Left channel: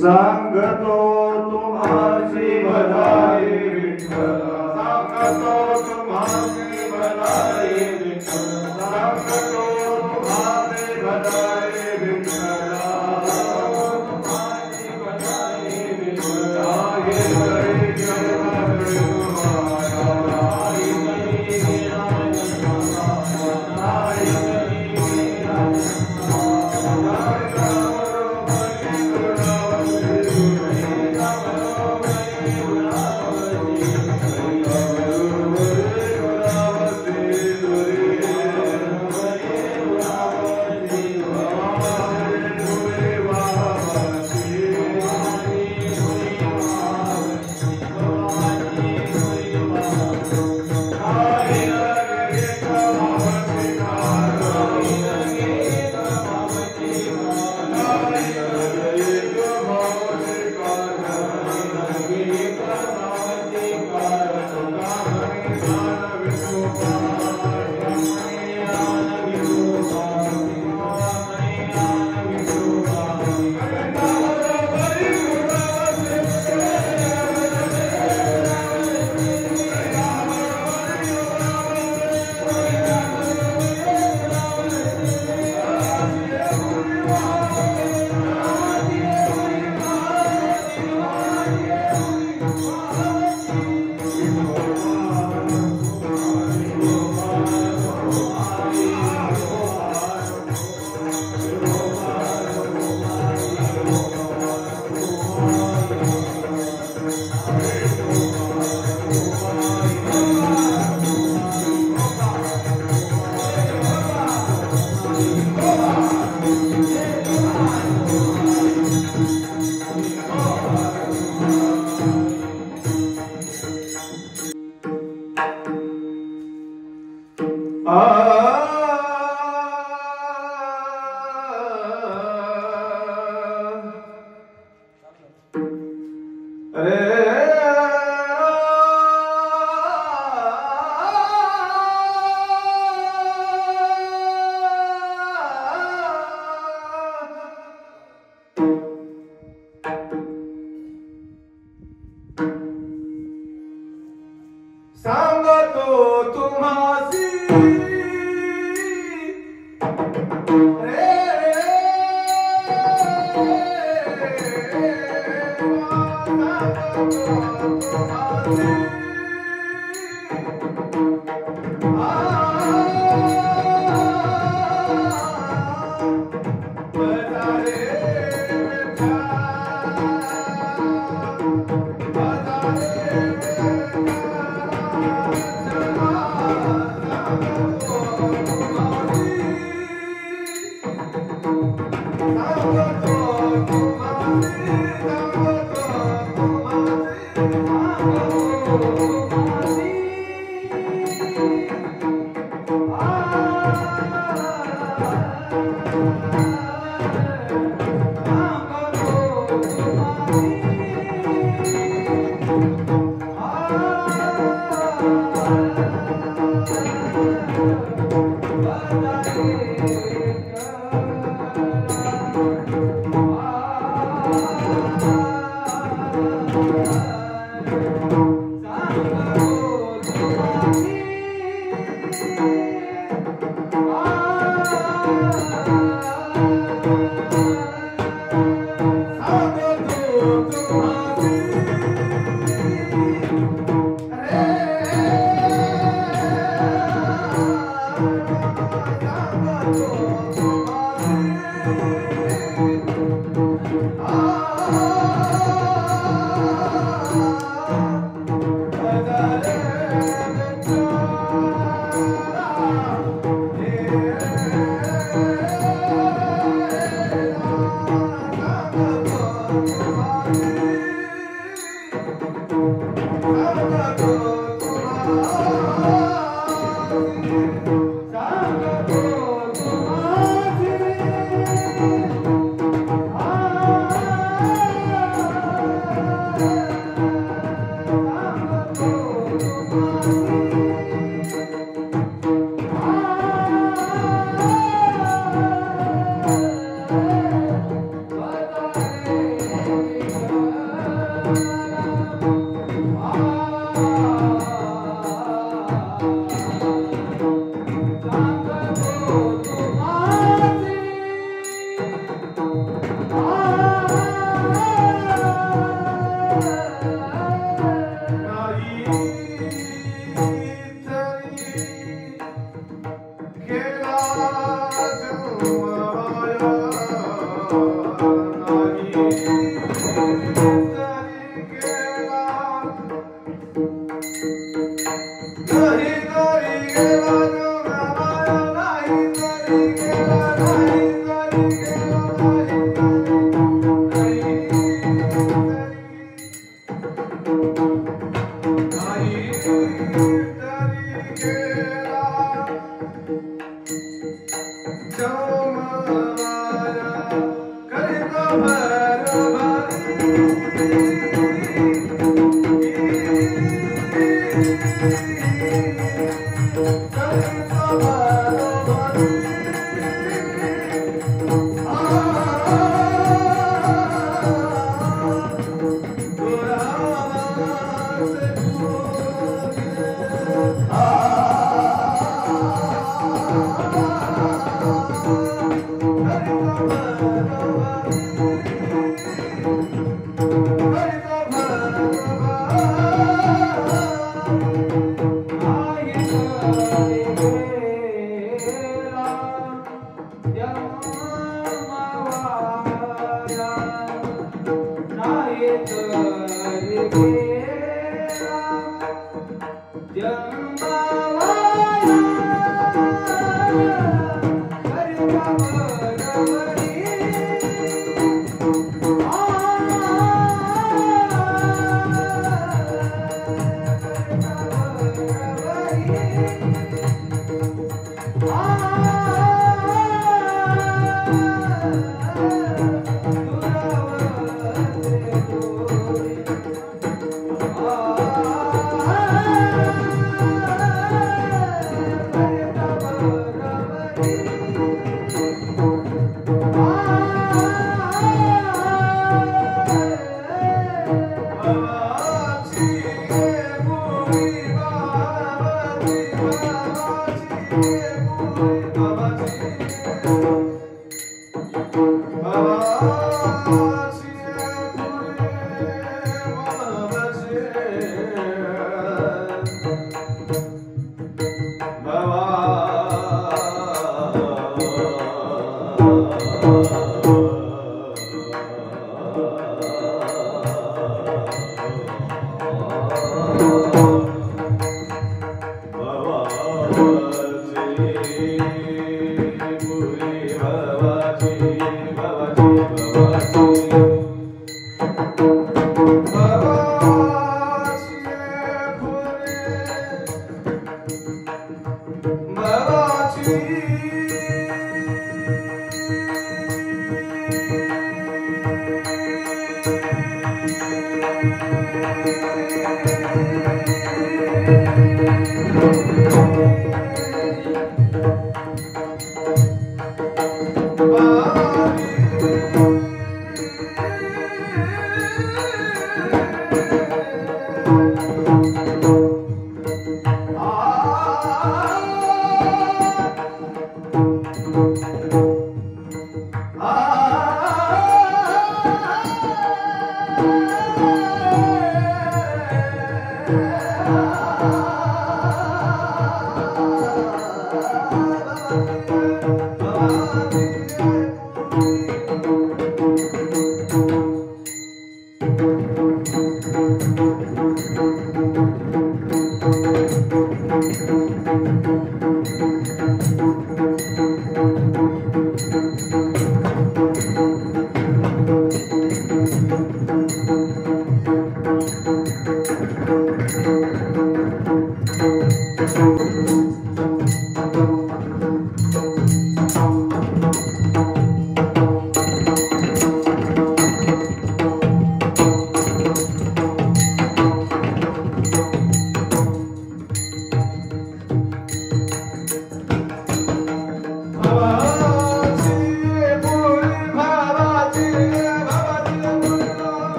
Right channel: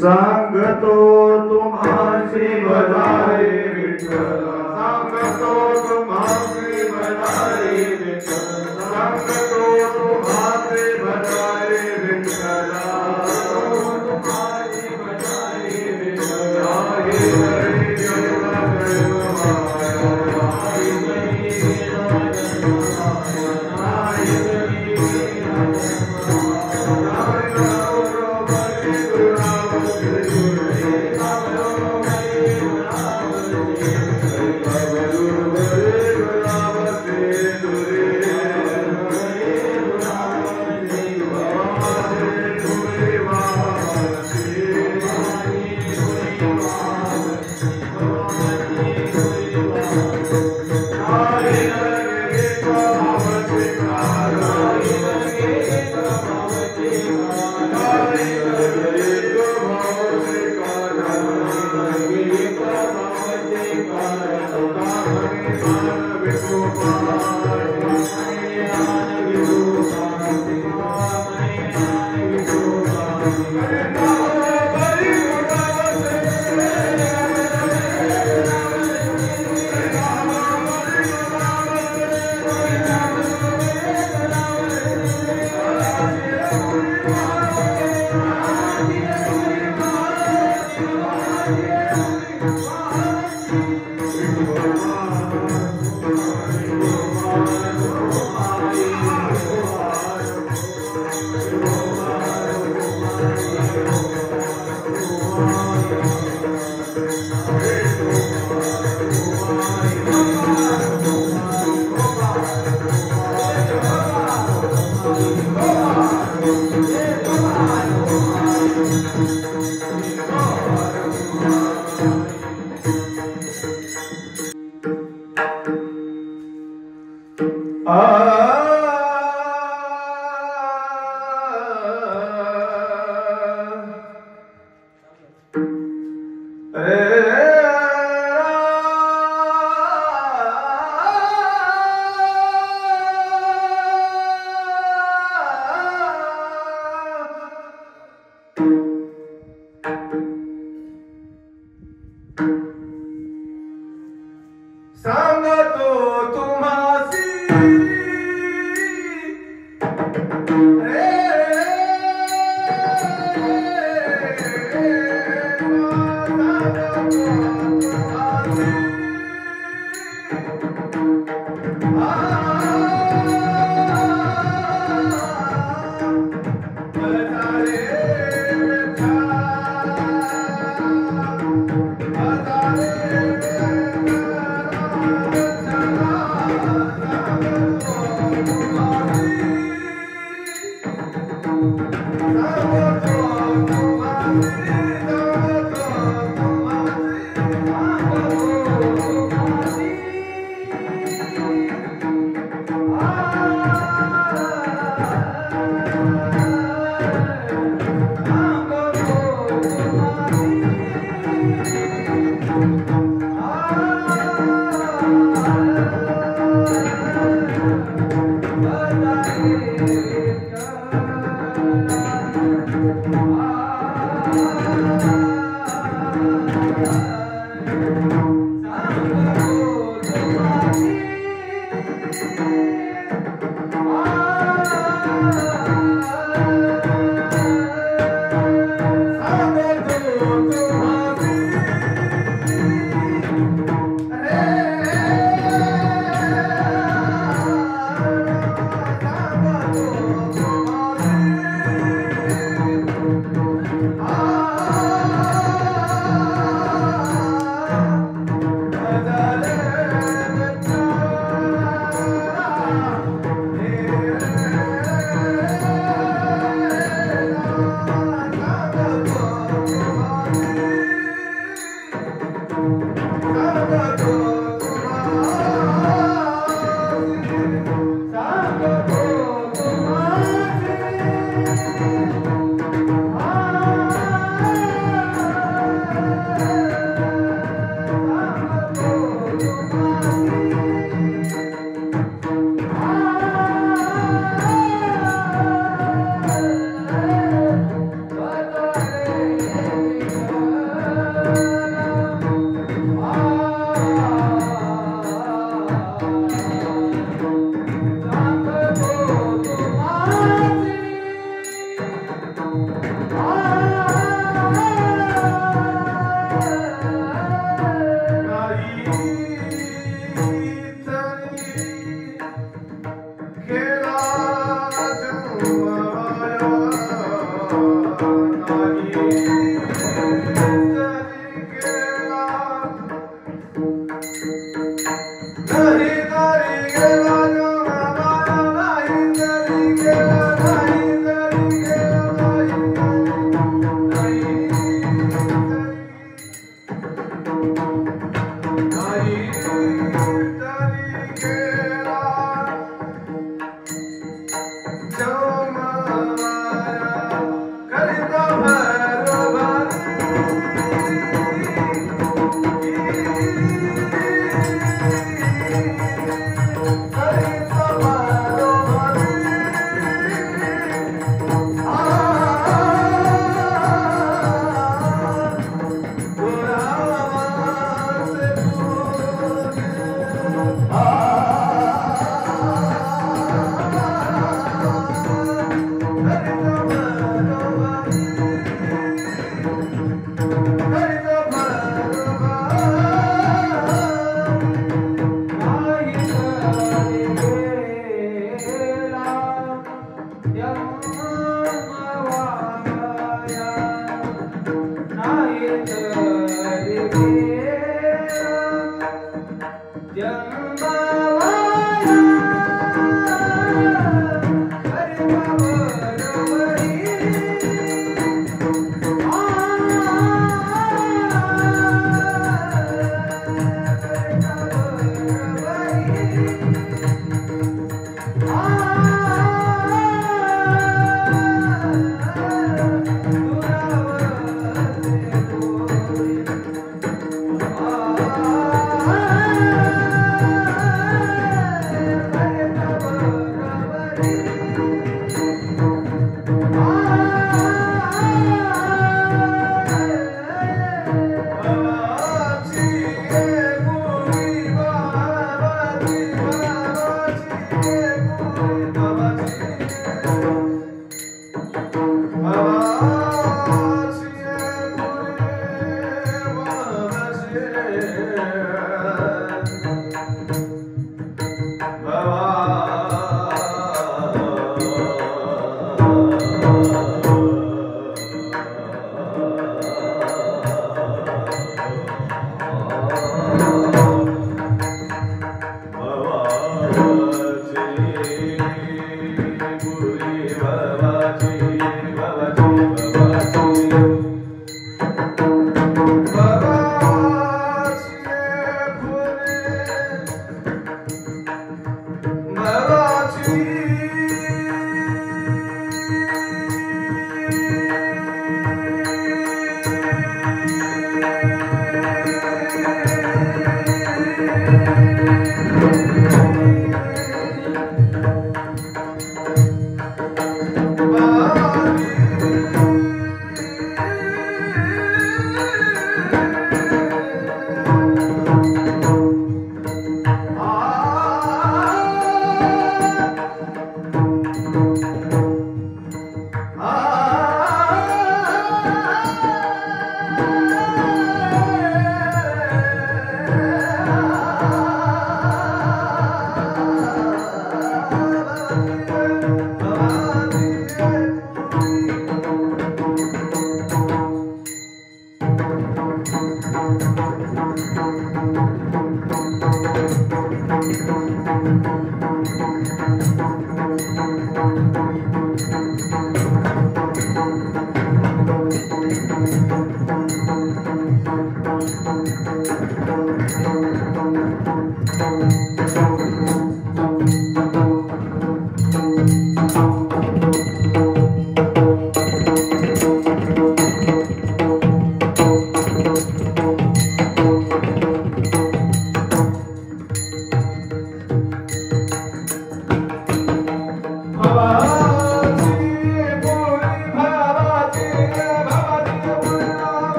सांगतो तुम्हासी बधाई विठ्ठल सांगतो तुम्हासी बधाई विठ्ठल सांगतो तुम्हासी बधाई विठ्ठल तुम्हासी बधाई विठ्ठल हे हरी जय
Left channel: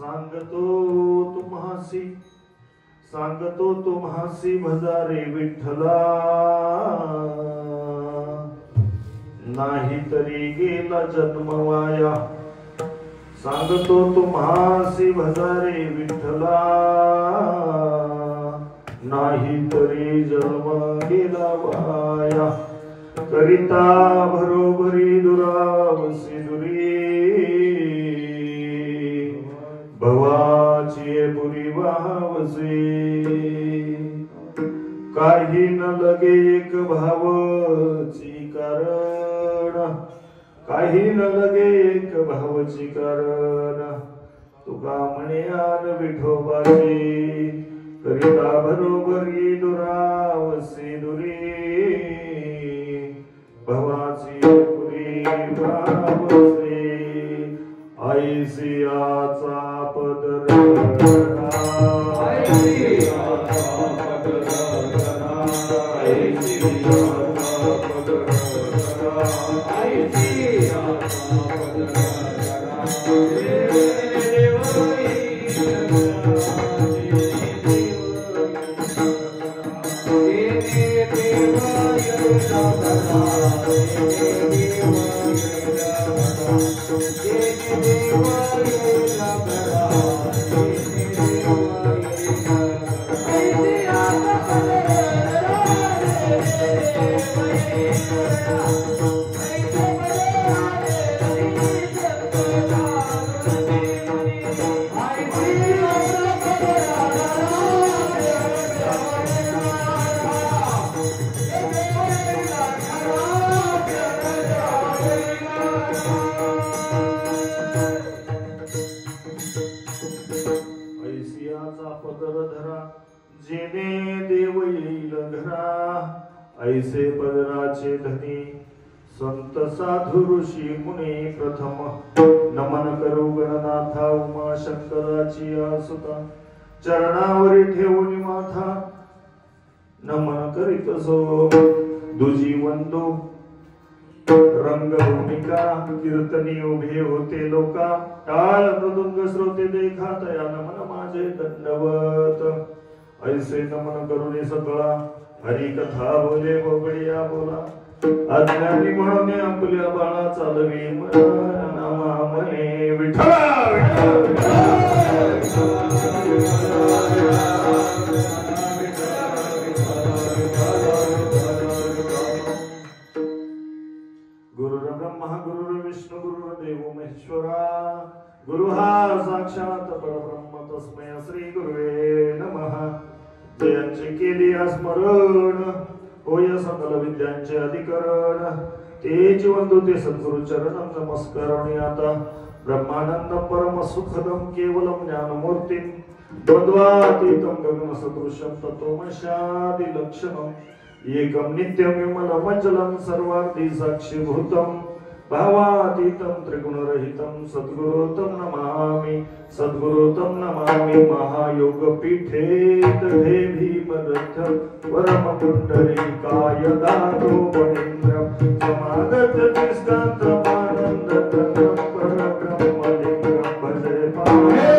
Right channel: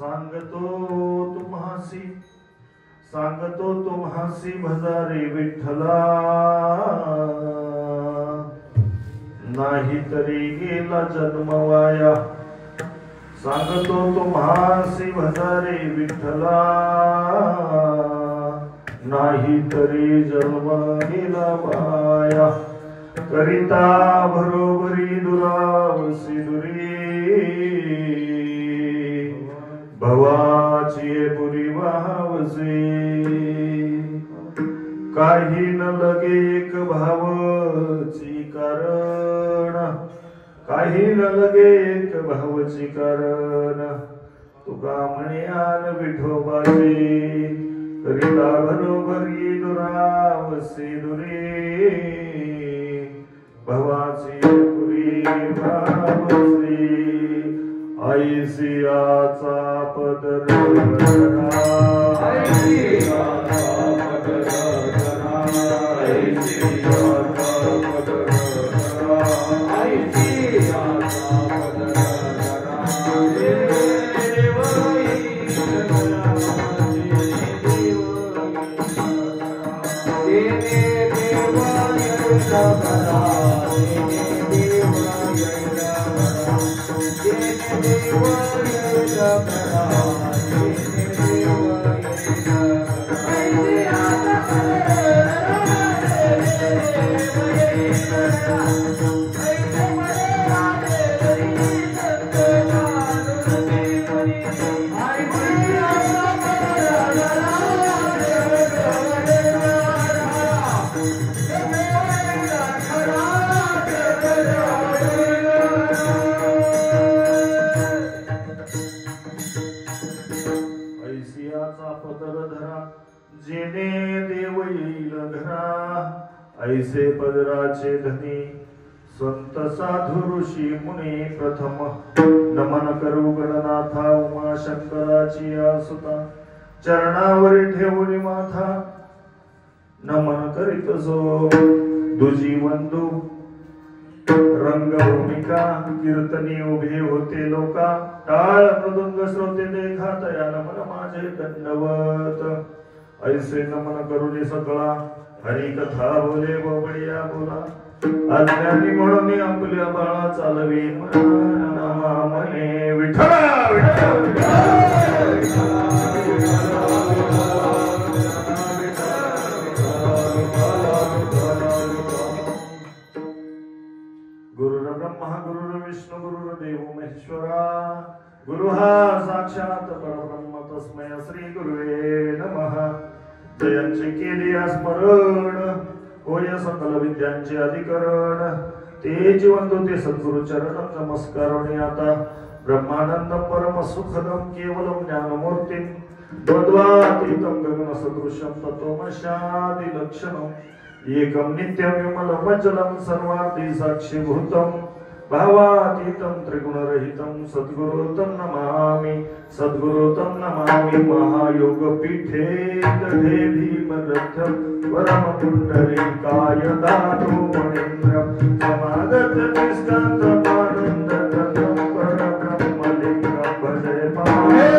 सांगतो तुम्हासी भजारे विठ्ठला नाही तरी गेला जन्म वाया सांगतो तुम्हासी भजारे विठ्ठला नाही तरी जन्म गेला वाया करिता बरोबरी दुरावसी दुरी भवाची पुरी वाहवसे काही न लगे एक भावची कारण काही न लगे एक भावची कारण तुका म्हणे आन विठोबाचे करिता बरोबरी दुरावसे दुरी भवाची पुरी वाहवसे ऐसियाचा पदर ऐसे पदराचे धनी संत साधु ऋषी मुनी प्रथम नमन करू गणनाथा उमा शंकराची आसुता चरणावरी ठेवून माथा नमन करीत जो दुजी वंदू रंगभूमिका कीर्तनी उभे होते लोका टाळ मृदुंग श्रोते देखा तया नमन माझे दंडवत ऐसे नमन करुणे सकळा हरी कथा बोले बोबडिया बोला अज्ञानी म्हणून आपल्या बाळा चालवी म्हणे विठ्ठला गुरुर्ब्रह्मा गुरुर्विष्णू गुरुर्देव महेश्वरा गुरु हा साक्षात परब्रह्म तस्मै श्री गुरुवे नमः जयांचे केले स्मरण होय सकल विद्यांचे अधिकरण ते जीवन ते सद्गुरु चरण नमस्कार आता ब्रह्मानंद परम सुखदम केवलम ज्ञानमूर्ती द्वंद्वातीतं गगन सदृशं तत्वमशादि लक्षणम एकम नित्यम विमलमचलं सर्वार्थी साक्षीभूतं भावातीतं त्रिगुणरहितं सद्गुरुतं नमामि महायोग पीठे दधे भीमरथ परम पुंडरीकाय दातो मणीन्द्र समागत निष्कांत आनंद परब्रह्मलिंगं भजे पाहे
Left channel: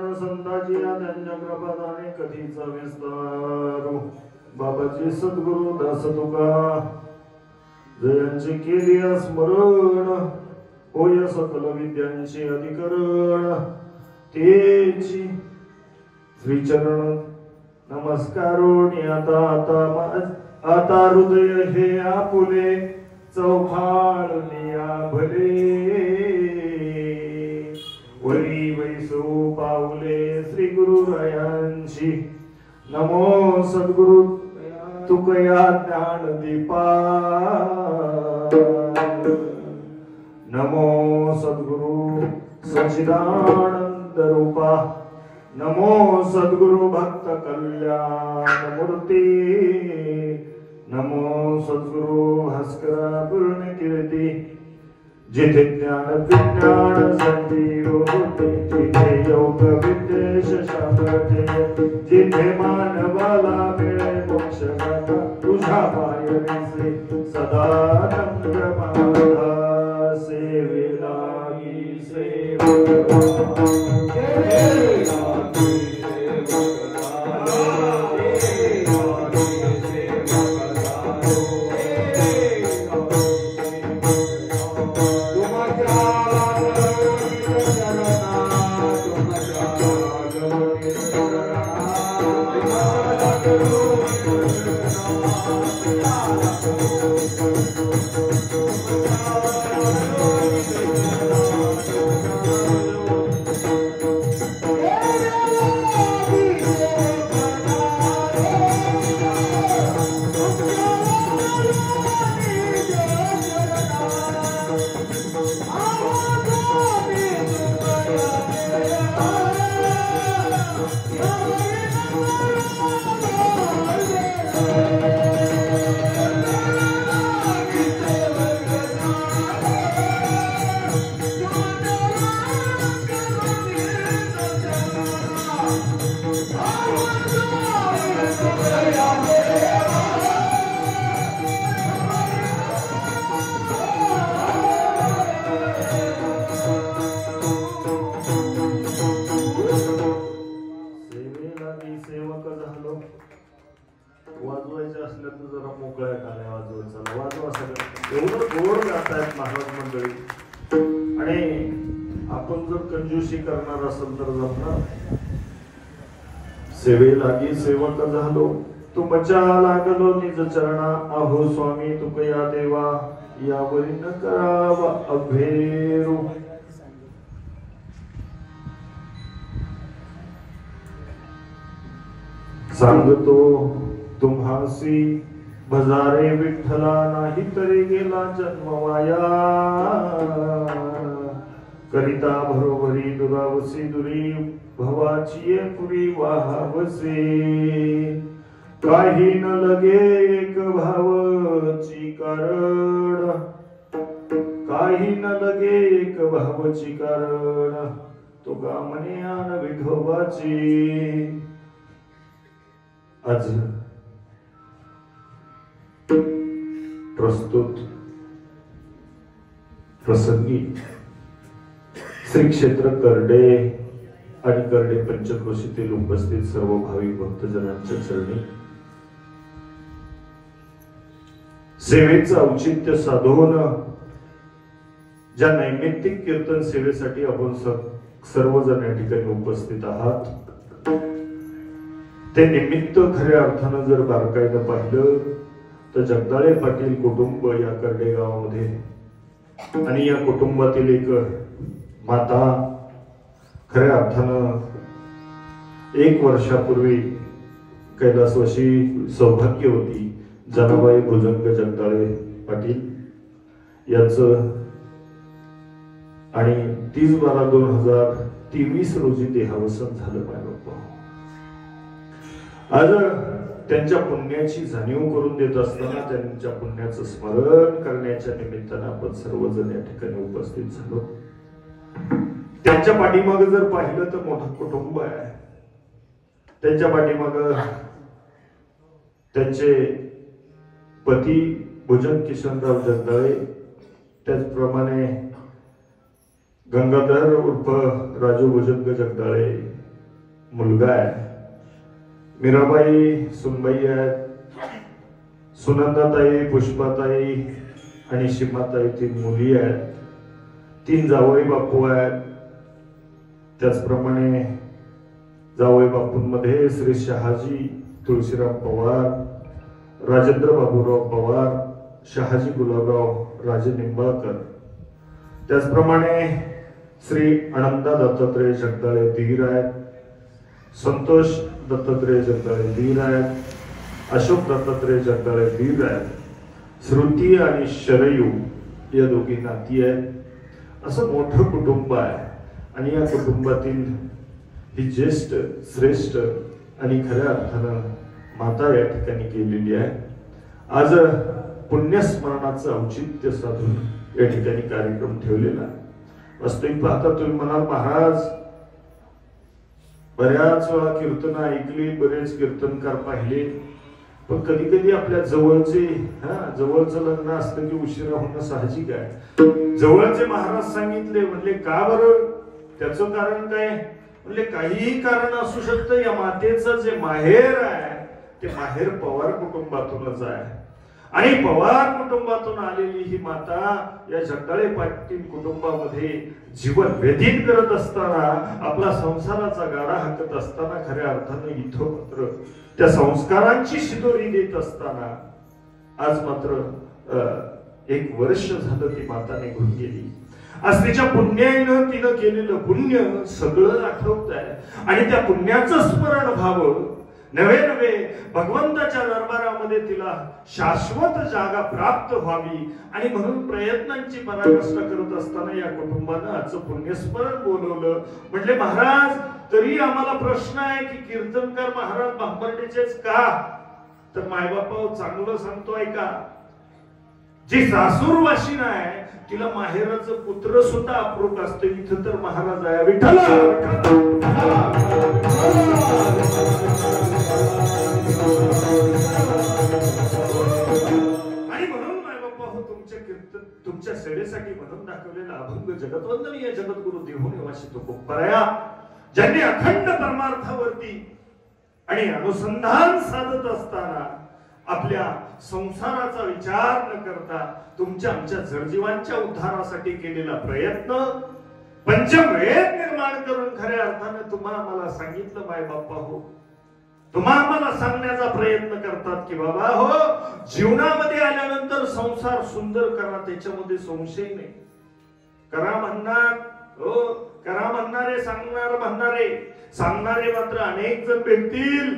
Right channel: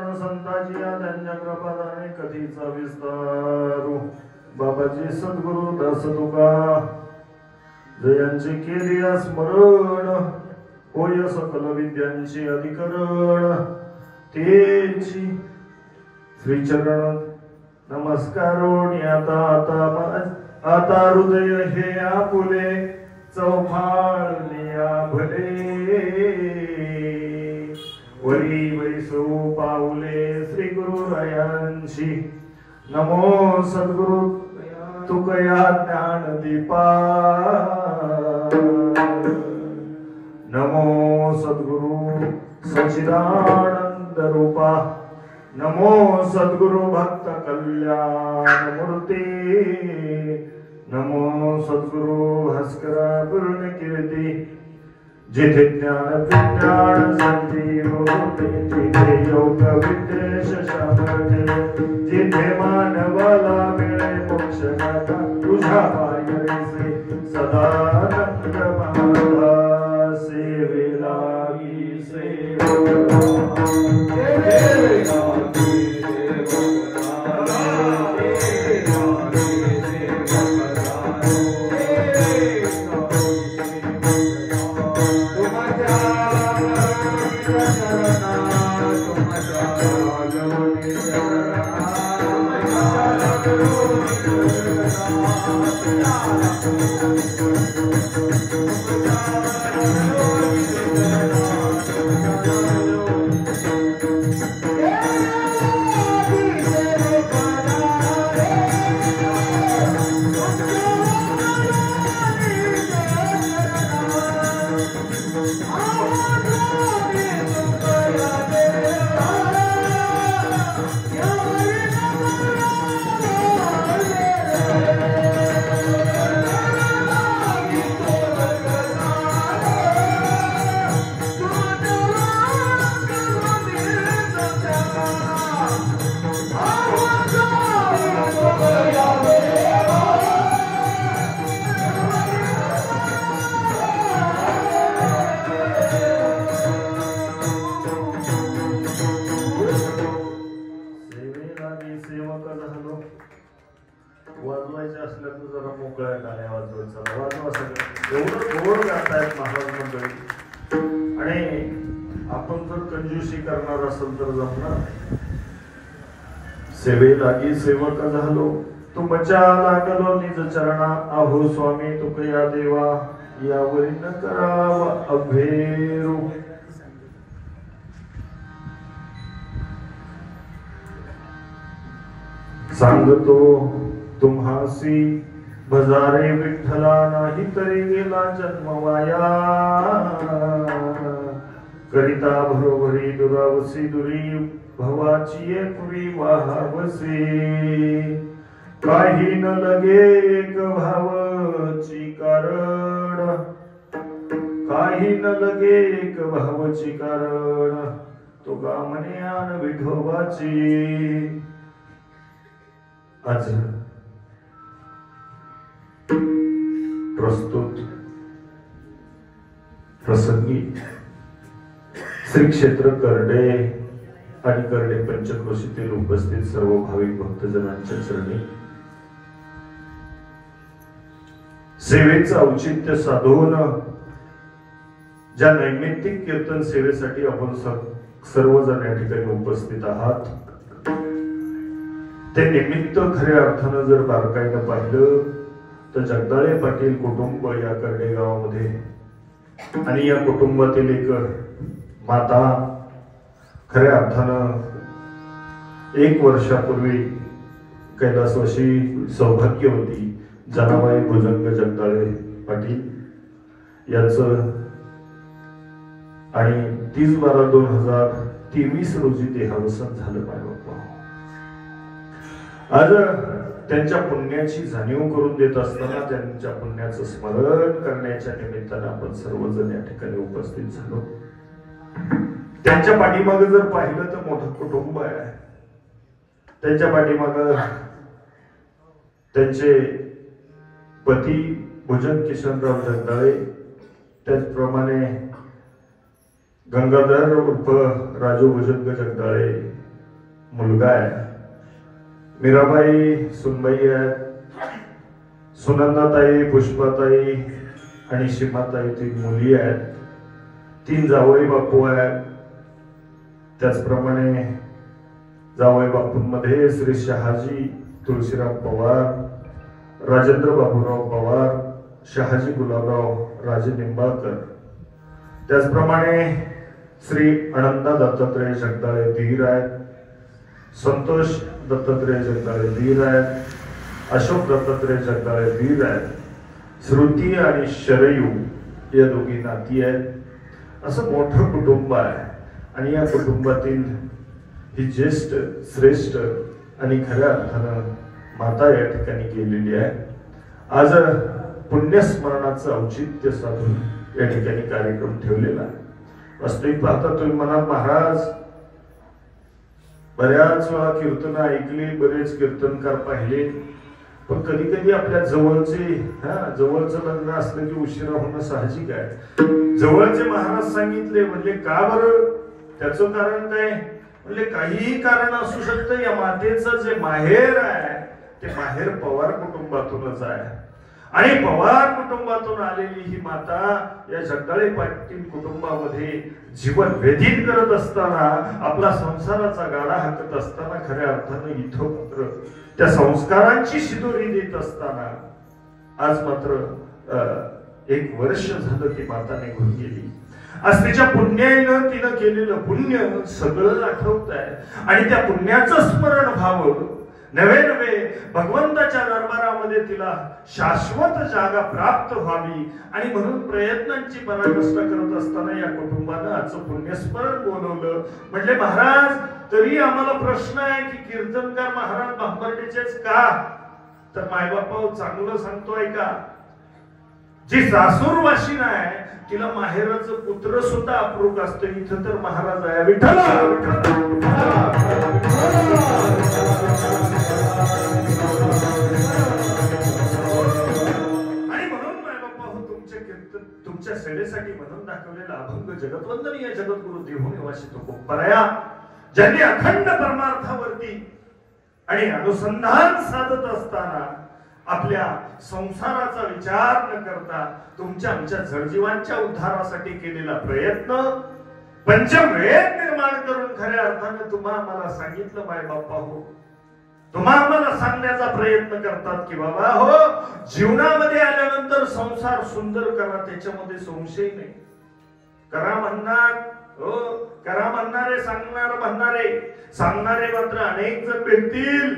चरण संताची आज्ञा कृपादाने कधीचा विस्तारू बाबाजी सद्गुरु दास तुका जयांचे केले स्मरण होय सकल विद्यांचे अधिकरण तेची श्रीचरण नमस्कारोनी आता हृदय हे आपुले चौफाळनिया भले वरी वैसो पाऊले श्री गुरुरायांची नमो सद्गुरु तुकया ज्ञान दीपा नमो सद्गुरु सच्चिदानंद रूपा नमो सद्गुरु भक्त कल्याण मूर्ती नमो सद्गुरु भास्करा पूर्ण कीर्ती जिथे ज्ञान विज्ञान संधी होते तिथे योग विदेश शाबते जिथे मानवाला मिळे मोक्ष गाथा तुझ्या पायरीसे सदानंद महाराज सेवे लागी वाजवायचे असल्या तर जरा मोकळ्या टाळ्या वाजवायचा वाजवा सगळं एवढं गोड गातायत महाराज मंडळी आणि आपण जर कंजूसी करणार असेल तर जमणार सेवे लागी सेवक झालो तुमच्या लागलो निज चरणा अहो स्वामी तुकया देवा यावरी न करावा अभेरू सांगतो तुम्हासी भजारे विठ्ठला नाही तरी गेला जन्म वाया करिता भरोवरी दुरावसी दुरी भवाची पुरी वाहावसे काही न लगे एक भावची कारण काही न लगे एक भावची कारण तो गामने आन विठोबाची आज प्रस्तुत प्रसंगी श्री क्षेत्र करडे आणि करडे पंचक्रोशीतील उपस्थित सर्व भाविक भक्तजनांच्या चरणी सेवेचं औचित्य साधून ज्या नैमित्तिक कीर्तन सेवेसाठी आपण सर्वजण या ठिकाणी उपस्थित आहात ते निमित्त खऱ्या अर्थानं जर बारकाईनं पाहिलं तर जगदाळे पाटील कुटुंब या करडे गावामध्ये आणि या कुटुंबातील एक माता खऱ्या अर्थानं 1 वर्षापूर्वी कैलासवासी सौभाग्यवती जनाबाई भुजंग जगदाळे पाटील यांचं आणि 30/12/2023 रोजी देहावसन झालं काय बाप्पा आज त्यांच्या पुण्याची जाणीव करून देत असताना त्यांच्या पुण्याचं स्मरण करण्याच्या निमित्तानं आपण सर्वजण या ठिकाणी उपस्थित झालो त्यांच्या पाठीमागे जर पाहिलं तर मोठं कुटुंब आहे त्यांच्या पाठीमागे त्यांचे पती भुजंग किशनराव जगदाळे त्याचप्रमाणे गंगाधर उर्फ राजू भुजंग जगदाळे मुलगा आहे. मीराबाई सुनबाई आहेत, सुनंदाताई, पुष्पाताई आणि सीमाताई 3 मुली आहेत. 3 जावई बापू आहेत. त्याचप्रमाणे जावई बापूंमध्ये श्री शहाजी तुळशीराम पवार, राजेंद्र बाबूराव पवार, शहाजी गुलाबराव राजे निंबाळकर, त्याचप्रमाणे श्री अनंता दत्तात्रय जगदाळे धीर आहेत, संतोष दत्तात्रय जगदाळे धीर आहेत, अशोक दत्तात्रय जगदाळे धीर आहेत, श्रुती आणि शरयू या दोघी नाती आहेत. असं मोठं कुटुंब आहे आणि या कुटुंबातील ही ज्येष्ठ श्रेष्ठ आणि खऱ्या अर्थानं माता या ठिकाणी केलेली आहे. आज पुण्यस्मरणाचं औचित्य साधून या ठिकाणी कार्यक्रम ठेवलेला आहे. वास्तविक पाहता तुम्ही म्हणाल महाराज बऱ्याच वेळा कीर्तन ऐकली, बरेच कीर्तनकार पाहिले, पण कधी कधी आपल्या जवळचं लग्न असलं की उशिरा होणं साहजिक आहे. जवळचे महाराज सांगितले म्हणले का बरं? त्याचं कारण काय? म्हणजे काहीही कारण असू शकतं. या मातेचं जे माहेर आहे ते माहेर पवार कुटुंबातूनच आहे आणि पवार कुटुंबातून आलेली ही माता या जगदाळे पाटील कुटुंबामध्ये जीवन व्यतीत करत असताना, आपला संसाराचा गाडा हाकत असताना, खऱ्या अर्थानं इथं मात्र त्या संस्कारांची शिदोरी देत असताना आज मात्र 1 वर्ष झालं ती माता निघून गेली. आज तिच्या पुण्यानं तिनं केलेलं पुण्य सगळं आठवत आहे आणि त्या पुण्याचं स्मरण व्हावं, नवे भगवंताच्या दरबारामध्ये तिला शाश्वत जागा प्राप्त व्हावी आणि म्हणून प्रयत्नांची पराकाष्ठ करत असताना या कुटुंबानं आजचं पुण्यस्मरण बोलवलं. म्हणजे महाराज तरी आम्हाला प्रश्न आहे की कीर्तनकार महाराज बांबर्डेचेच का? तर मायबापा चांगलं सांगतोय का? जी सासूर वाशिन आहे तिला माहेराचं पुत्र सुद्धा अप्रूप असतं. इथं तर महाराज आहे विठ्ठल. आणि म्हणून मायबापा हो तुमच्या कीर्तन तुमच्या सेवेसाठी म्हणून दाखवलेला अभंग जगतवंदनीय जगद्गुरु देहू निवासी तुकोबराया, ज्यांनी अखंड परमार्थावरती आणि अनुसंधान साधत असताना आपल्या संसाराचा विचार न करता तुमच्या आमच्या जडजीवांच्या उद्धारासाठी केलेला प्रयत्न, पंचवेद निर्माण करून खऱ्या अर्थाने तुम्हा आम्हाला सांगितलं माय बाप्पा हो, तुम्हा आम्हाला सांगण्याचा प्रयत्न करतात की बाबा हो जीवनामध्ये आल्यानंतर संसार सुंदर करा, त्याच्यामध्ये संशय नाही. करा म्हणणार हो, करा म्हणणारे, सांगणारे मात्र अनेक जण भेटतील.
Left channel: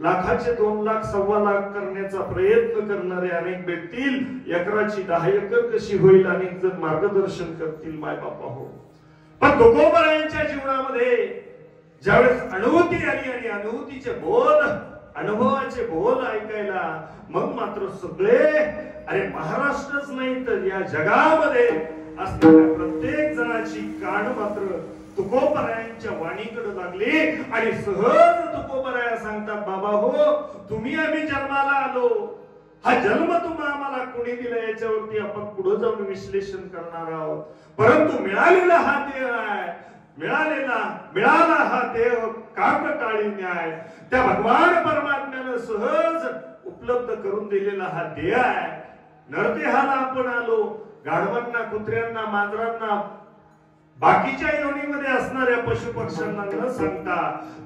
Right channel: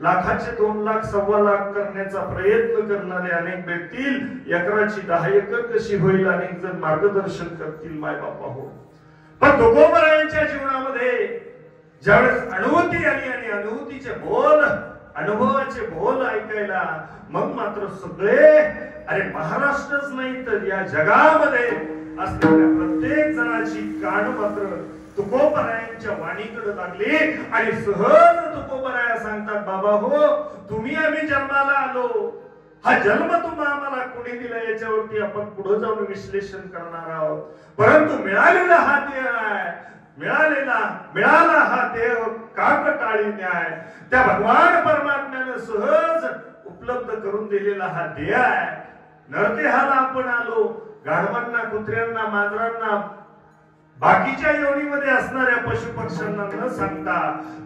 लाखाचे 2 लाख 1.25 लाख करण्याचा प्रयत्न करणारे अनेक भेटतील. एकराची 10 एकर कशी होईल अनेक जण मार्गदर्शन करतील माय बापा हो. पण तुकोबरायांच्या जीवनामध्ये ज्यावेळेस अनुभूती आली आणि अनुभूतीचे बोल, अनुभवाचे बोल ऐकायला, मग मात्र सगळे अरे महाराष्ट्रच नाही तर या जगामध्ये असलेल्या प्रत्येक जणाची कान मात्र तुकोबरायांच्या वाणीकडे लागली आणि सहज तुकोबराया सांगतात बाबा हो तुम्ही आम्ही जन्माला आलो, हा जन्म तुम्हा आम्हाला कोणी दिला याच्यावरती आपण पुढे जाऊन विश्लेषण करणार आहोत. परंतु मिळालेला हा देह आहे, मिळाला हा देह काकटाळी न्याय त्या भगवान परमात्म्याने सहज उपलब्ध करून दिलेला हा देह आहे. नरदेहाला आपण आलो, गाढवांना, कुत्र्यांना, मांजरांना, बाकीच्या योनीमध्ये असणाऱ्या पशु पक्ष्यांना न सांगता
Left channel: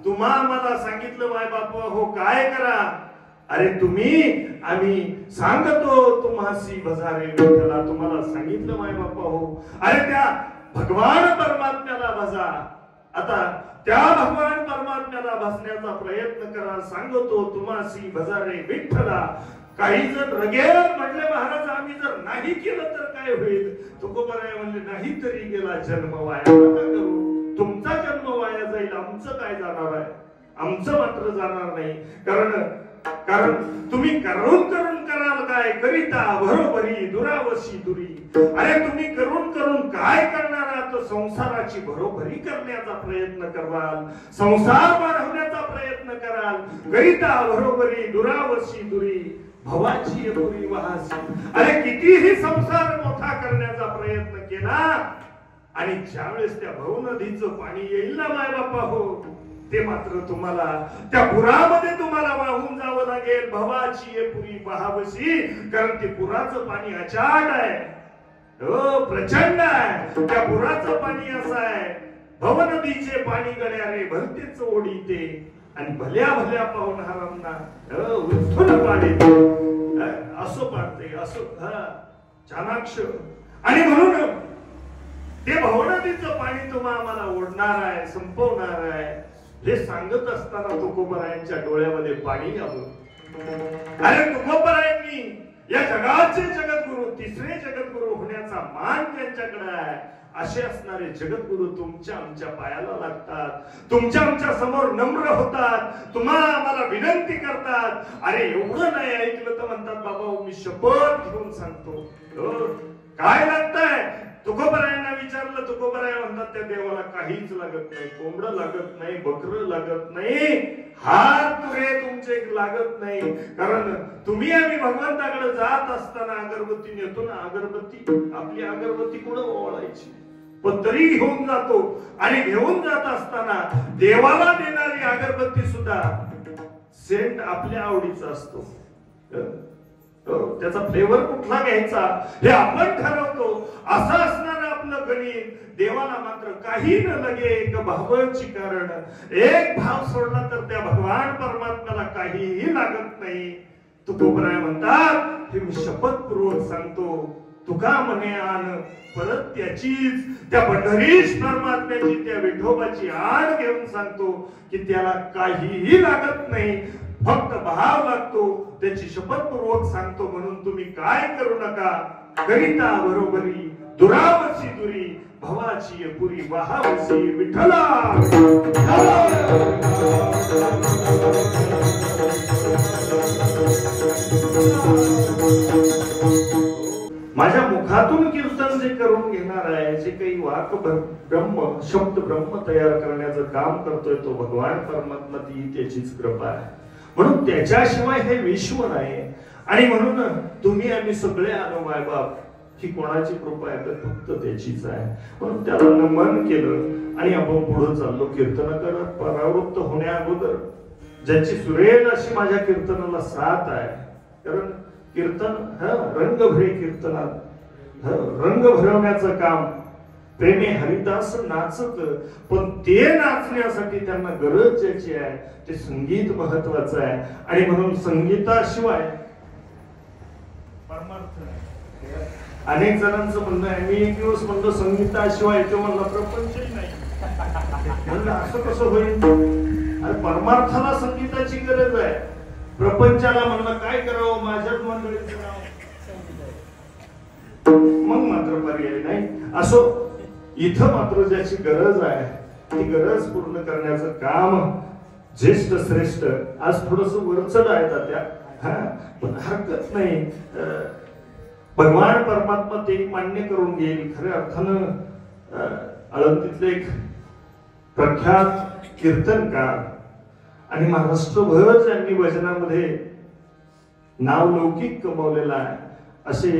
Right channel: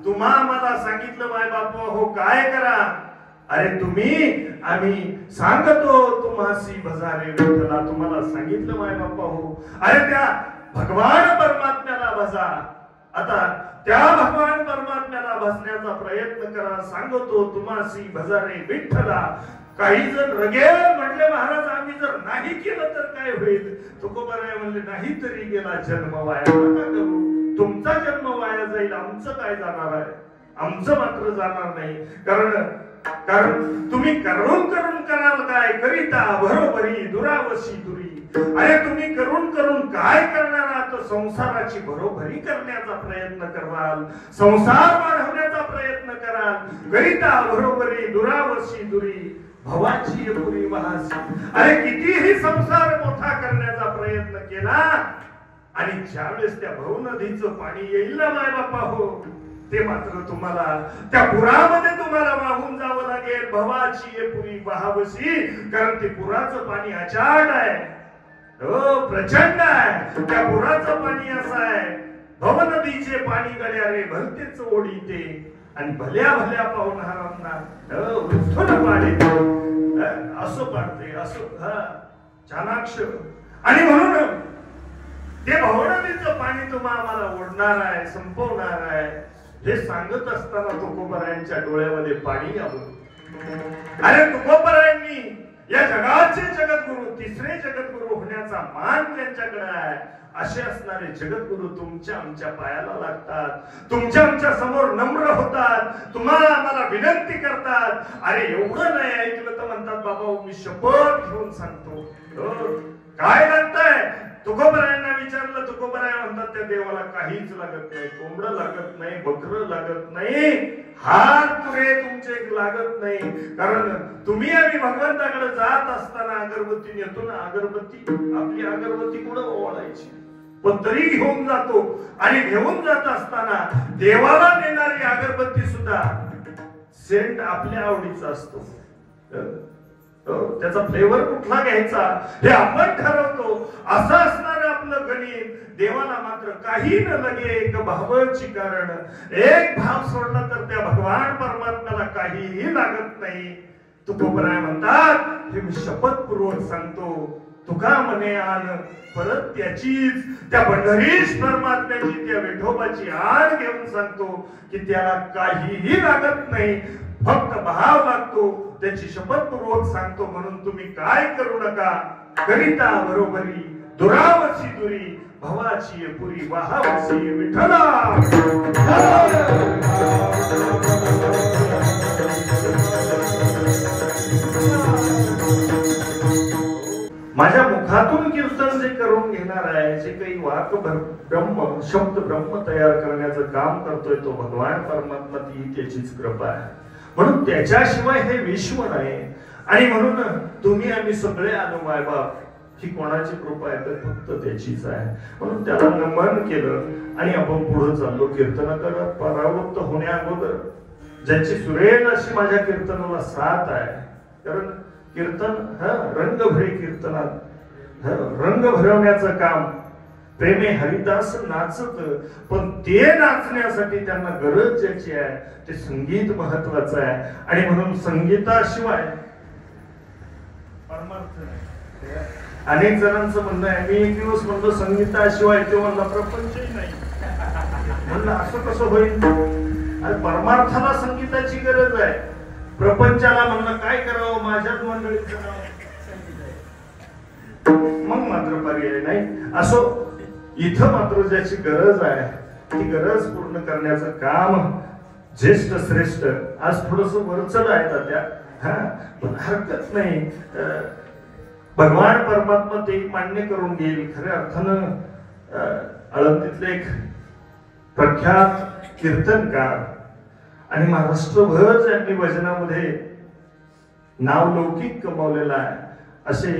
तुम्हा आम्हाला सांगितलं माय बापा हो काय करा. अरे तुम्ही आम्ही सांगतो तुम्हासी भजारे विठ्ठला, तुम्हाला सांगितलं माय बापा हो. अरे त्या भगवान परमात्म्याला भजा. आता त्या भगवान परमात्म्याला भजण्याचा प्रयत्न करा, सांगतो तुम्हासी भजारे विठ्ठला. काही जण रगेल म्हटले महाराज आम्ही जर नाही केलं तर काय होईल. तुकोबराय म्हणले नाही तरी गेला जन्म वाया, नका करू. तुमचा जन्म वाया जाईल, आमचं काय जाणार आहे? आमचं मात्र जाणार नाही. कारण तुम्ही करून कराल काय करिता बरोबरी दुरावशी दुरी. अरे तुम्ही करून काय करणार आहात? संसाराची बरोबरी करण्याचा प्रयत्न कराल, संसार वाढवण्याचा प्रयत्न कराल. करिता बरोबरी दुरावशी दुरी भवाची पुरी वाहसी. अरे कितीही संसार मोठा करण्याचा प्रयत्न केला आणि ज्यावेळेस त्या भव नदीचं पाणी येईल ना माय बापा हो, ते मात्र तुम्हाला त्या पुरामध्ये तुम्हाला वाहून जावं लागेल. भवाची ये पुरी वाहावशी, कारण ते पुराचं पाणी अचाट आहे, हो प्रचंड आहे. त्या पुराचं पाणी असं आहे, भव नदीचे पाणी गळ्यारे भरतेच ओढीते आणि भल्या भल्या पाहुणारांना उठून पाडते. असं पाडते, असं चाणाक्ष. आणि म्हणून ते भवनदीचं पाणी तुम्हाला ओढणार आहे, संपवणार आहे. हे सांगत असताना तुकोबरायांच्या डोळ्यामध्ये पाणी आलं. अरे तुकोबरायांनी या जगाचे जगद्गुरु, तिसरे जगद्गुरु होण्याचा मान त्यांच्याकडे आहे. असे असणारे जगद्गुरु तुमच्या आमच्या पायाला लागतात, तुमच्या आमच्या समोर नम्र होतात, तुम्हाला आम्हाला विनंती करतात. अरे एवढं नाही ऐकलं तर म्हणतात बाबा मी शपथ घेऊन सांगतो. काय लागतंय? तुकोबरायांना विचारलं, तुकोबराय म्हणतात त्या देवाला काहीच लागत नाही, कोंबडं लागत नाही, बकरं लागत नाही, हात पुरे तुमचे लागत नाही. कारण तुम्ही आम्ही भगवंताकडे जात असताना अगरबत्ती नेतो ना, अगरबत्ती आपली अगरबत्ती कुठं ओवाळायची, पण तरी घेऊन जातो. आणि घेऊन जात असताना देवाला देणारी अगरबत्ती सुद्धा सेंट आपल्या आवडीचा असतो. त्याचा फ्लेवर कुठला घ्यायचा हे आपण ठरवतो. असं असणार आपलं गणित. देवाला मात्र काही न लगे एक भावाची, कारण एक भाव सोडला तर त्या भगवान परमात्म्याला काहीही लागत नाही. तुकोबराय म्हणतात हे मी शपथपूर्वक सांगतो. तुका म्हणे आण परत त्याचीच, त्या पंढरीश परमात्म्याची, त्या विठोबाची आण घेऊन सांगतो की त्याला काहीही लागत नाही, फक्त भाव लागतो. त्याची शपथपूर्वक सांगतो. म्हणून तुम्ही काय करू नका, करिता बरोबरी दुरावशी दुरी, भवाची पुरी वाहावशी विठ्ठला. माझ्या मुखातून कीर्तन जे करून घेणार आहे, जे काही वाक ब्रह्म शब्द ब्रह्म तयार करण्याचं काम करतोय तो भगवान परमात्मा, ती त्याचीच कृपा आहे. म्हणून त्याच्याशिवाय हे विश्व नाही. आणि म्हणून तुम्ही आम्ही सगळे आलो मायबाप, ही कोणाची कृपा आहे तर फक्त त्याचीच आहे. म्हणून त्याला नमन केलं आणि आपण पुढे चाललो कीर्तन करत. परावृत्त होण्या अगोदर ज्याची सुरेल अशी माझ्या कीर्तनाला साथ आहे, कारण कीर्तन रंगभरे कीर्तनात रंग भरवण्याचं काम. प्रेमे हरिदास नाचत, पण ते नाचण्यासाठी त्यांना गरज ज्याची आहे ते संगीत महत्वाचं आहे. आणि म्हणून संगीताशिवाय परमार्थ नाही. अनेक जणांचं म्हणणं आहे, मी एक दिवस म्हणलो संगीताशिवाय, तो म्हणला प्रपंचही नाही. म्हणलं असं कसं होईल? अरे परमार्थाला संगीताची गरज आहे. प्रपंचाला म्हणलं काय करावं, माझ्याच मंडळीचं नाव मग मात्र पर्याय नाही. असो, इथं मात्र ज्याची गरज आहे ती गरज पूर्ण करण्याचं काम ज्येष्ठ श्रेष्ठ, आज थोडस वरचढ आहे त्या, पण हरकत नाही. भगवान परमात्मा ते मान्य करून घेईल. खऱ्या अर्थानं आळंदीतले एक प्रख्यात कीर्तनकार आणि महाराष्ट्रभर ज्यांनी भजनामध्ये नावलौकिक कमावलेला आहे, असे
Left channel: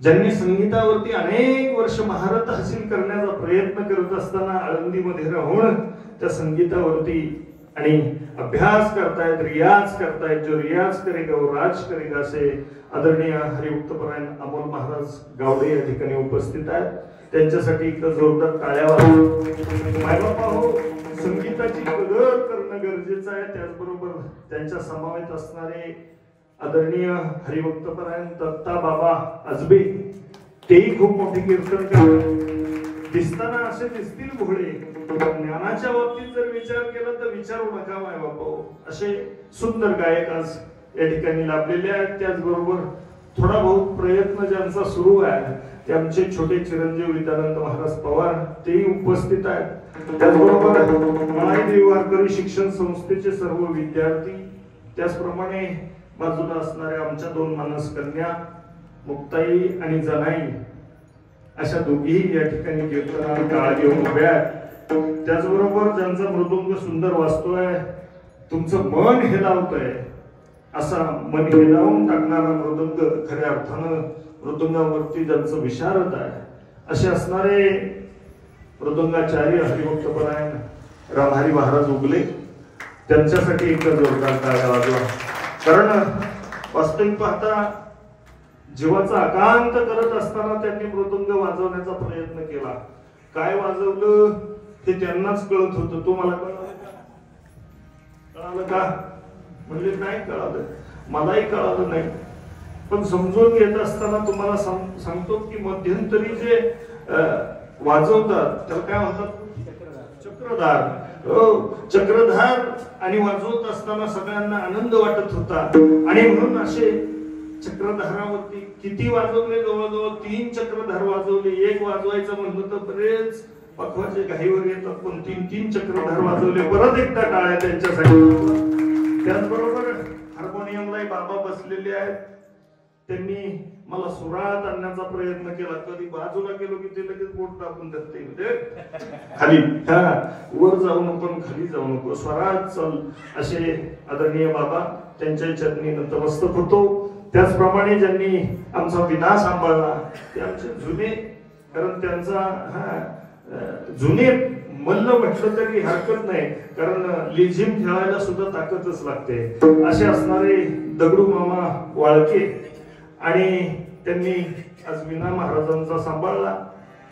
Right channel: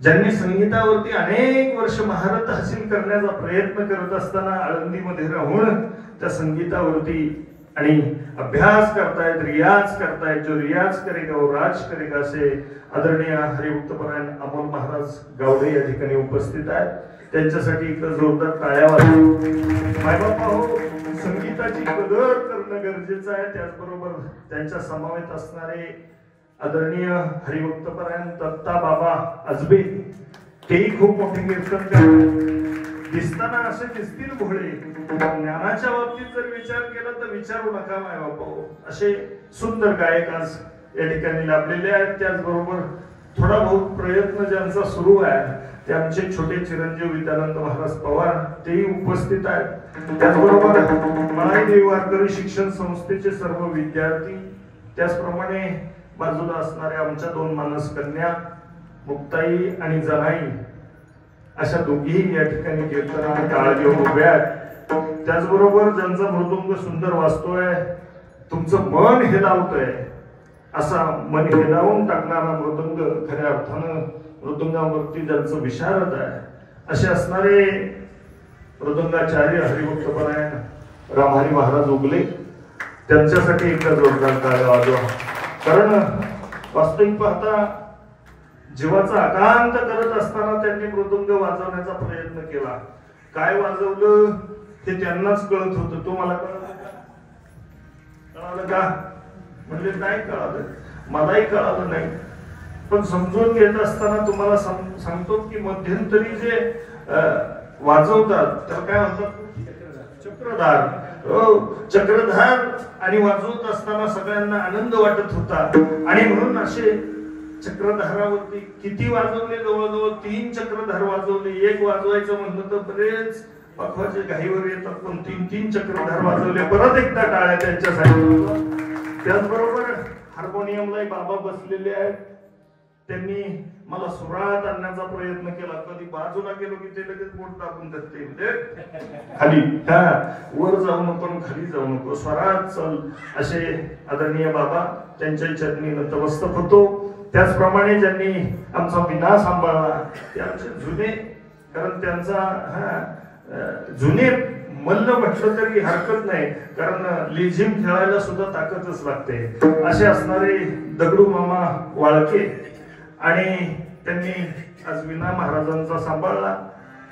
ज्यांनी संगीतावरती अनेक वर्ष महारत हासिल करण्याचा प्रयत्न करत असताना आळंदीमध्ये राहून त्या संगीतावरती आणि अभ्यास करतायत, रियाज करतायत. जो रियाज करेगा वो राज करेगा, असे आदरणीय हरिभक्तपरायण अमोल महाराज गावडे या ठिकाणी उपस्थित आहेत. त्यांच्यासाठी इकडे जोरदार टाळ्या वाजवा. मायबापा हो, संगीताची कदर करणं गरजेचं आहे. त्याचबरोबर त्यांच्या समवेत असणारे आदरणीय हरिभक्तपरायण दत्ता बाबा आजबे, तेही खूप मोठे कीर्तनकार दिसताना असे दिसतील भोळे. ज्ञानाच्या बाबतीत जर विचार केला तर विचारू नका मायबापा, असे सुंदर गायक आज या ठिकाणी लाभलेले आहेत. त्याचबरोबर थोडा बहुत प्रयत्न ज्यांचा सुरू आहे ते आमचे छोटे चिरंजीव विद्यानंद महाराज पवार, तेही उपस्थित आहेत. त्याचबरोबर माळाई वारकरी शिक्षण संस्थेचे सर्व विद्यार्थी, त्याचप्रमाणे बाजूला असणाऱ्या आमच्या दोन मानस कन्या मुक्ताई आणि जनाई, अशा दोघीही या ठिकाणी कीर्तनाला काळ घेऊन उभ्या आहेत. त्याचबरोबर ज्यांचा मृदुंग सुंदर वाजतोय, तुमचं मन हेलावतोय, असा मन हेलावून टाकणारा मृदुंग, खऱ्या अर्थानं मृदुंगावरती ज्यांचं विशारद आहे, असे असणारे मृदंगाचार्य हरिभक्तपरायण रामहरी महाराज उगले, त्यांच्यासाठी एकदा जोरदार टाळ्या वाजवा. कारण वास्तविक पाहता जीवाचा आकांत करत असताना त्यांनी मृदंग वाजवण्याचा प्रयत्न केला. काय वाजवलं हे त्यांनाच कळत होतं. तो मला कळालं का म्हणजे नाही कळालं, मलाही कळालं नाही. पण समजून घेत असताना तुम्हाला सांगतो की मध्यंतरी जे वाजवतात त्याला काय म्हणतात, चक्रधार. चक्रधार आणि वाजवत असताना सगळ्यांना आनंद वाटत होता. आणि म्हणून असे चक्रधारावरती किती वाजवले, जवळजवळ 3 चक्रधार वाजवले. एक वाजवायचं म्हणलं तर बरेच पखवाचे घाईवर येतात, पण 3 चक्रधार वाजवले. परत एकदा टाळ्या त्यांच्यासाठी. त्याचबरोबर हार्मोनियमला बाबा बसलेले आहेत. त्यांनी मला सुरात आणण्याचा प्रयत्न केला. कधी बाजूला गेलो की ते लगेच बोट टाकून देते, खाली वर जाऊ नको खाली जाऊ नको, स्वरात चल. असे आदरणीय बाबा त्यांच्या चरणी नतमस्तक होतो. त्याचप्रमाणे ज्यांनी आमचा विना सांभाळला ते आमचे जुने, कारण त्यांचा जुने मल्ल म्हटलं तरी हरकत नाही, कारण लेझिम खेळायला सुद्धा ताकदच लागते. असे असणारे दगडू मामा वाळके, आणि त्यांनी आज विना महाराजांचा सांभाळला.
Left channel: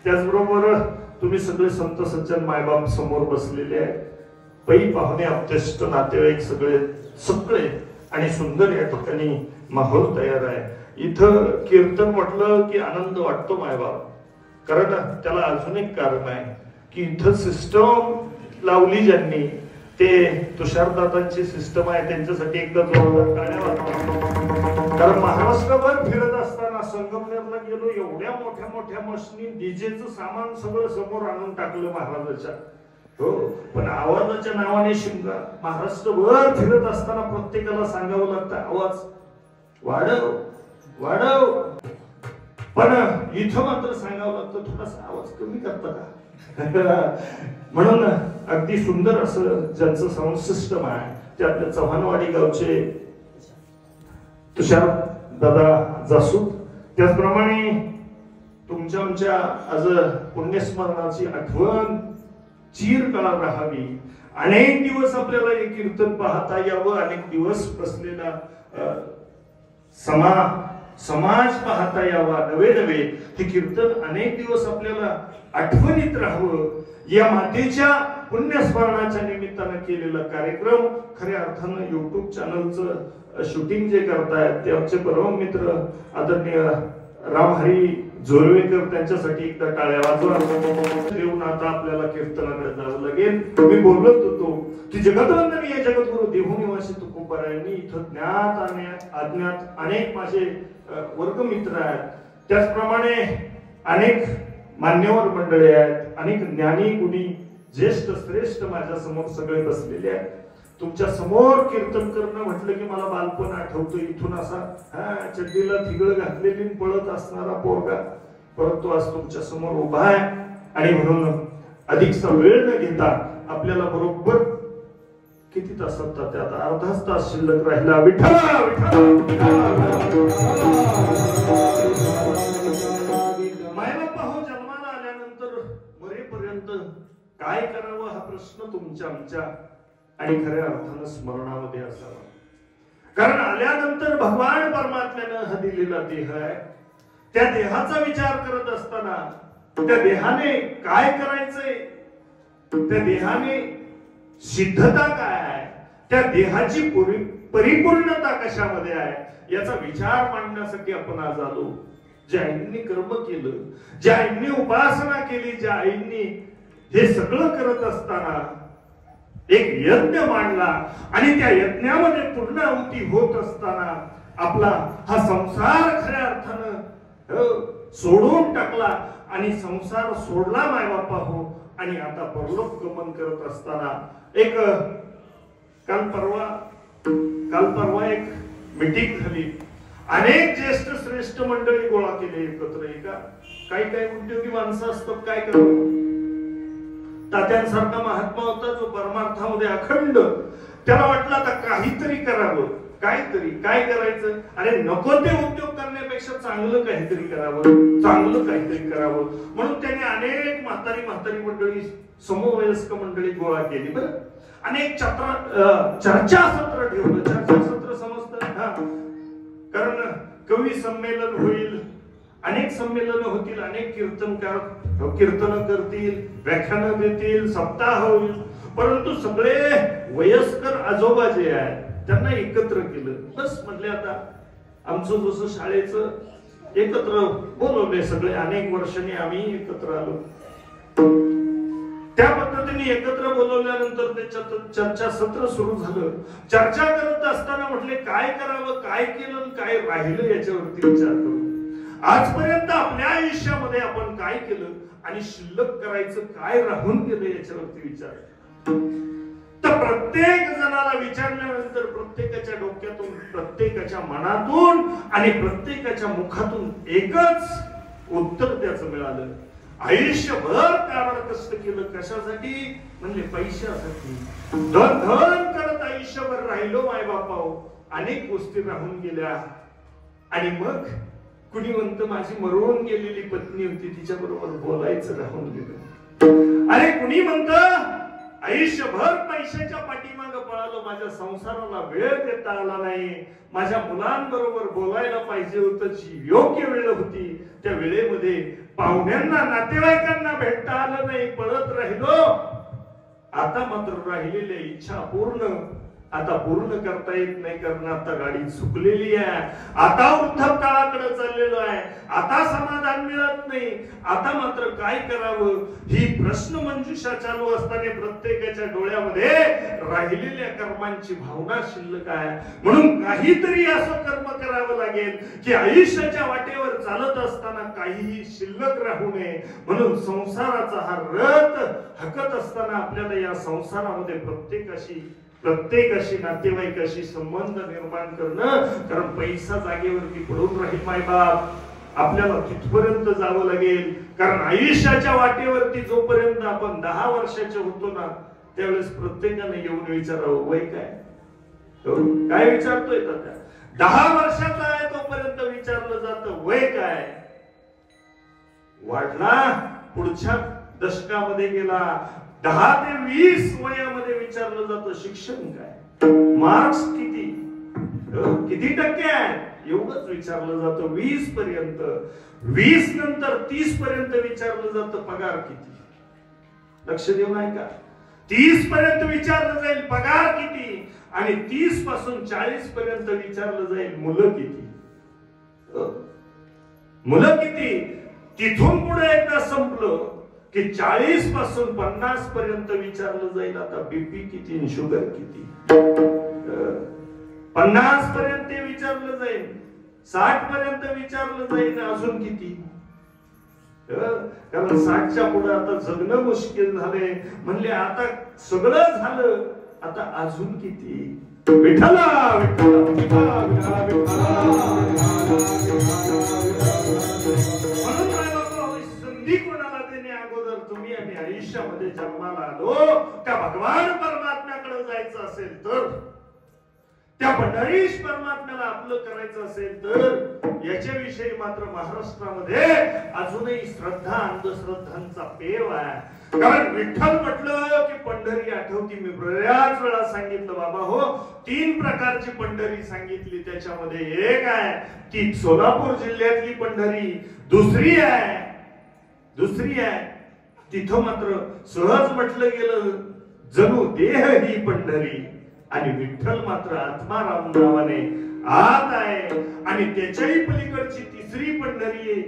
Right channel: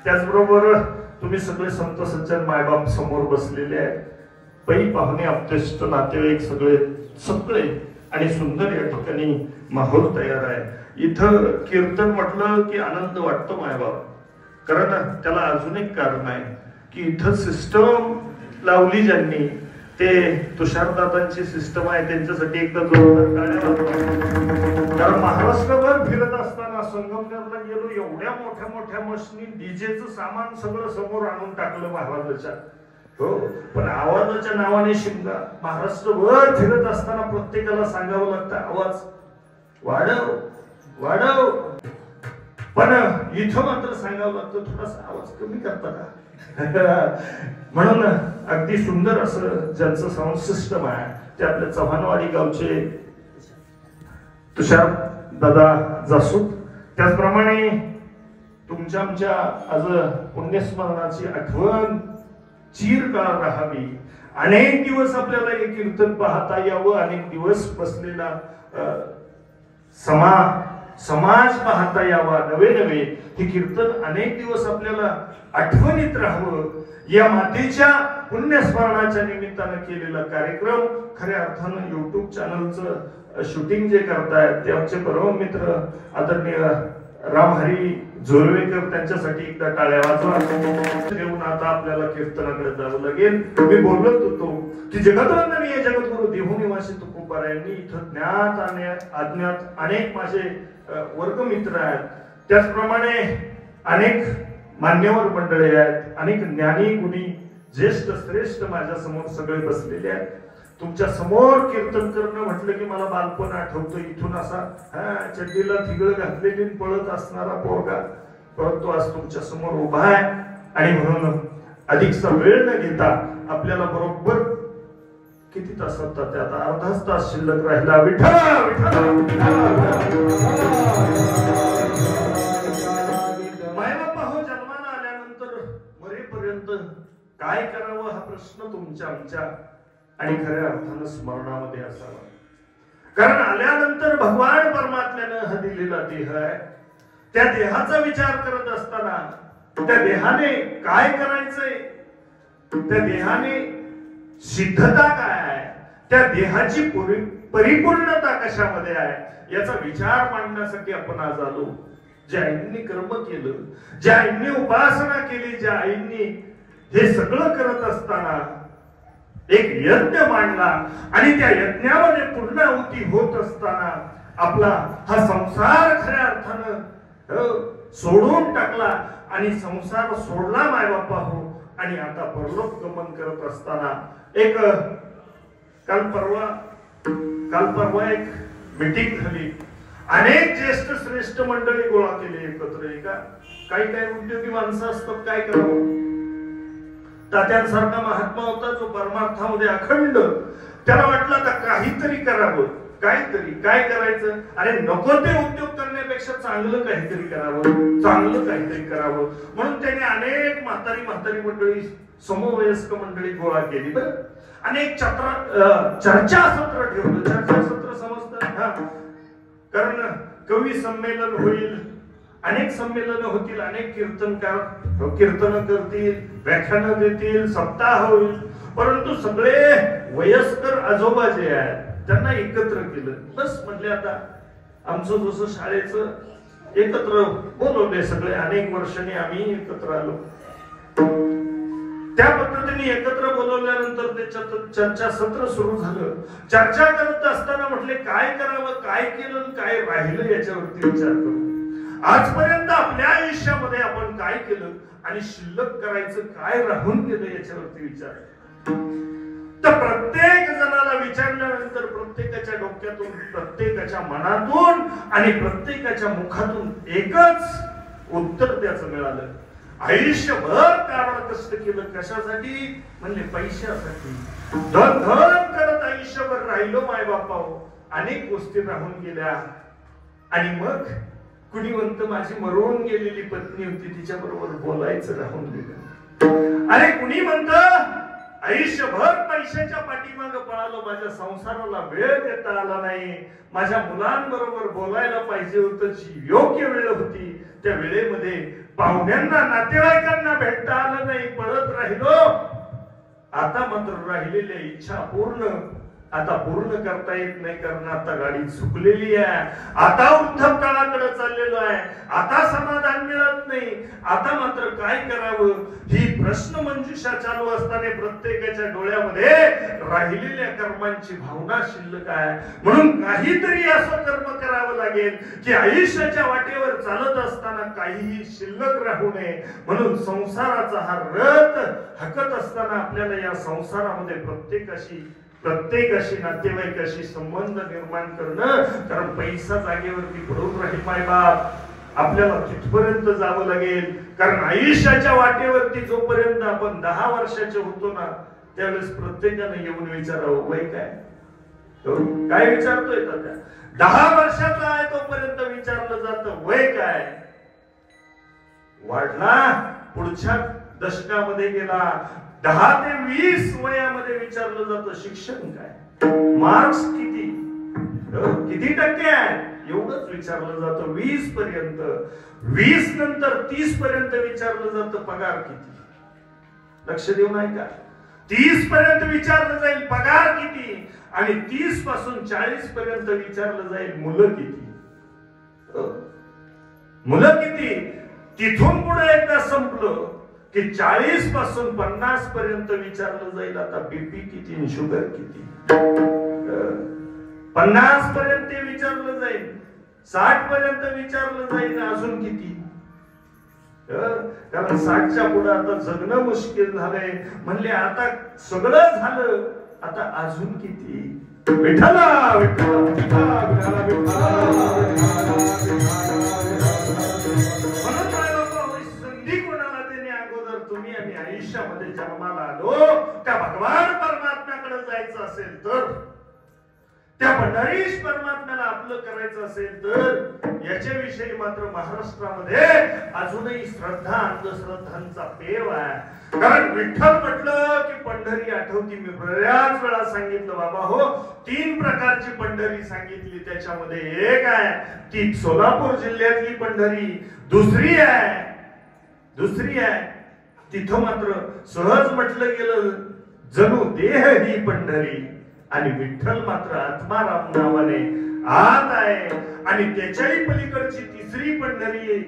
त्याचबरोबर तुम्ही सगळे संत सज्जन मायबाप समोर बसलेले आहेत. पै पाहुणे अत्यष्ट नातेवाईक सगळे सगळे आणि सुंदर या ठिकाणी माहोल तयार आहे. इथं कीर्तन म्हटलं की आनंद वाटतो मायबाप. कारण त्याला अजून एक कारण आहे की इथं सिस्टम लावली ज्यांनी, ते तुषारदादांची सिस्टम आहे. त्यांच्यासाठी एकदा जोरदार टाळ्या वाजवा. कारण महाराष्ट्रभर फिरत असताना संगमनेरला गेलो, एवढ्या मोठ्या मोठ्या मशनी डीजेचं सामान सगळं समोर आणून टाकलं महाराजाच्या. हो, पण आवाजाच्या नावाने शिंगा. महाराष्ट्रभर फिरत असताना प्रत्येकाला सांगावं लागतं आवाज वाढव वाढव, पण इथं मात्र सांगावं लागतं थोडासा आवाज कमी करता का. म्हणून अगदी सुंदर असं ज्यांचं साऊंड सिस्टम आहे ते आपल्या चव्हाणवाडी गावचे तुषार दादा जासूद. त्याचप्रमाणे तुमच्या आमच्या आज पुण्यस्मरणाची आठवण चिरकाळ राहावी. अनेक दिवस आपल्याला हे कीर्तन पाहता यावं, अनेक दिवस बसलेला समाज पाहता यावा, नवे नवे हे कीर्तन अनेक दिवस आपल्याला आठवणीत राहावं. या मातेच्या पुण्यस्मरणाच्या निमित्तानं केलेला कार्यक्रम खऱ्या अर्थानं युट्यूब चॅनलचं शूटिंग जे करतायत ते आमचे परम मित्र आदरणीय रामहरी जोरवेकर, त्यांच्यासाठी एकदा टाळ्या वाजवा. देऊन आता आपल्याला कीर्तनाकडे जावं लागेल. मी बोलत होतो की जगतवंदनीय जगद्गुरु देहूनिवासी तुकोबारायांनी इथं ज्ञात आणि अज्ञात अनेक माझे वर्गमित्र आहेत. त्याचप्रमाणे अनेक मान्यवर मंडळी आहेत, अनेक ज्ञानी गुणी ज्येष्ठ श्रेष्ठ माझ्या समोर सगळे बसलेले आहेत. तुमच्या समोर कीर्तन करणं म्हटलं की मला बालपण आठवतं. इथून असा चड्डीला थिगळ घातलेली पळत असणारा पोरगा, परंतु आज तुमच्या समोर उभा आहे. आणि म्हणून अधिकचा वेळ न घेता आपल्याला बरोबर किती तास होतात, आता अर्धाच तास शिल्लक राहिला. विठ्ठल मायबापा हो, जन्माला आल्यानंतर मरेपर्यंत काय करावं हा प्रश्न तुमच्या आमच्या आणि खऱ्या अर्थानं स्मरणामध्ये असावा. कारण आल्यानंतर भगवान परमात्म्यानं हा दिलेला देह आहे. त्या देहाचा विचार करत असताना त्या देहाने काय करायचंय, त्या देहाने सिद्धता काय आहे, त्या देहाची परिपूर्णता कशामध्ये आहे याचा विचार मांडण्यासाठी आपण आज आलो. ज्या आईंनी कर्म केलं, ज्या आईंनी उपासना केली, ज्या आईंनी हे सगळं करत असताना एक यज्ञ मांडला आणि त्या यज्ञामध्ये पूर्णाहुती होत असताना आपला हा संसार खऱ्या अर्थानं सोडून टाकला आणि संसार सोडला मायबापा हो. आणि आता परलोक गमन करत असताना एक काल परवा एक मीटिंग झाली. अनेक ज्येष्ठ श्रेष्ठ मंडळी गोळा केले एकत्र. काही उद्योगी माणसं असतात, काय करावं. तात्यांसारखा महात्मा होता जो परमार्थामध्ये अखंड, त्याला वाटलं आता काहीतरी करावं. काहीतरी काय करायचं, अरे नको ते उद्योग करण्यापेक्षा चांगलं काहीतरी करावं, चांगलं काहीतरी करावं. म्हणून त्याने अनेक म्हातारी मंडळी, समवयस्क मंडळी गोळा केली. बरं, अनेक चर्चासत्र ठेवलं. चर्चासत्र समजतं, कारण कवी संमेलन होईल, अनेक संमेलन होतील, अनेक कीर्तनकार कीर्तन करतील, व्याख्यान देतील, सप्ताह होईल. परंतु सगळे वयस्कर आजोबा जे आहेत त्यांना एकत्र केलं. बस म्हटले आता आमचं जसं शाळेचं एकत्र बोलवले सगळे, अनेक वर्षांनी आम्ही एकत्र आलो. त्या पद्धतीने एकत्र बोलवल्यानंतर त्याच्यात चर्चासत्र सुरू झालं. चर्चा करत असताना म्हटले काय करावं, काय केलं, काय राहिलं याच्यावरती विचार करू. आजपर्यंत आपल्या आयुष्यामध्ये आपण काय केलं आणि शिल्लक करायचं काय राहून गेलं याच्यावरती विचार. तर प्रत्येक जणाला विचारल्यानंतर प्रत्येकाच्या डोक्यातून, प्रत्येकाच्या मनातून आणि प्रत्येकाच्या मुखातून एकच उत्तर त्याचं मिळालं. आयुष्यभर काबाड कष्ट केलं, कशासाठी म्हणले पैशासाठी. धन धन करत आयुष्यभर राहिलो माय बापाओ, अनेक गोष्टी राहून गेल्या. आणि मग कुणी म्हणतं माझी मरून गेलेली पत्नी होती, तिच्या बरोबर बोलायचं राहून गेलं. अरे कुणी म्हणतं आयुष्यभर पैशाच्या पाठीमागं पळालो, माझ्या संसाराला वेळ देता आला नाही, माझ्या मुलांबरोबर बोलायला पाहिजे होतं, जी योग्य वेळ होती त्या वेळेमध्ये पाहुण्यांना, नातेवाईकांना भेटता आलं नाही, पळत राहिलो. आता मात्र राहिलेल्या इच्छा आता पूर्ण करता येत नाही, कारण आता गाडी चुकलेली आहे, आता वृद्धकाळाकडे चाललेलो आहे, आता समाधान मिळत नाही. आता मात्र काय करावं ही प्रश्न मंजुषा चालू असताना प्रत्येकाच्या डोळ्यामध्ये राहिलेल्या कर्मांची भावना शिल्लक आहे. म्हणून काहीतरी असं कर्म करावं लागेल की आयुष्याच्या वाटेवर चालत असताना काहीही शिल्लक राहू नये. म्हणून संसाराचा हा रथ हाकत असताना आपल्याला या संसारामध्ये प्रत्येकाशी नातेवाईकाशी संबंध निर्माण करणं, कारण पैसा जागेवरती पडून राहील माय बाप, आपल्याला तिथपर्यंत जावं लागेल. कारण आयुष्याच्या वाटेवरती जोपर्यंत आपण 10 वर्षाचे होतो ना, त्यावेळेस प्रत्येकाने येऊन विचारावं वय काय विचारतोय त्या 10 वर्षाचा आहे तोपर्यंत विचारलं जातं वय काय. वाढला, पुढच्या दशकामध्ये गेला, 10 ते 20 वयामध्ये विचारलं जातं शिक्षण काय, मार्क्स किती टक्के आहे, एवढंच विचारलं जातं 20 पर्यंत. 20 नंतर 30 पर्यंत विचारलं जातं पगार किती. लक्ष देऊ नाही का, 30 पर्यंत विचारलं जाईल पगार किती, आणि 30 पासून 40 पर्यंत विचारलं जाईल मुलं किती. मुलं किती, तिथून पुढे एकदा संपलं की 40 पासून 50 पर्यंत विचारलं जाईल आता बीपी किती, शुगर किती. 50 पर्यंत विचारलं जाईल, 60 पर्यंत विचारलं जाईल अजून किती. कारण 60च्या पुढे आता जगणं मुश्किल झालंय. म्हणले आता सगळं झालं, आता अजून किती. विठ्ठला संधी कोणाला देणे अगोदर तुम्ही आणि आयुष्यामध्ये जन्माला आलो त्या भगवान परमात्म्याकडे जायचं असेल तर, त्या पंढरीश परमात्म्याला आपलं करायचं असेल तर याच्याविषयी मात्र महाराष्ट्रामध्ये अजूनही श्रद्धा अंधश्रद्धांचा पेव आहे. कारण विठ्ठल म्हटलं की पंढरी आठवती. मी बऱ्याच वेळा सांगितलं बाबा हो, 3 प्रकारची पंढरी सांगितली. त्याच्यामध्ये एक आहे ती सोलापूर जिल्ह्यातली पंढरी, दुसरी आहे तिथं मात्र सहज म्हटलं गेलं जणू देह ही पंढरी, आणि विठ्ठल मात्र आत्माराम नावाने आत आहे. आणि त्याच्याही पलीकडची तिसरी पंढरी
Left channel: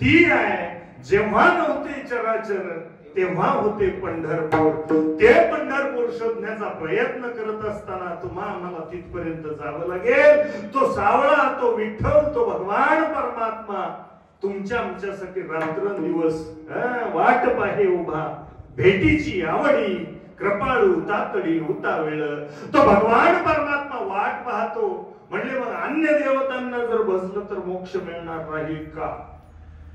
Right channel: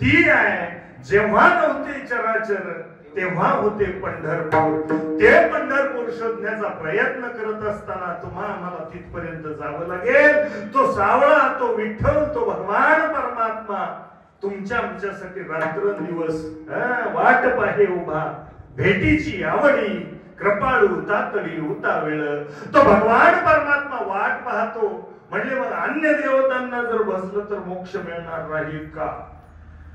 ती आहे जेव्हा नव्हते चराचर तेव्हा होते पंढरपूर. ते पंढरपूर शोधण्याचा प्रयत्न करत असताना तुम्हाला तिथपर्यंत जावं लागेल. तो सावळा, तो विठ्ठल, तो भगवान परमात्मा तुमच्या आमच्यासाठी रात्रंदिवस वाट पाहे उभा. भेटीची आवडी कृपाळू तातडी होता वेळ. तो भगवान परमात्मा वाट पाहतो. म्हणजे मग अन्य देवतांना जर भजलं तर मोक्ष मिळणार राहील का,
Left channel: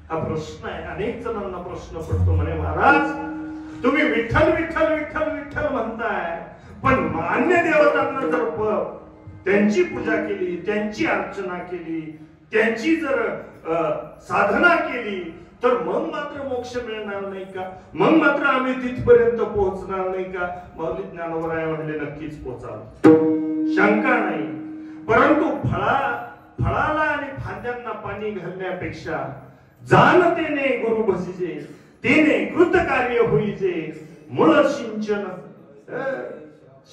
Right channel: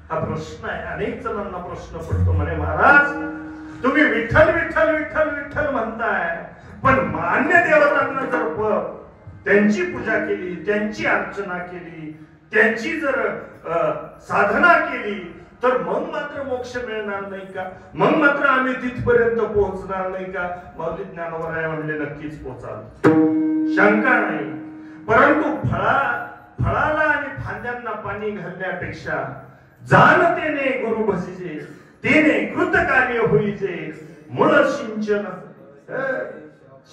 हा प्रश्न आहे. अनेक जणांना प्रश्न पडतो. म्हणे महाराज तुम्ही विठ्ठल विठ्ठल विठ्ठल विठ्ठल म्हणताय, पण अन्य देवतांना जर त्यांची पूजा केली, त्यांची अर्चना केली, त्यांची जर साधना केली तर मग मात्र मोक्ष मिळणार नाही का? मग मात्र आम्ही तिथपर्यंत पोहोचणार नाही का? माऊली ज्ञानोबराय म्हणले नक्कीच पोहोचाल, शंका नाही. परंतु फळाला आणि फांद्यांना पाणी घालण्यापेक्षा जाणतेने गुरु भजिजे, तेने कृत कार्य होईजे. मूळ सिंचन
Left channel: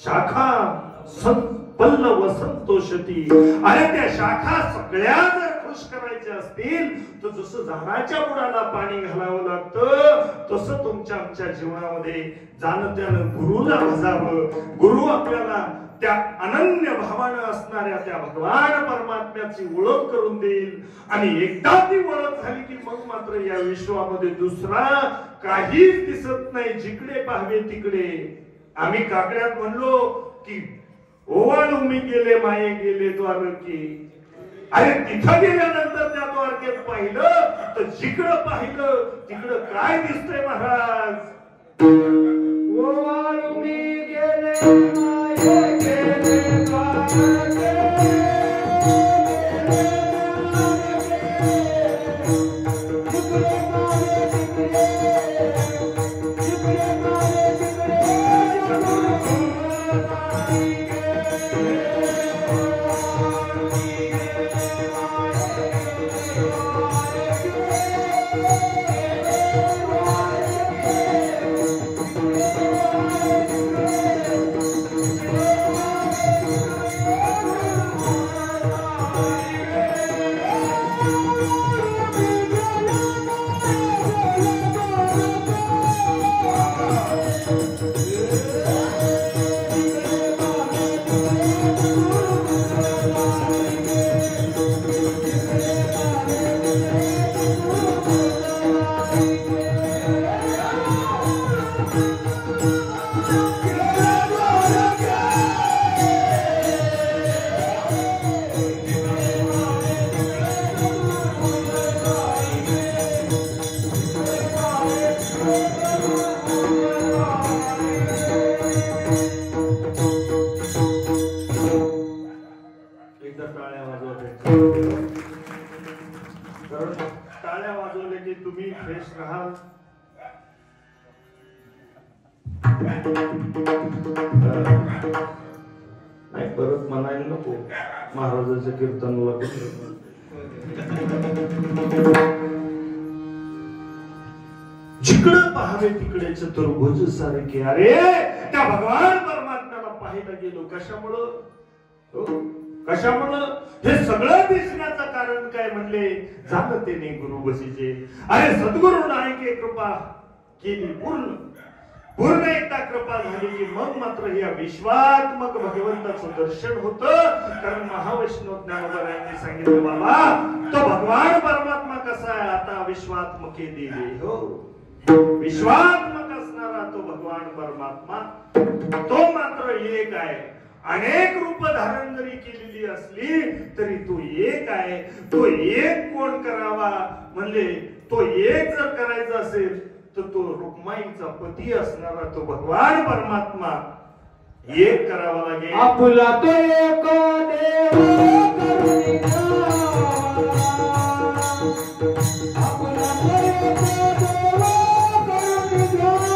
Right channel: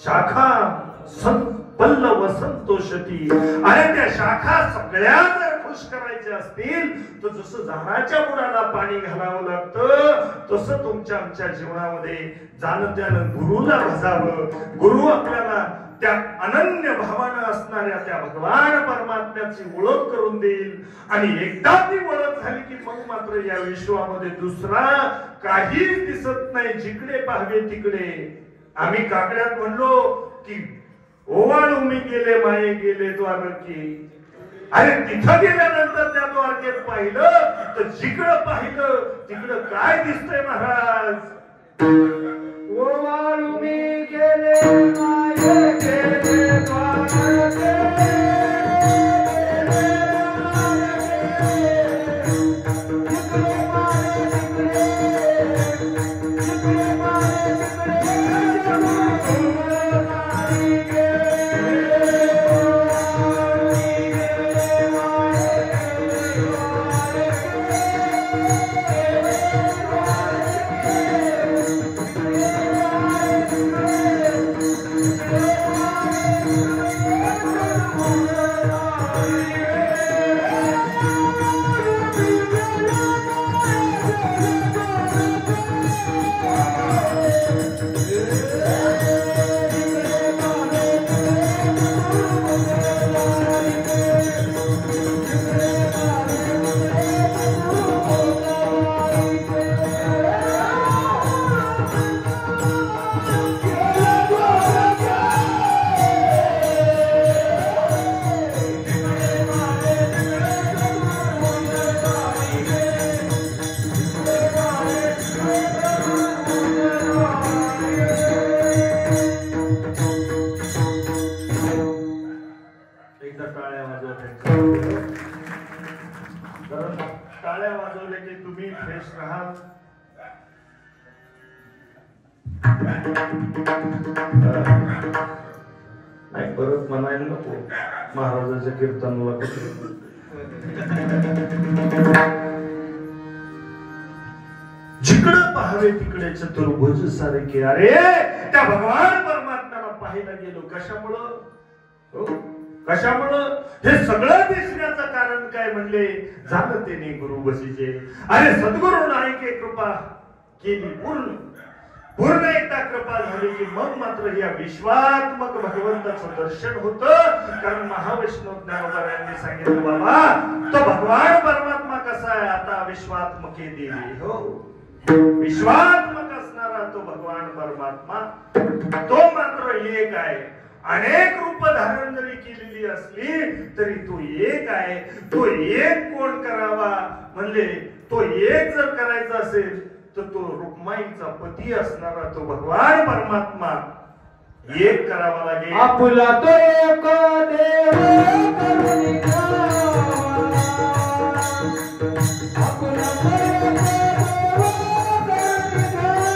शाखा पल्लव संतोषती. आणि त्या शाखा सगळ्या जर खुश करायच्या असतील तर जसं झाडाच्या बुडाला पाणी घालावं लागतं तसं तुमच्या आमच्या जीवनामध्ये जाणत्यानं गुरुला भजावं. गुरु आपल्याला त्या अनन्य भावानं असणाऱ्या त्या भगवान परमात्म्याची ओळख करून देईल. आणि एकदा ती ओळख झाली की मग मात्र या विश्वामध्ये दुसरा काहीच दिसत नाही. जिकडे पाहावे तिकडे आम्ही काकड्यात म्हणलो की ओवाळू मी गेले माये गेले द्वारकी. अरे तिथं गेल्यानंतर त्या द्वारकेत पाहिलं तर जिकडं पाहिलं तिकडं काय दिसतंय महाराज? ओवाळू मी गेले माये गेले द्वारके. टाळ्या वाजवले की तुम्ही फ्रेश राहाल. नाही परत म्हणायला नको महाराजाच्या कीर्तनाला. जिकडं पाहावे तिकडे चतुर्भुज सारखे. अरे त्या भगवान परमात्म्याला पाहायला गेलो कशामुळं? कशामुळं? हे सगळं दिसण्याचं कारण काय म्हणले? जाणतेने गुरु बसीचे. अरे सद्गुरु नायके कृपा केली पूर्ण एकदा कृपा झाली की मग मात्र या विश्वात्मक भगवंताचं दर्शन होतं. कारण महावैष्णव ज्ञानोबरायांनी सांगितलं बाबा तो भगवान परमात्मा कसा आहे? आता विश्वात्मके देवी हो, विश्वात्मक असणारा तो भगवान परमात्मा तो मात्र एक आहे. अनेक रूप धारण जरी केलेली असली तरी तो एक आहे. तो एक कोण करावा म्हणले? तो एक जर करायचा असेल तर तो रुक्माईचा पती असणारा तो भगवान परमात्मा एक करावा लागेल. आपुला तो एक देव करुणी द्यावा. आपुला तो एक देव करुणी द्यावा.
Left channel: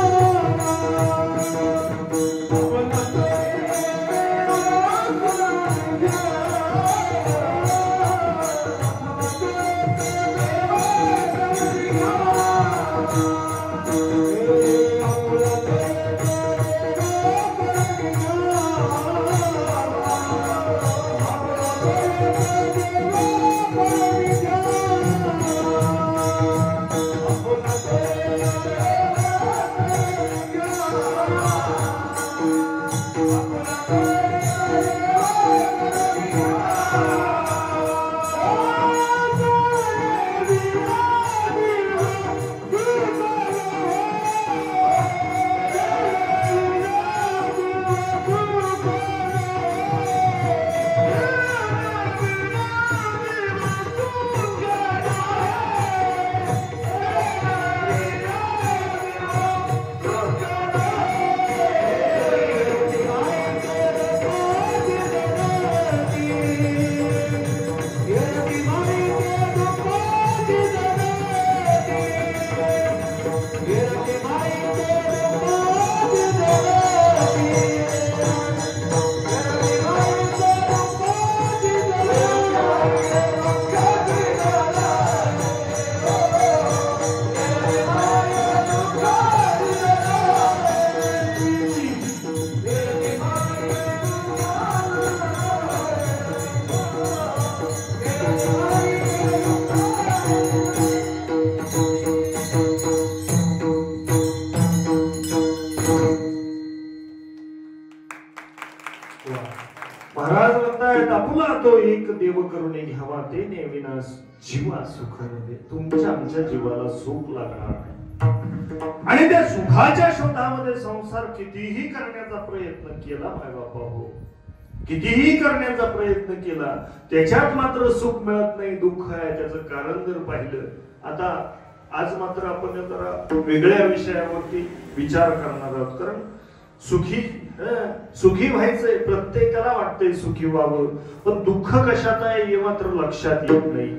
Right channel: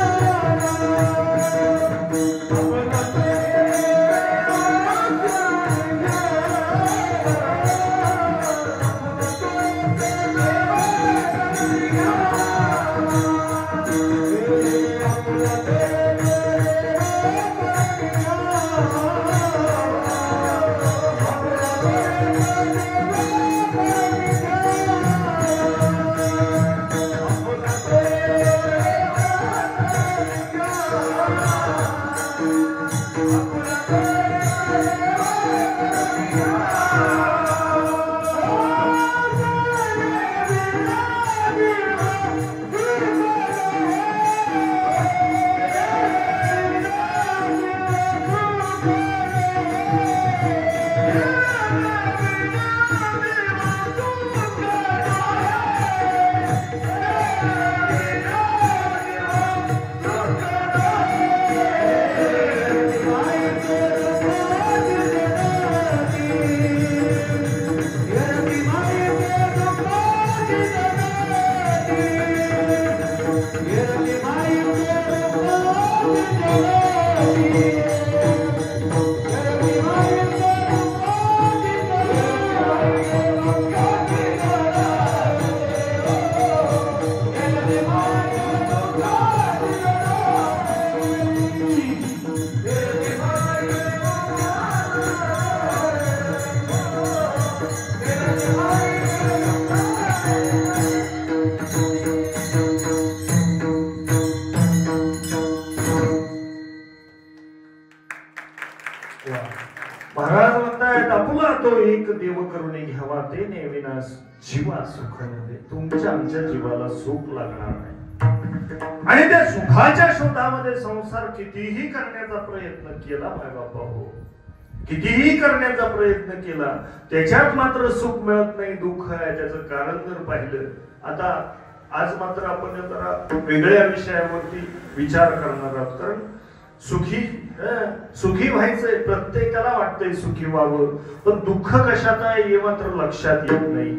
तो एक देव करुणे घ्यावा ते नेविनास जीवा सुख नव्हे. तुमच्या आमच्या जीवाला सुख लागणार नाही आणि त्या सुखाच्या शोधामध्ये संसार कितीही करण्याचा प्रयत्न केला माय बापा हो, कितीही करण्याचा प्रयत्न केला त्याच्यात मात्र सुख मिळत नाही, दुःख आहे. त्याचं कारण जर पाहिलं आता आज मात्र आपण जरा वेगळ्या विषयावरती विचार करणार आहोत. कारण सुखी व्हायचंय, प्रत्येकाला वाटतंय सुखी व्हावं, पण दुःख कशात आहे हे मात्र लक्षात येत नाही.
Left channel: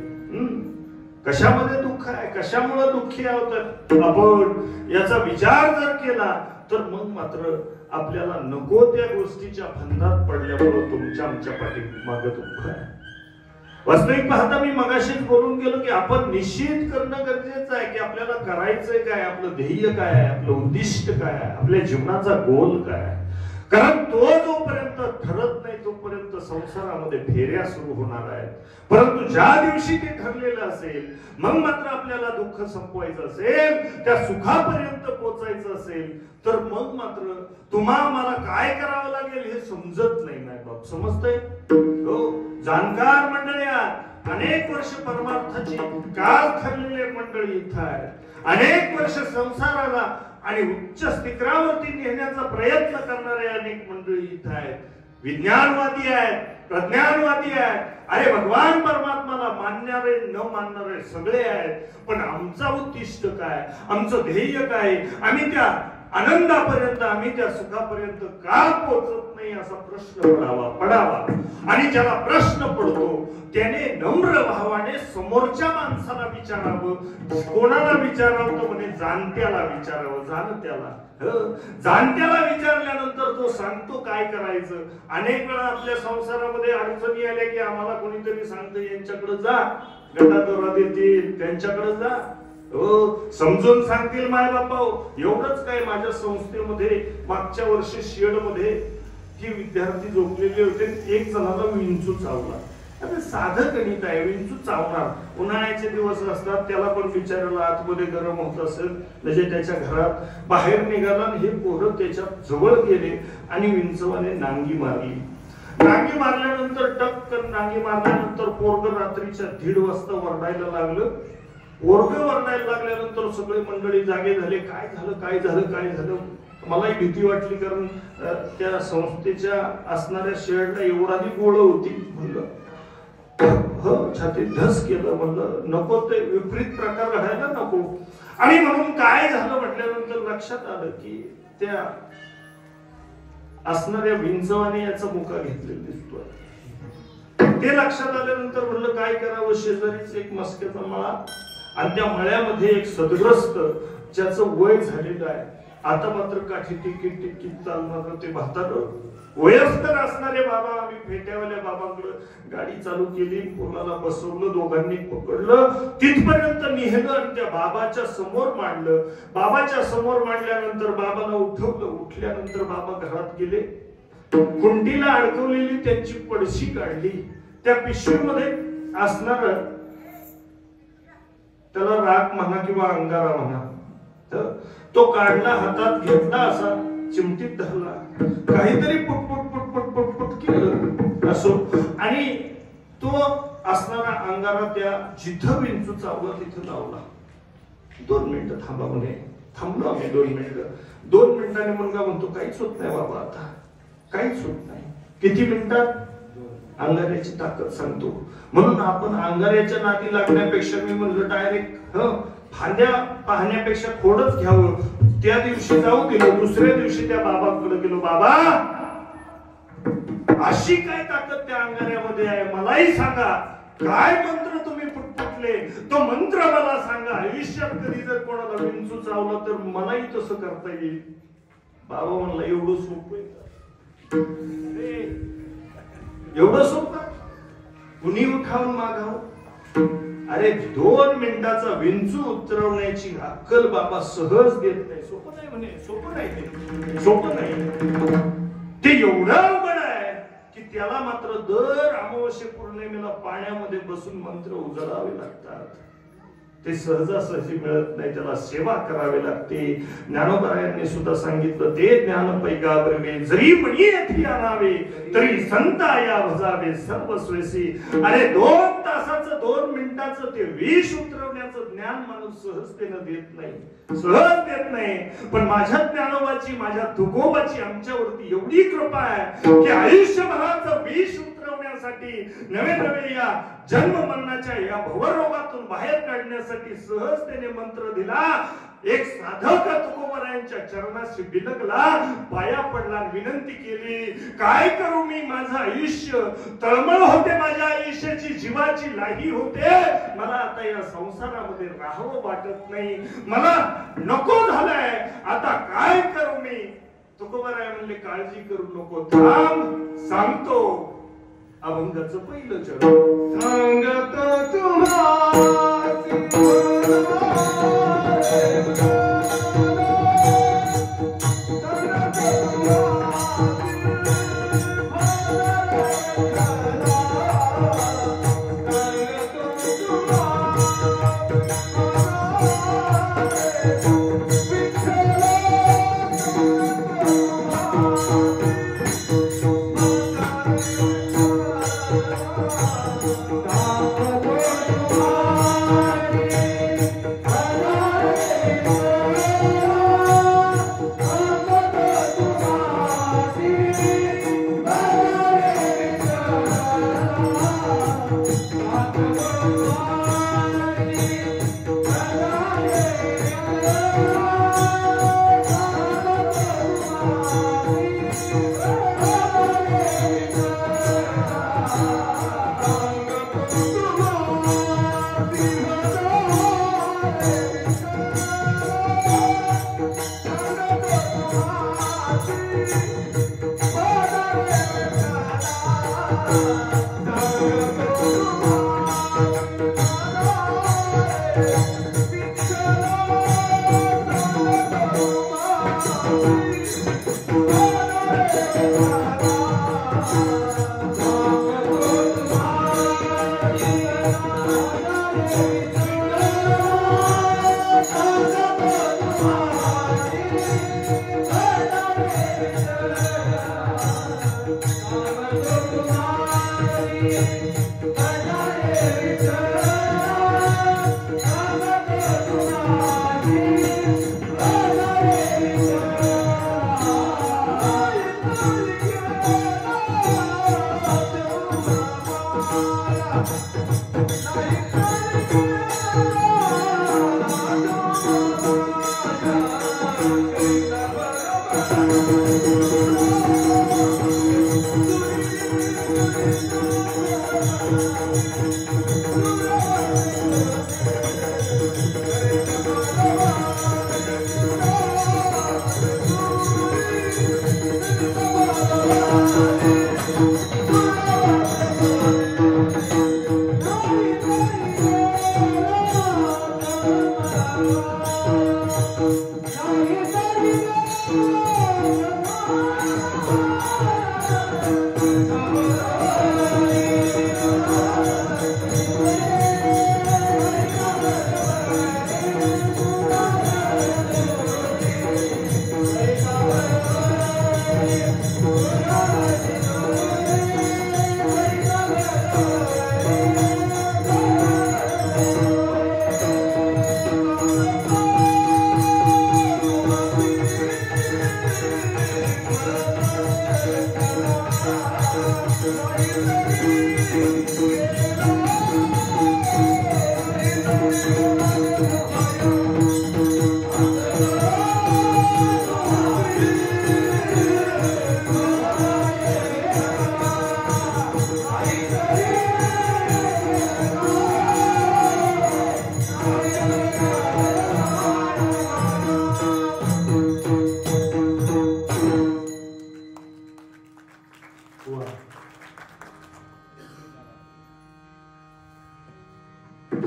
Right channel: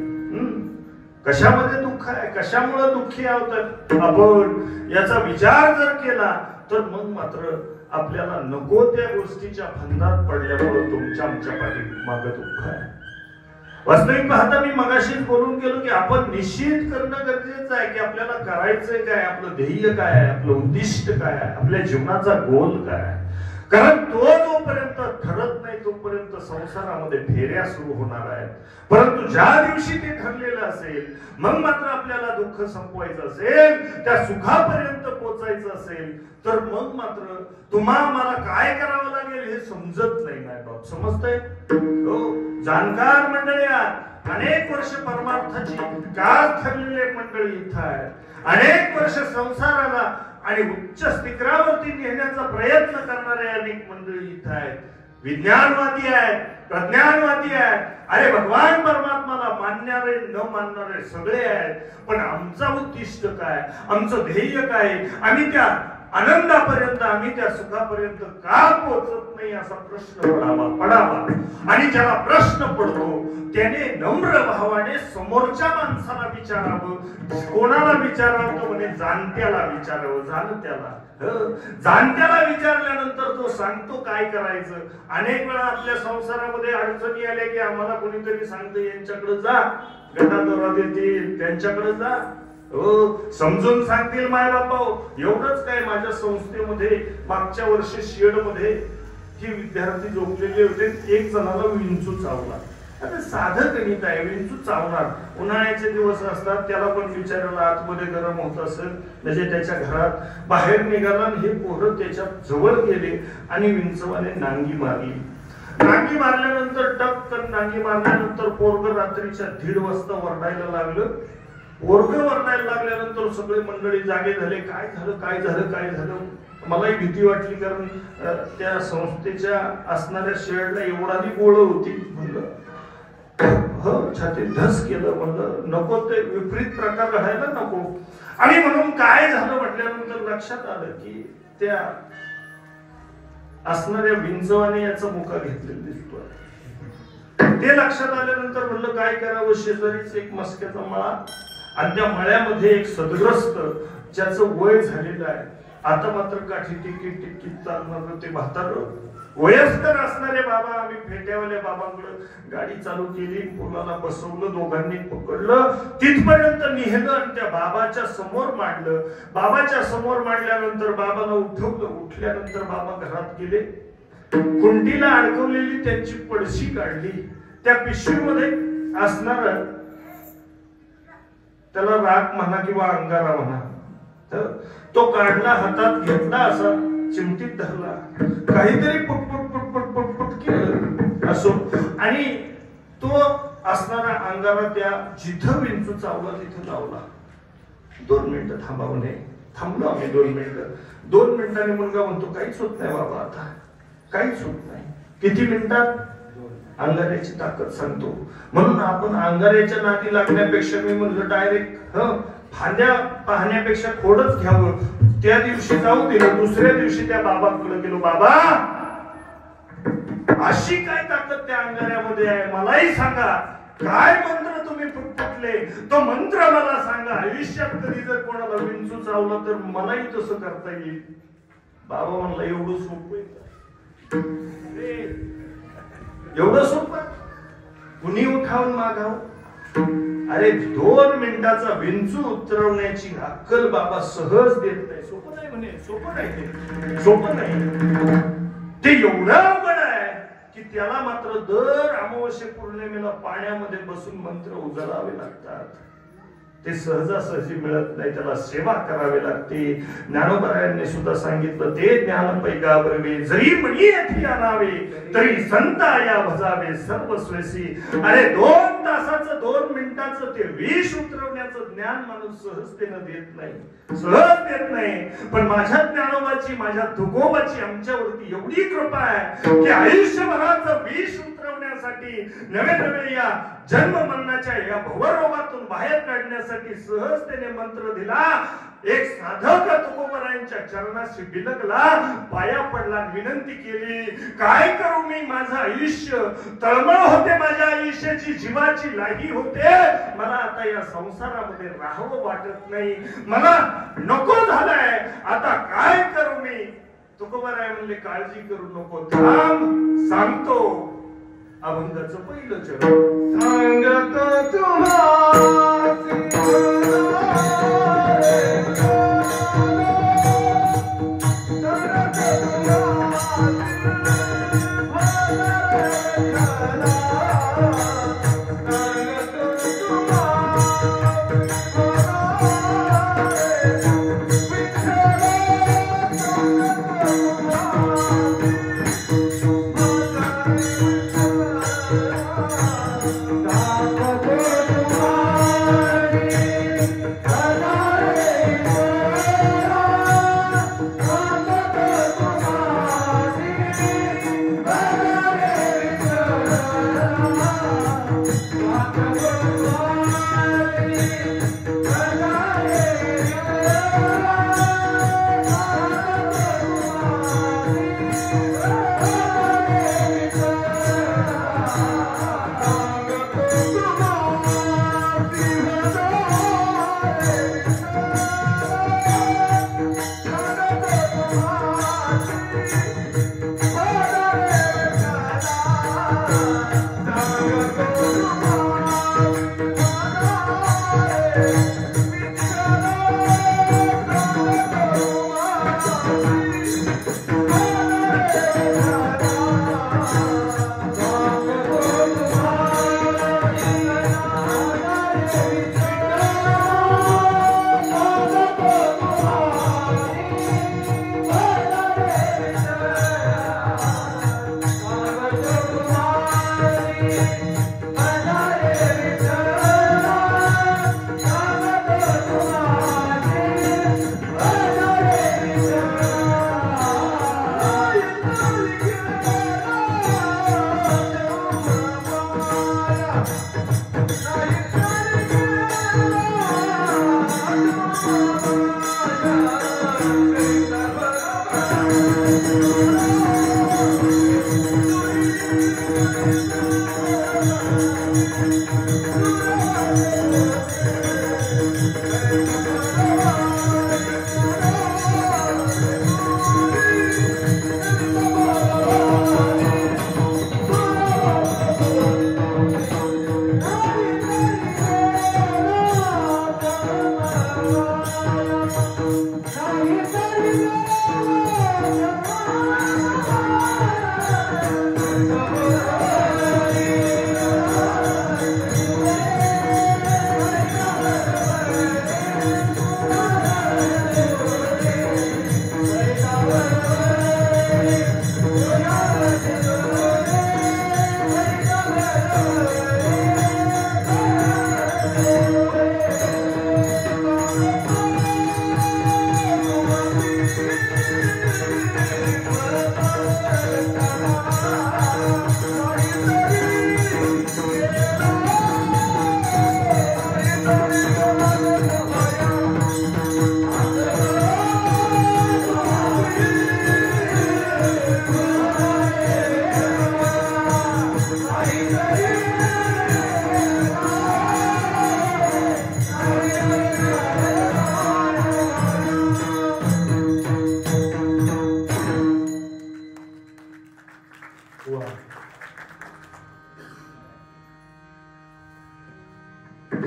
कशामध्ये दुःख आहे, कशामुळे दुःखी आहोत आपण याचा विचार जर केला तर मग मात्र आपल्याला नको त्या गोष्टीच्या फंदात पडल्यामुळे तुमच्या आमच्या पाठीमागे दुःख आहे. वास्तविक पाहता मी मगाशीच बोलून गेलो की आपण निश्चित करणं गरजेचं आहे की आपल्याला करायचंय काय, आपलं ध्येय काय आहे, आपलं उद्दिष्ट काय आहे, आपल्या जीवनाचा गोल काय आहे. कारण तो जोपर्यंत ठरत नाही तोपर्यंत संसारामध्ये फेऱ्या सुरू होणार आहेत. परंतु ज्या दिवशी ते ठरलेलं असेल मग मात्र आपल्याला दुःख संपवायचं असेल, त्या सुखापर्यंत पोहोचायचं असेल तर मग मात्र तुम्हा मला काय करावं लागेल हे समजत नाही. नाही बाप समजतंय हो. जाणकार मंडळी अनेक वर्ष परमार्थाची काळ ठरलेले मंडळी इथं आहेत, अनेक वर्ष संसाराला आणि उच्च शिखरावरती नेण्याचा प्रयत्न करणारे अनेक मंडळी इथं आहेत. विज्ञानवादी आहेत, प्रज्ञानवादी आहेत, अरे भगवान परमात्माला मानणारे न मानणारे सगळे आहेत. पण आमचं उद्दिष्ट काय, आमचं ध्येय काय, आम्ही त्या आनंदापर्यंत आम्ही त्या सुखापर्यंत का पोहोचत नाही असा प्रश्न पडावा. आणि ज्याला प्रश्न पडतो त्याने नम्र भावाने समोरच्या माणसाला विचारावं. कोणाला विचारावं तो म्हणे जाणत्याला विचारावं. जाणत्याला विचारल्यानंतर तो सांगतो काय करायचं. अनेक वेळा आपल्या संसारामध्ये अडचणी आल्या की आम्हाला कोणीतरी सांगतं यांच्याकडे जा, गटादोरा देतील, त्यांच्याकडे जा, समजून सांगतील माय बापा. एवढंच काय, माझ्या संस्थेमध्ये मागच्या वर्षी शेड मध्ये ही विद्यार्थी झोपलेले होते, एक जणाला विंचू चावला. आता साधं गणित आहे, विंचू चावणार, उन्हाळ्याचे दिवस असतात, त्याला पण बिचारायला आतमध्ये गरम होत असेल म्हणजे त्याच्या घरात बाहेर निघाला. हे पोरं त्याच्या जवळ गेले आणि विंचवाने नांगी मारली. नांगी मारल्यानंतर टपकन नांगी मारल्यानंतर पोरग रात्रीच्या 1:30 वाजता वरडायला लागलं. पोरग वरडायला लागल्यानंतर सगळे मंडळी जागे झाले. काय झालं काय झालं काय झालं. मलाही भीती वाटली कारण त्या संस्थेच्या असणाऱ्या शेडला एवढाही गोळ होती. म्हणलं छातीत धस केलं, म्हणलं नको ते विपरीत प्रकार घडायला नको. आणि म्हणून काय झालं म्हटल्यानंतर लक्षात आलं की त्या असणाऱ्या विंचवाने याचा मुका घेतलेला दिसतोय. ते लक्षात आल्यानंतर म्हणलं काय करावं. शेजारीच एक मस्क्याचा मळा आणि त्या मळ्यामध्ये एक सदग्रस्त ज्याचं वय झालेलं आहे, आता मात्र काठी टिकीत चालणार ते म्हातारं वयस्कर असणारे बाबा. आम्ही फेट्यावाल्या बाबांकडे गाडी चालू केली, मुलाला बसवलं, दोघांनी पकडलं, तिथपर्यंत नेलं आणि त्या बाबाच्या समोर मांडलं. बाबाच्या समोर मांडल्यानंतर बाबाला उठवलं. उठल्यानंतर बाबा घरात गेले, कुंडीला अडकवलेली त्यांची पडशी काढली. त्या पिशवीमध्ये असणार त्याला राख म्हणा किंवा अंगारा म्हणा, तर तो काढला, हातात घेतला, असा चिमटीत धरला, काहीतरी पुटपुट पुटपुट पुटपुट केलं असो आणि तो असणारा अंगारा त्या जिथं विंचू चावला तिथं लावला. 2 मिनिटं थांबा म्हणे. थांबलो आम्ही 2 मिनिटं. 2 मिनिटांनी मुलगा म्हणतो काहीच होत नाही बाबा, आता काहीच होत नाही. किती मिनिटात? अंगाऱ्याची ताकद सांगतो. म्हणून आपण अंगाऱ्याच्या नादी लागण्यापेक्षा मी म्हणलं डायरेक्ट फांद्या पाहण्यापेक्षा खोडच घ्यावं. त्या दिवशी जाऊ दिलं. दुसऱ्या दिवशी त्या बाबांकडे गेलो. बाबा अशी काय ताकद त्या अंगाऱ्यामध्ये आहे, मलाही सांगा. काय मंत्र तुम्ही फुटफुटले, तो मंत्र मला सांगा. आयुष्यात कधी जर कोणाला विंचू चावलं तर मलाही तसं करता येईल. बाबा म्हणला एवढं सोपं आहे, एवढं सोपं, कुणी उठावून मागावं. अरे 2 मिनिटाचा विंचू उतरवण्याची अक्कल बाबा सहज देत नाही. सोपं नाही म्हणे, सोपं नाही, सोपं नाही. ते एवढं अवघड आहे की त्याला मात्र दर अमावस्ये पौर्णिमेला पाण्यामध्ये बसून मंत्र उजळावे लागतात. ते सहजासहजी मिळत नाही, त्याला सेवा करावी लागते. ज्ञानोबायांनी सुद्धा सांगितलं, ते ज्ञान पैगा बरवे जरी म्हणी येथे आणावे तरी संता या भजावे सर्वस्वेसी. अरे 2 तासाचं 2 मिनिटाचं ते विष उतरवण्याचं ज्ञान माणूस सहजतेनं देत नाही, सहज देत नाही. पण माझ्या ज्ञानोबाची, माझ्या तुकोबाची आमच्यावरती एवढी कृपा आहे की आयुष्यभराचं विष उतरवण्यासाठी, नवे नवे या जन्म मरणाच्या या भवरोगातून बाहेर काढण्यासाठी सहजतेने मंत्र दिला. एक साधक तुकोबारायांच्या चरणाशी बिलगला, पाया पडला, विनंती केली, काय करू मी, माझं आयुष्य तळमळ होते, माझ्या आयुष्याची जीवाची लाही होते, मला आता या संसारामध्ये राहावं वाटत नाही, मला नको झालंय, आता काय करू मी. तुकोबाराय म्हणले, काळजी करू नको, थांब, सांगतो. अभंगाचं पहिलं चरण.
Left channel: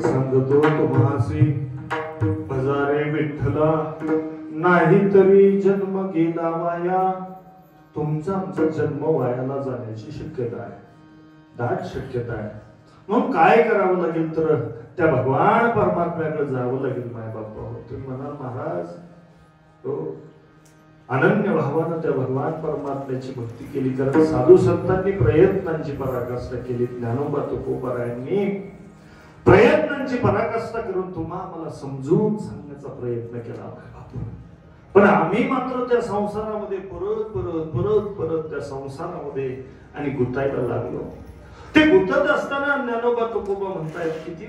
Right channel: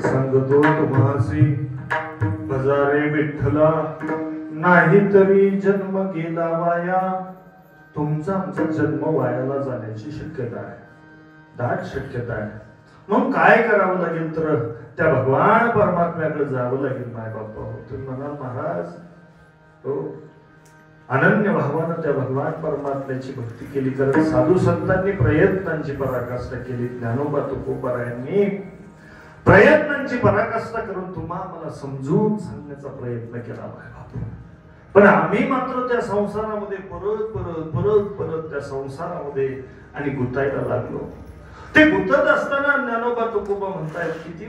सांगतो तुम्हाला सांगतो तुम्हासी हजारे विठ्ठला, नाही तरी जन्म गेला वाया. तुमचा आमचा जन्म वायाला जाण्याची शक्यता आहे, दाट शक्यता आहे. मग काय करावं लागेल तर त्या भगवान परमात्म्याकडे जावं लागेल माय बाप्पा हो. तुम्ही म्हणाल महाराज हो अनन्य भावानं त्या भगवान परमात्म्याची भक्ती केली, कारण साधू संतांनी प्रयत्नांची पराकाष्ठा केली. ज्ञानोबा तुकोबारायांनी प्रयत्नांची पराकाष्ठा करून तुम्हाला समजून सांगण्याचा प्रयत्न केला. पण आम्ही मात्र त्या संसारामध्ये परत परत परत परत त्या संसारामध्ये आणि गुंतायला लागलो. ते गुंतत असताना ज्ञानोबा तुकोबा म्हणतायत किती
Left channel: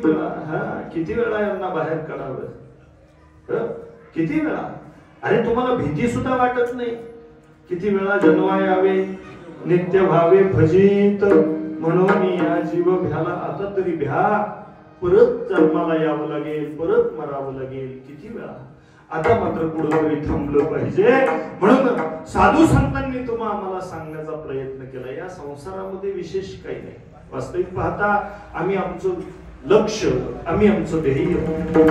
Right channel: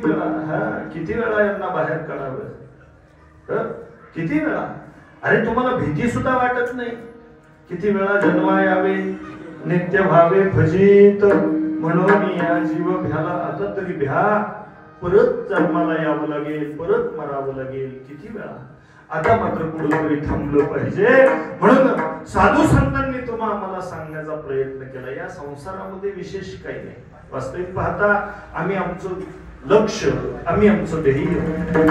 वेळा यांना बाहेर काढावं, किती वेळा. अरे तुम्हाला भीती सुद्धा वाटत नाही. किती वेळा जन्मा यावे नित्य भावे भजित म्हणून या जीव भ्याला, आता तरी भ्या, परत जन्माला यावं लागेल, परत मरावं लागेल. किती वेळा. आता मात्र कुठेतरी थांबलं पाहिजे. म्हणून साधू संतांनी आम्हाला सांगण्याचा प्रयत्न केला. या संसारामध्ये विशेष काही नाही. वास्तविक पाहता आम्ही आमचं लक्ष, आम्ही आमचं ध्येय,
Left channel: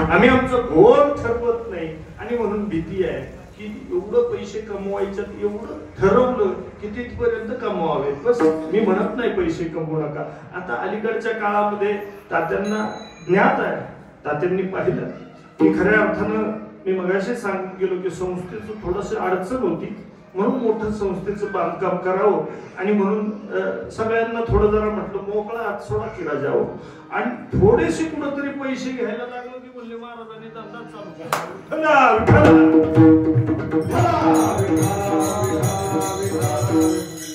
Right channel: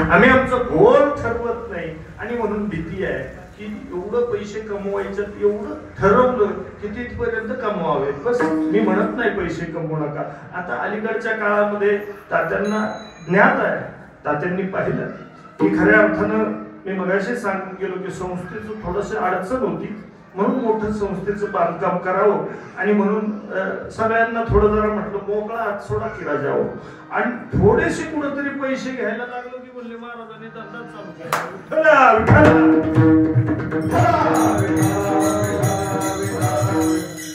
आम्ही आमचं गोल ठरवत नाही. आणि म्हणून भीती आहे की एवढं पैसे कमवायचं, एवढं ठरवलं की तिथपर्यंत कमवावे बस. मी म्हणत नाही पैसे कमवू नका. आता अलीकडच्या काळामध्ये तात्यांना ज्ञात आहे, तात्यांनी पाहिलं की खऱ्या अर्थानं मी मगाशी सांगून गेलो की संस्थेचं थोडंसं अडचण होती, म्हणून मोठं संस्थेचं बांधकाम करावं. आणि म्हणून सगळ्यांना थोडं जरा म्हटलं मोकळा हात सोडा की राजावं. आणि थोडेसे कुठेतरी पैसे घ्यायला लागलो की बोलले महाराजांनी धंदा चालू केला.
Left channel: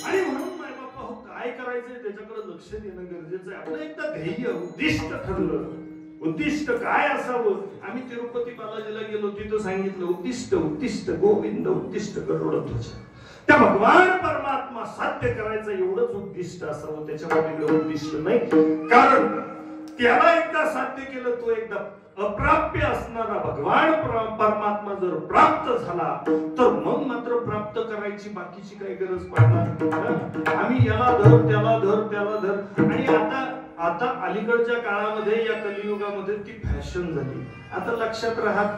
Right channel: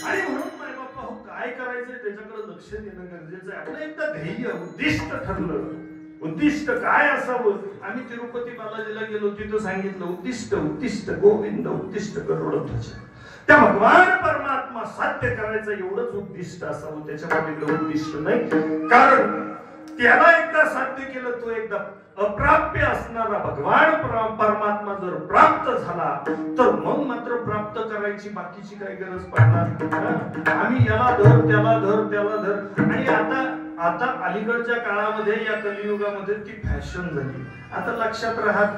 आणि म्हणून माय बाप्पा हो काय करायचंय त्याच्याकडे लक्ष देणं गरजेचं आहे. आपलं एकदा ध्येय उद्दिष्ट ठरलं. उद्दिष्ट काय असावं. आम्ही तिरुपती बालाजीला गेलो, तिथं सांगितलं उद्दिष्ट उद्दिष्ट गोविंद उद्दिष्ट करोडध्वज. त्या भगवान परमात्मा साध्य करायचं एवढंच उद्दिष्ट असावं, त्याच्यामध्ये उद्दिष्ट नाही. कारण त्याला एकदा साध्य केलं, तो एकदा अप्राप्य असणारा भगवान परमात्मा जर प्राप्त झाला तर मग मात्र प्राप्त करायची बाकीची काही गरज पडणार. आम्ही याला धर त्याला धर त्याला धर. आणि आता अलीकडच्या काळामध्ये या कलियुगामध्ये ती फॅशन झाली. आता लक्षात राहत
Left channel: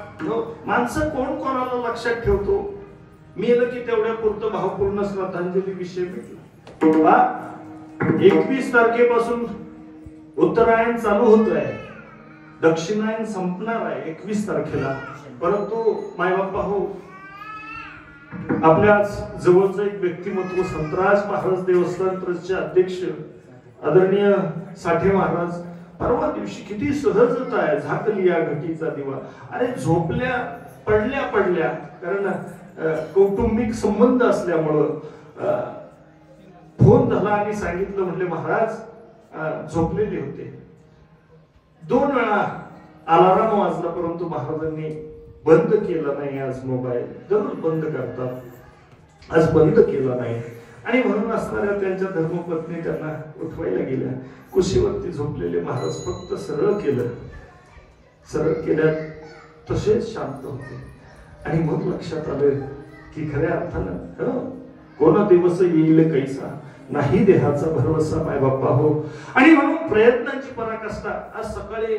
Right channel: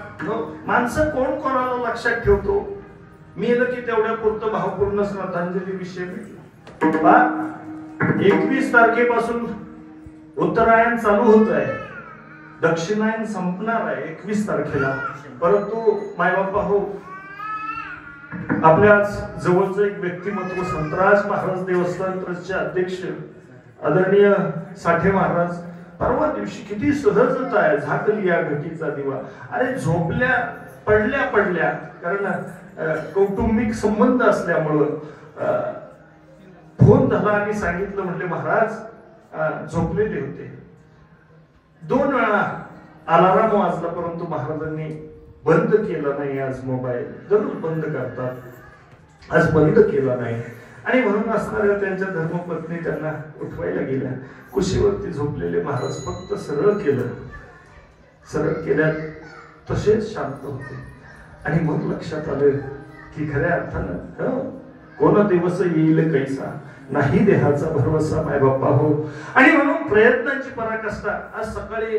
माणसं कोण कोणाला लक्षात ठेवतो. मेलं की तेवढ्या पुरतं भावपूर्ण श्रद्धांजली विषय मिळतो. 21 तारखेपासून उत्तरायण चालू होत आहे, दक्षिणायन संपणार आहे 21 तारखेला. परंतु मायबापा हो आपल्या जवळचं एक व्यक्तिमत्व संतराज महाराज देवस्थान ट्रस्टचे अध्यक्ष आदरणीय साठे महाराज परवा दिवशी किती सहजता आहे. झाकली या घटीचा दिवा. अरे झोपल्या पडल्या कारण कौटुंबिक संबंध असल्यामुळं फोन झाला आणि सांगितलं, म्हटले महाराज झोपलेले होते. 2 वेळा अलाराम वाजला परंतु महाराजांनी बंद केला नाही. आज मोबाईल दररोज बंद करतात, आज बंद केला नाही. आणि म्हणून असणाऱ्या त्यांच्या धर्मपत्नी त्यांना उठवायला गेल्या. कुशीवरती झोपलेले महाराज फक्त सरळ केल्या तसेच शांत होते. आणि मग लक्षात आलं की खऱ्या अर्थानं कोण दिवस येईल कैसा, नाही देहाचा भरवसा माय बाप्पा हो. आणि म्हणून प्रयत्नांची पराकाष्ठा. आज सकाळी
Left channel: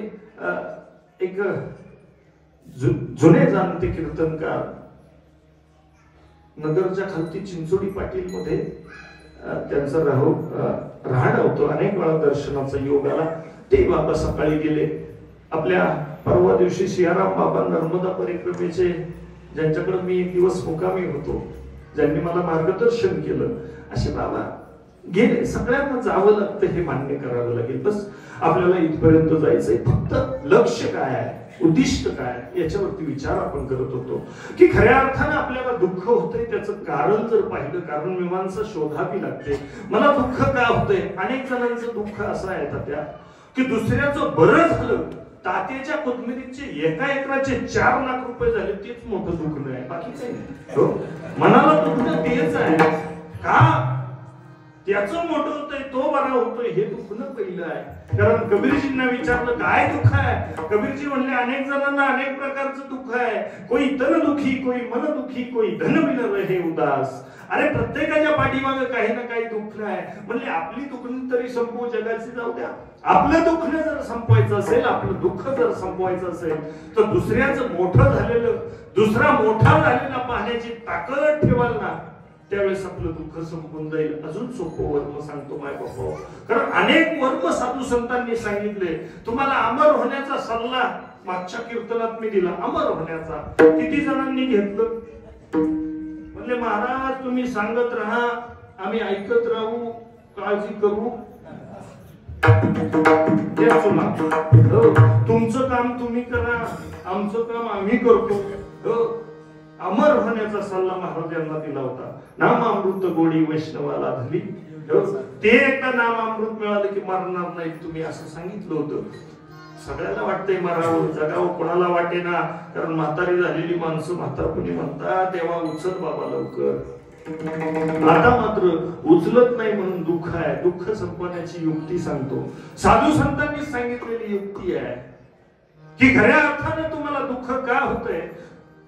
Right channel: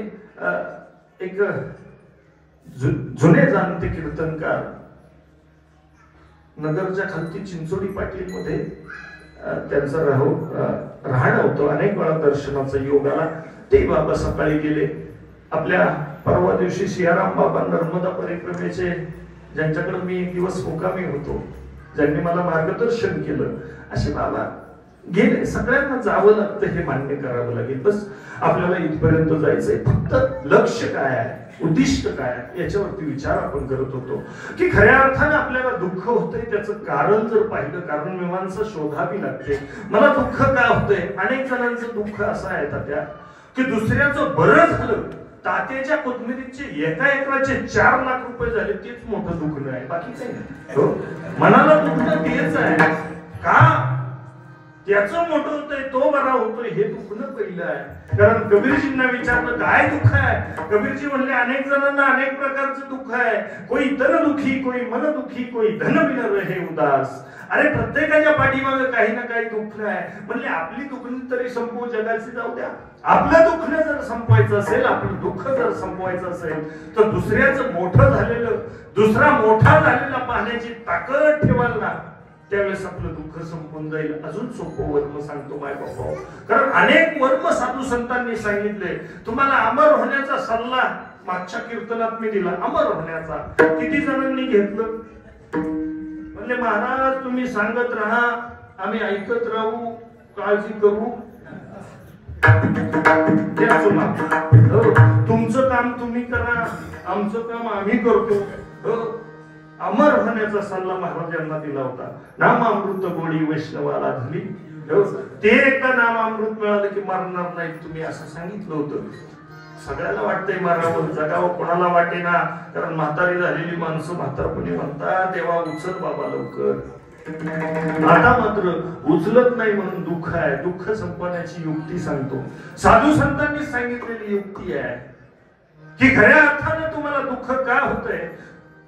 एक जुने जाणते कीर्तनकार नगरच्या खालती चिंचोडी पाटील मध्ये त्यांचं राहणं होतं. अनेक वेळा दर्शनाचा योग आला. ते बाबा सकाळी गेले. आपल्या परवा दिवशी सियाराम बाबा नर्मदा परिक्रमेचे ज्यांच्याकडे मी एक दिवस मुकामी होतो, ज्यांनी मला मार्गदर्शन केलं, असे बाबा गेले. सगळ्यांना जावं लागतं हे मान्य करावं लागेल. बस आपल्याला इथपर्यंत जायचंय. फक्त लक्ष काय आहे, उद्दिष्ट काय याच्यावरती विचार आपण करत होतो की खऱ्या अर्थाने आपल्याला दुःख होतंय त्याचं कारण जर पाहिलं, कारण मीमांसा शोधावी लागते. मला दुःख का होतंय. अनेक जणांचं दुःख असं आहे तात्या की दुसऱ्याचं बरं झालं. तात्याच्या कोथमिरीचे एका एकराचे 4 लाख रुपये झाले, तेच मोठं दुखणं आहे, बाकी काही नाही. मनाला दुखणं तेच आहे का त्याचं मोठं होतंय, तो बरा होतोय हे दुखणं पहिलं आहे. कारण कबीरजींना विचारलं काय दुःख आहे. कबीरजी म्हणले अनेक जणांना अनेक प्रकारचं दुःख आहे. कोई तन दुखी, कोई मन दुखी, कोई धन बिन रहे उदास. अरे प्रत्येकाच्या पाठीमागे काही ना काही दुःख आहे. म्हणजे आपली दुखणी तरी संपवू, जगाची जाऊ द्या. आपलं दुःख जर संपवायचं असेल, आपलं दुःख जर संपवायचं असेल तर दुसऱ्याचं मोठं झालेलं, दुसरा मोठा झालेला पाहण्याची ताकद ठेवाल ना, त्यावेळेस आपलं दुःख संपून जाईल. अजून सोपं वर्म सांगतो माय बाबा, कारण अनेक वर्म साधू संतांनी सांगितले. तुम्हाला अमर होण्याचा सल्ला मागच्या कीर्तनात मी दिला. अमर होण्याचा किती जणांनी घेतलं? म्हणले महाराज तुम्ही सांगत राहा, आम्ही ऐकत राहू, काळजी करू. तुमचं काम तुम्ही करा, आमचं काम आम्ही करतो. अमर होण्याचा सल्ला महाराजांना दिला होता. नामामृत गोडी वैष्णवाला धली. ते एकदा नामामृत मिळालं की मरणार नाही तुम्ही असं सांगितलं होतं. सगळ्याला वाटतंय मारावं जगावं, कोणाला वाटे ना, कारण म्हातारी झालेली माणसं म्हातारपणी म्हणतात देवा उचल बाबा लवकर. आता मात्र उचलत नाही म्हणून दुःख आहे. दुःख संपवण्याची युक्ती सांगतो. साधू संतांनी सांगितलेली युक्ती आहे की खऱ्या अर्थानं तुम्हाला दुःख का होतंय?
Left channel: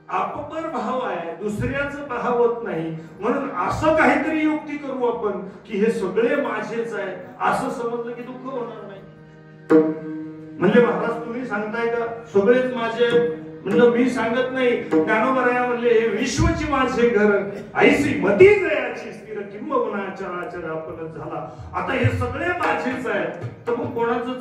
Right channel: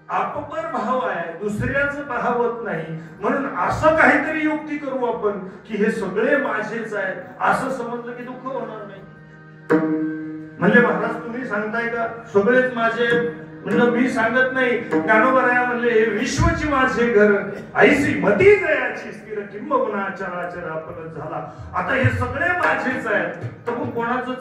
आपपर भाव आहे, दुसऱ्याचं भावत नाही. म्हणून असं काहीतरी युक्ती करू आपण की हे सगळे माझेच आहेत असं समजलं की दुःख होणार नाही. म्हणजे महाराज तुम्ही सांगताय का सगळेच माझे? म्हणलं मी सांगत नाही. ज्ञानोबराया म्हणले हे विश्वची माझे घर, ऐसी मती जयाची स्थिर किंबहुना चराचर आपण झाला. आता हे सगळे माझेच आहेत, तर मग कोणाचं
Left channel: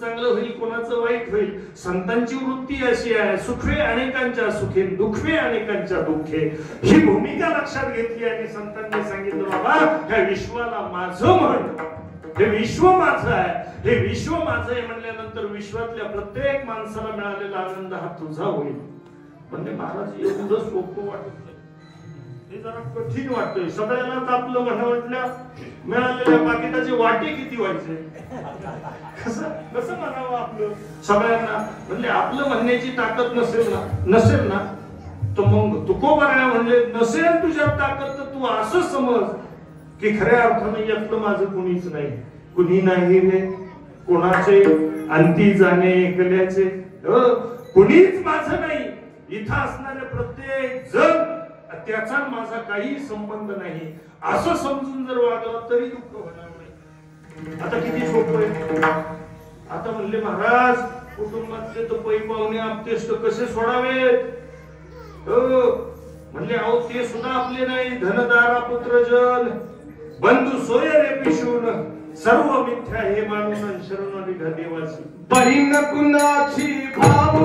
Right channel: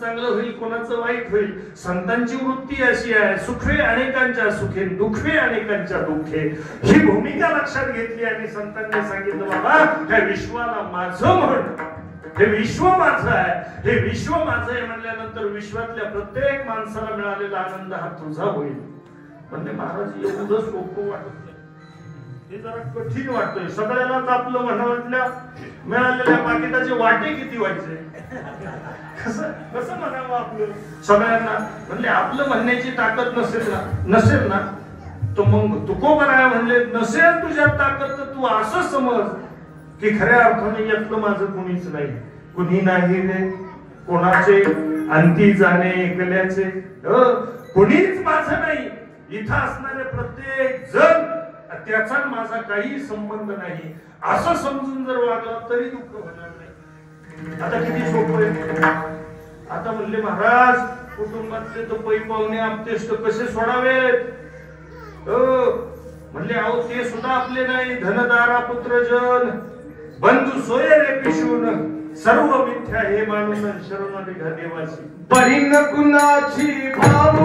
चांगलं होईल, कोणाचं वाईट होईल? संतांची वृत्ती अशी आहे, सुखे अनेकांच्या सुखे, दुःखे अनेकांच्या दुःखे. ही भूमिका लक्षात घेतली आणि संतांनी सांगितलं बाबा ह्या विश्वाला माझं म्हण. हे विश्व माझं आहे, हे विश्व माझं आहे म्हणल्यानंतर विश्वातल्या प्रत्येक माणसाला मिळालेला आनंद हा तुझा होईल. म्हणजे महाराज एवढं सोपं वाटत नाही, हे जरा कठीण वाटतंय. सगळ्यांनाच आपलं म्हणावं, मिळालेल्या पाकिटाचे वाटे किती व्हायचे? कसं म्हणावं आपलं सगळ्यांना? म्हणजे आपलं म्हणण्याची ताकद नसेल ना तर मग तुकोबराया म्हणले नसेल तुझ्यात ताकद तर तू असं समज की खऱ्या अर्थाने यातलं माझं कोणीच नाही. कुणी नाही रे कोणाचे अंती जाणे एकल्याचे, कुणीच माझं नाही. इथं असणारे प्रत्येक जण त्याचा माझा काही संबंध नाही असं समजून जर वागलं तरी दुःख होणार नाही. आता किती सोपं आहे. आता म्हणले महाराज कुटुंबातले तर पै पाहुणे आपतेष्ट कसे सोडावेत? म्हणले अहो ते सुद्धा आपले नाही. धनदारा पुत्रजन बंधू सोय रे पिशून, सर्व मिथ्या हे मानून शरण निघा देवाची. बहीण कुणाची भाव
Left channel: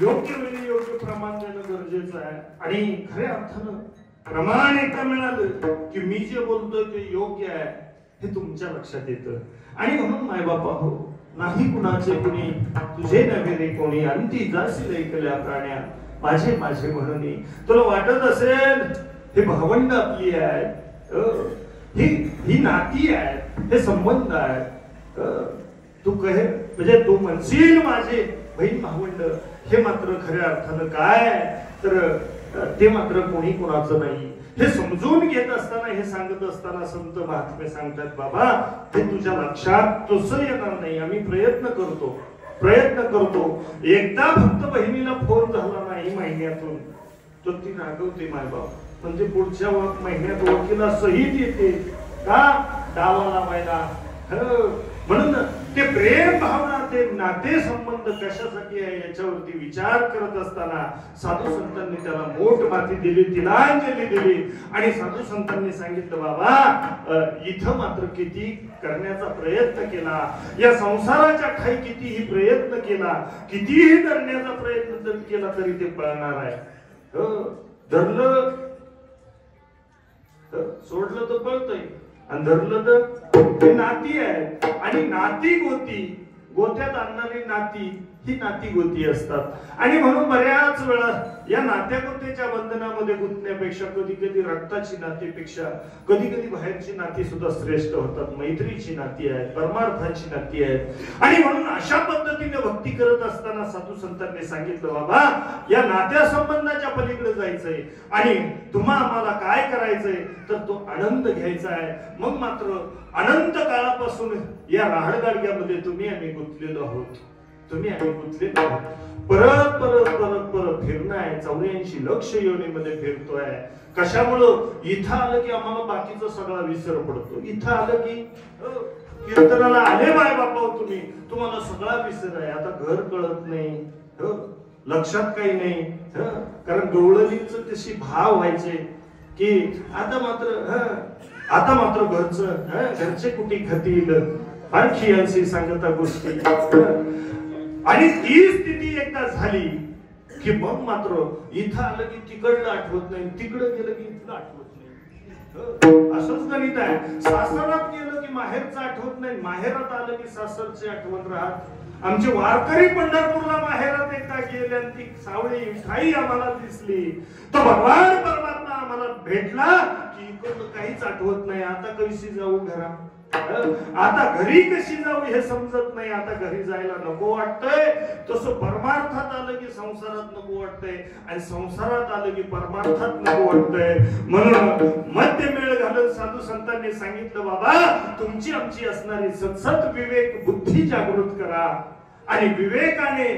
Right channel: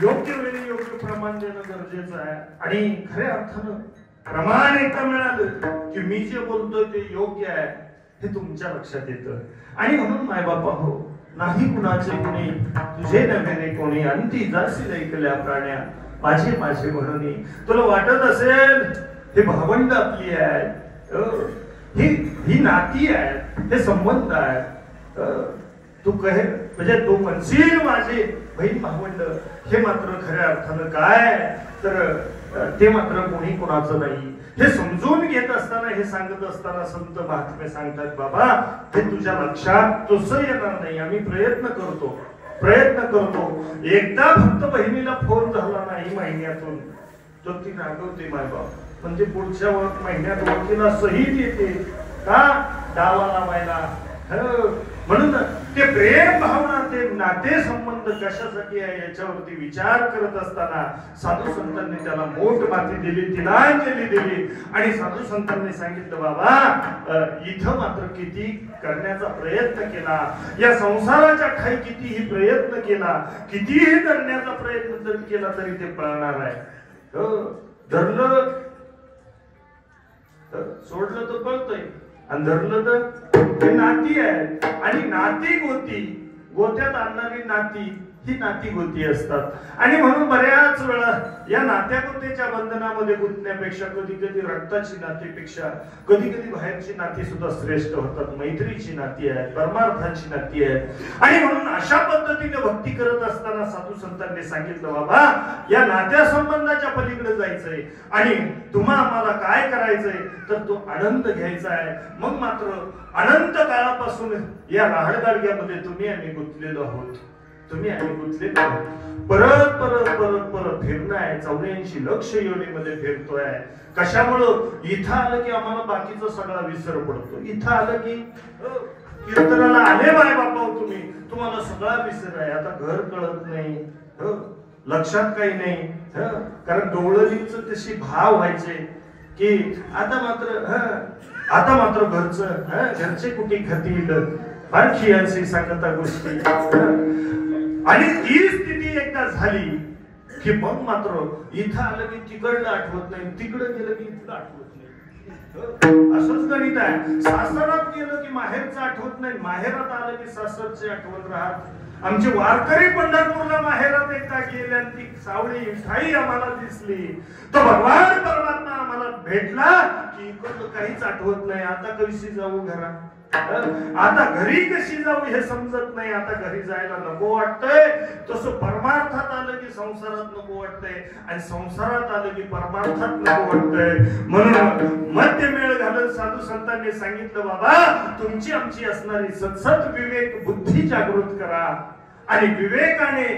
योग्य वेळी योग्य प्रमाण देणं गरजेचं आहे. आणि खऱ्या अर्थानं प्रमाण एकदा मिळालं की मी जे बोलतोय ते योग्य आहे हे तुमच्या लक्षात येतं. आणि म्हणून माय बापा हो, नाही कुणाचे कुणी तुझे नव्हे कोणी, अंती जाशील ऐकल्या प्राण्या माझे माझे म्हणून. तुला वाटत असेल हे भावंड आपली आहे, ही नाती आहे, हे संबंध आहे. तू कहे म्हणजे तू म्हणशील माझे बहीण भावंड, हे मात्र खऱ्या अर्थानं काय तर ते मात्र कोणी कोणाचं नाही. हे समजून घेत असताना, हे सांगत असताना संत महात्मे सांगतात बाबा हे तुझ्या लक्षात तसं येणार नाही. आम्ही प्रयत्न करतो. एकदा फक्त बहिणीला फोन झाला नाही महिन्यातून तर ती रागवते मायबाप. म्हणजे पुढच्या महिन्यात वकिला सहीच येते का डावा लावायला. म्हणून ते प्रेम भावना, ते नाते संबंध कशासाठी आहे याच्यावरती विचार करत असताना साधू संतांनी त्याला मोठ माती दिली, तिलांजली दिली आणि साधू संतांनी सांगितलं बाबा इथं मात्र किती करण्याचा प्रयत्न केला, या संसाराच्या ठाई कितीही प्रयत्न केला, कितीही धरण्याचा प्रयत्न जरी केला तरी ते पळणार आहे. धरलं सोडलं तर पळतंय आणि धरलं तर ते नाती आहे. आणि नाती गोत्यात आणणारी नाती ही नाती गोती असतात. आणि म्हणून बऱ्याच वेळा या नात्या गोत्याच्या बंधनामध्ये गुंतण्यापेक्षा कधी कधी रक्ताची नातीपेक्षा कधी कधी बाहेरची नाती सुद्धा श्रेष्ठ होतात. मैत्रीची नाती आहेत, परमार्थाची नाती आहेत. आणि म्हणून अशा पद्धतीने भक्ती करत असताना साधू संतांनी सांगितलं बाबा या नात्या संबंधाच्या पलीकडे जायचंय आणि तुम्हा आम्हाला काय करायचंय तर तो आनंद घ्यायचा आहे. मग मात्र अनंत काळापासून या राहडगाडग्यामध्ये तुम्ही आम्ही गुंतलेलो आहोत, तुम्ही आम्ही गुंतलेलो आहोत. परत परत परत परत फिरणं आहे. 84 लक्ष योनीमध्ये फिरतोय. कशामुळं? इथं आलं की आम्हाला बाकीचा सगळा विसर पडतो. इथं आलं की कीर्तनाला आले बाय बापा तुम्ही, तुम्हाला सगळा विसर आहे. आता घर कळत नाही, लक्षात काही नाही. कारण डोळलीच तशी भाव व्हायचे की आता मात्र घरचे कुठे खातील आणखी अशी सांगता गोष्टी. आणि ती स्थिती एकदा झाली की मग मात्र इथं आलं की तिकडलं आठवत नाही, तिकडं गेलं की इथलं आठवत नाही. असंच गणित आहे. सासरात गेलं की माहेरचं आठवत नाही, माहेरात आलं की सासरची आठवत राहत. आमचे वारकरी पंढरपूरला माहेरात एकदा गेले आणि ती सावळी ठाई आम्हाला दिसली, तो भगवान परमात्मा आम्हाला भेटला की इकडं काहीच आठवत नाही. आता कशी जाऊ घरात, आता घरी कशी जाऊ हे समजत नाही. आता घरी जायला नको वाटतंय. तसं परमार्थात आलं की संसारात नको वाटतंय आणि संसारात आलं की परमार्थात नको वाटतंय. म्हणून मध्यमेळ घालून साधू संतांनी सांगितलं बाबा तुमची आमची असणारी सतसत विवेक बुद्धी जागृत करा. आणि विवेकाने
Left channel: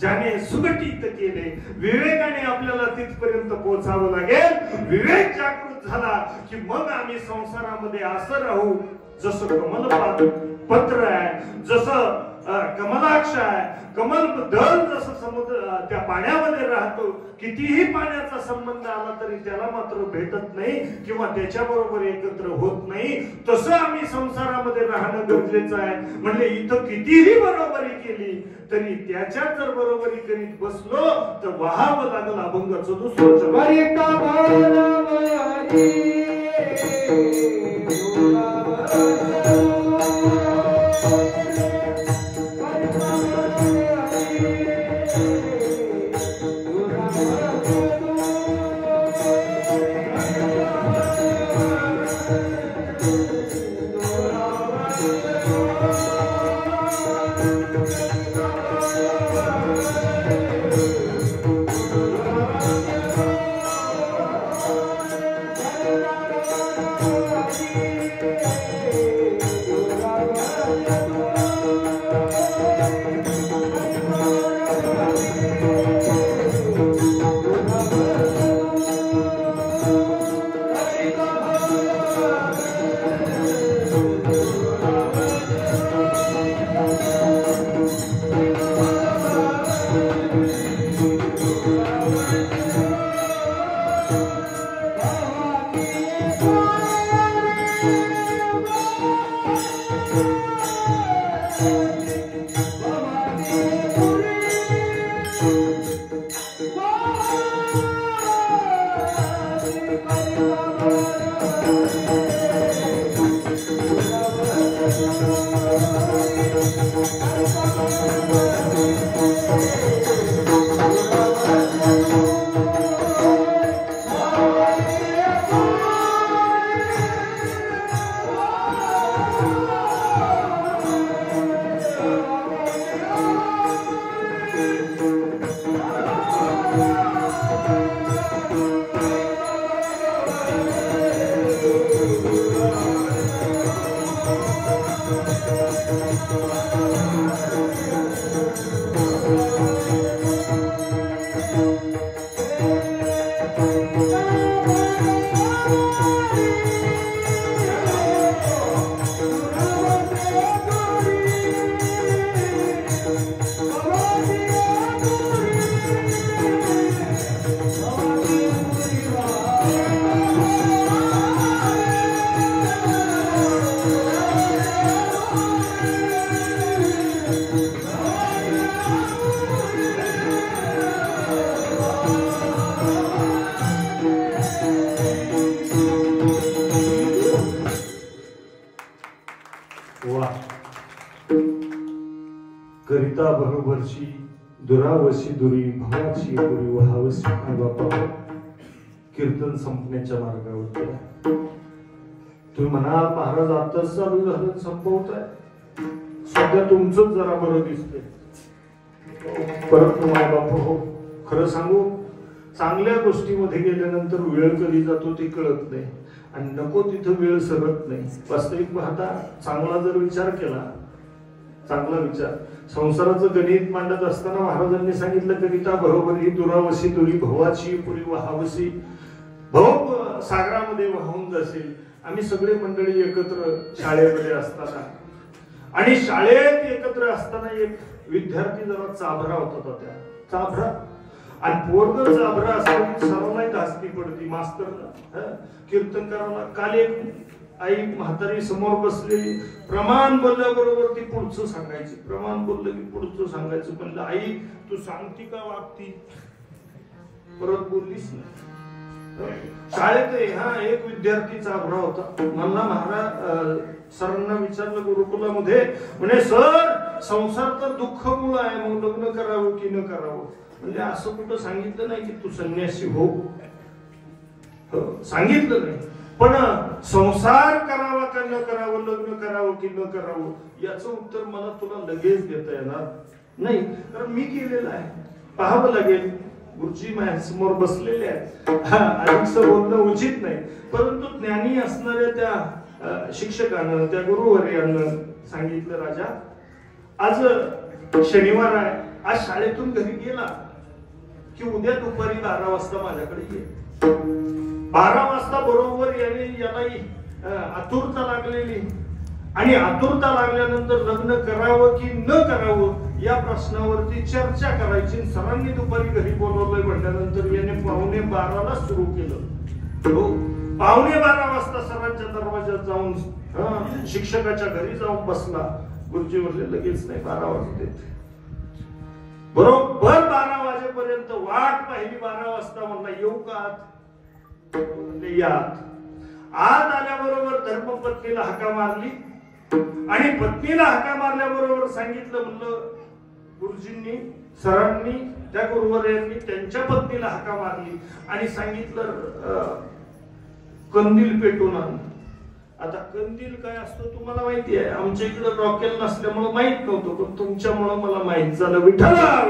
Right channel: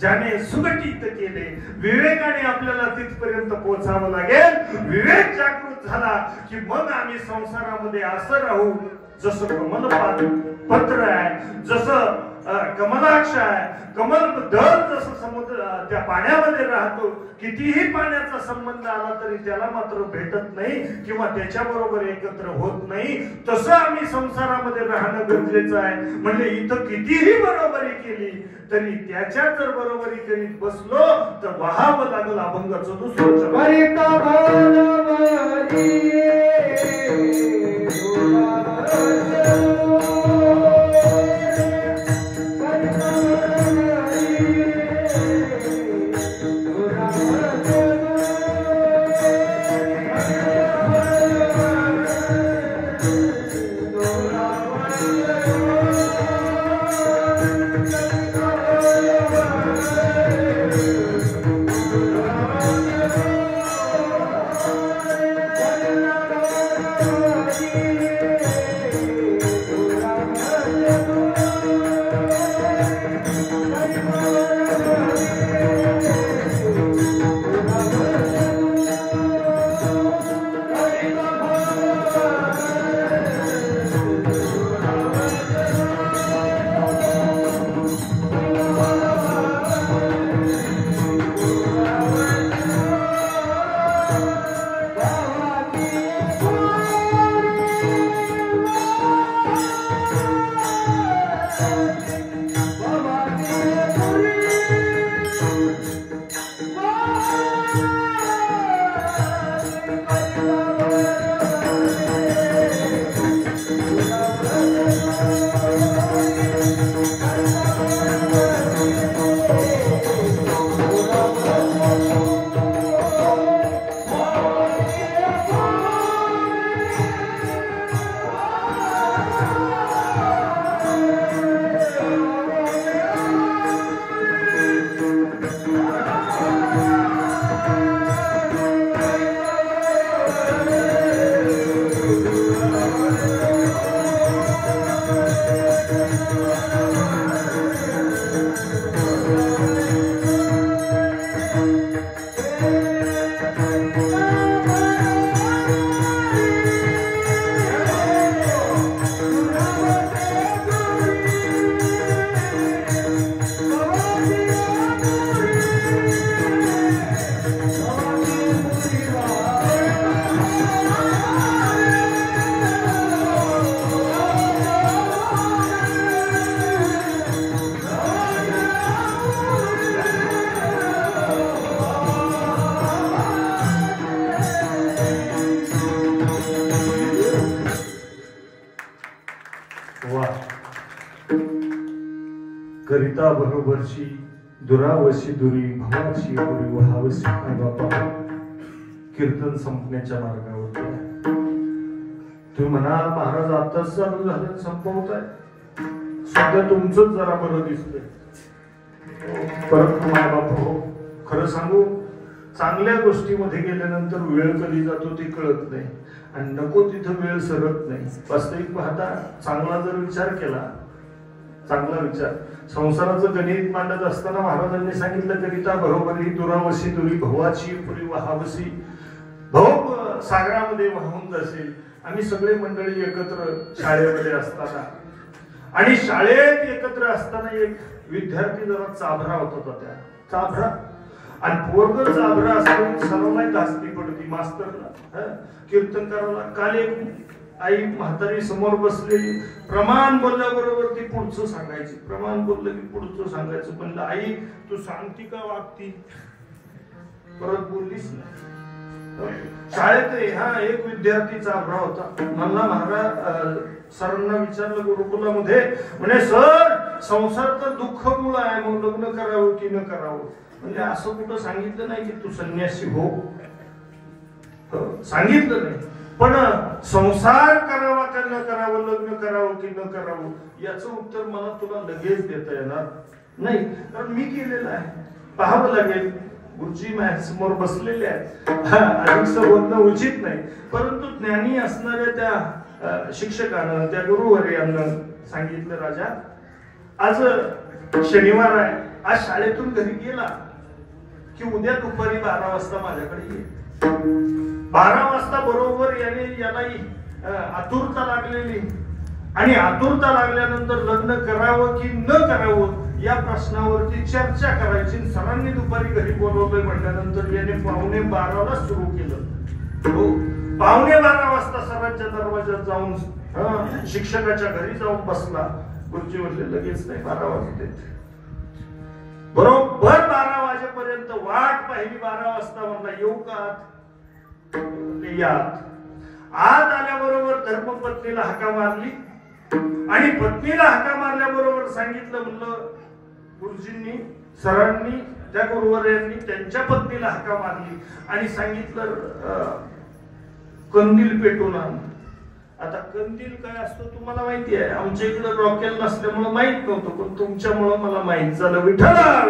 ज्याने सुगठित केले, विवेकाने आपल्याला तिथपर्यंत पोहोचावं लागेल. विवेक जागृत झाला की मग आम्ही संसारामध्ये असं राहू जसं कमल पत्र आहे, जसं कमलाक्ष आहे, कमल दल जसं समुद्र त्या पाण्यामध्ये राहतो. कितीही पाण्याचा संबंध आला तरी त्याला मात्र भेटत नाही किंवा त्याच्या बरोबर एकत्र होत नाही. तसं आम्ही संसारामध्ये राहणं गरजेचं आहे. म्हणजे इथं कितीही बरोबरी केली तरी त्याच्यात जर बरोबरी करीत बसलो तर वहावं लागल अभंगाचं दुसरं. कविता बरोबरची दुरावशी दुरी भवाची दुरी वहावशी बाबा कीर्तन संपण्याच्या मार्गावर तुम्ही म्हणाल महाराज आताच चालू झालं संपवताय सध्या तुमचंच जरा बरं दिसतंय परत बाप हो खरं सांगू चांगल्या गोष्टीमध्ये गेल्यानंतर वेळ कधी जातो ते कळत नाही आणि नको तिथं वेळ सरत नाही वास्तविक पाहता चांगला जर विचार केला चांगला विचार संसाराचं गणित मांडत असताना महाराजांनी सांगितलं कविता बरोबर ही दुरावशी दुरी भवाची पुरी वहावशी भव सागरामध्ये वाहून जाशील आम्ही सगळे मंडळी एकत्र शाळेमध्ये असताना आणि शाळेत एकत्र असताना एक विद्यार्थी जरा चाभरा होता त्या चाभरा आणि पोरग चाभरा असताना सर्वांना धास्ती पडती मास्तरला कीर्तन करायला काल एक आई म्हातारी समोर बसलेली प्रमाण बोलल्याबरोबर ती पुढचं सांगायची प्रमाण बोललं की पुढचं सांगायचं म्हणलं आई तू सांगती का वागती परत बोललीच नाही शाळेत हा एक विद्यार्थी चाभरा होता मला महाराज सरांना विचारलं गुरुकुलामध्ये म्हणे सर संसार तर दुःख मुलं आहे मग लग्न करावं की न करावं म्हणजे असं कुठं सांगितलं नाही की तू संन्यासी हो सांगितलं नाही पण संसार करावा का न करावं लग्न करावं की न करावं याचं उत्तर मला तुला लगेच देता येणार नाही कारण मी केलेलं आहे पाहावं लागेल गुरुजी समोर बसलेले आहेत अधिक बोलणं उचित नाही परंतु ज्ञानी असणाऱ्या त्या शिक्षकानं त्या गुरुवर्यानं सांगितलं राजा आज शनिवार आहे आज शाळेतून घरी गेला की उद्या दुपारी 12 वाजता माझ्याकडे ये 12 वाजता बरोबर याला आतुरता लागलेली आणि आतुरता लागल्यानंतर लग्न करावं की न करावं या प्रश्नावरती चर्चा करायची सरांनी दुपारी घरी बोलवलंय म्हटल्यानंतर याने 11:45 सुरू केलं हो 11:45 वाजता सरांच्या दरवाज्यात जाऊन शिक्षकाच्या घरी जाऊन बसला गुरुजी म्हणले लगेच नाही 12 वाजते बरोबर 12 वाजेपर्यंत वाट पाहिली 12 वाजता म्हणला येऊ का यात आत आल्याबरोबर धर्मपत्नीला हाका मारली आणि पत्नीला हाका मारल्याबरोबर सांगितलं म्हणलं गुरुजींनी सरांनी त्या गुरुवर्यांनी त्यांच्या पत्नीला हाका मारली आणि सांगितलं कंदील पेटून आण आता कंदील काय असतो तुम्हाला माहिती आहे आमच्या इकडे रॉकेल नसल्यामुळे माहित नव्हतं पण तुमच्यामुळे मला माहित झालं विठ्ठला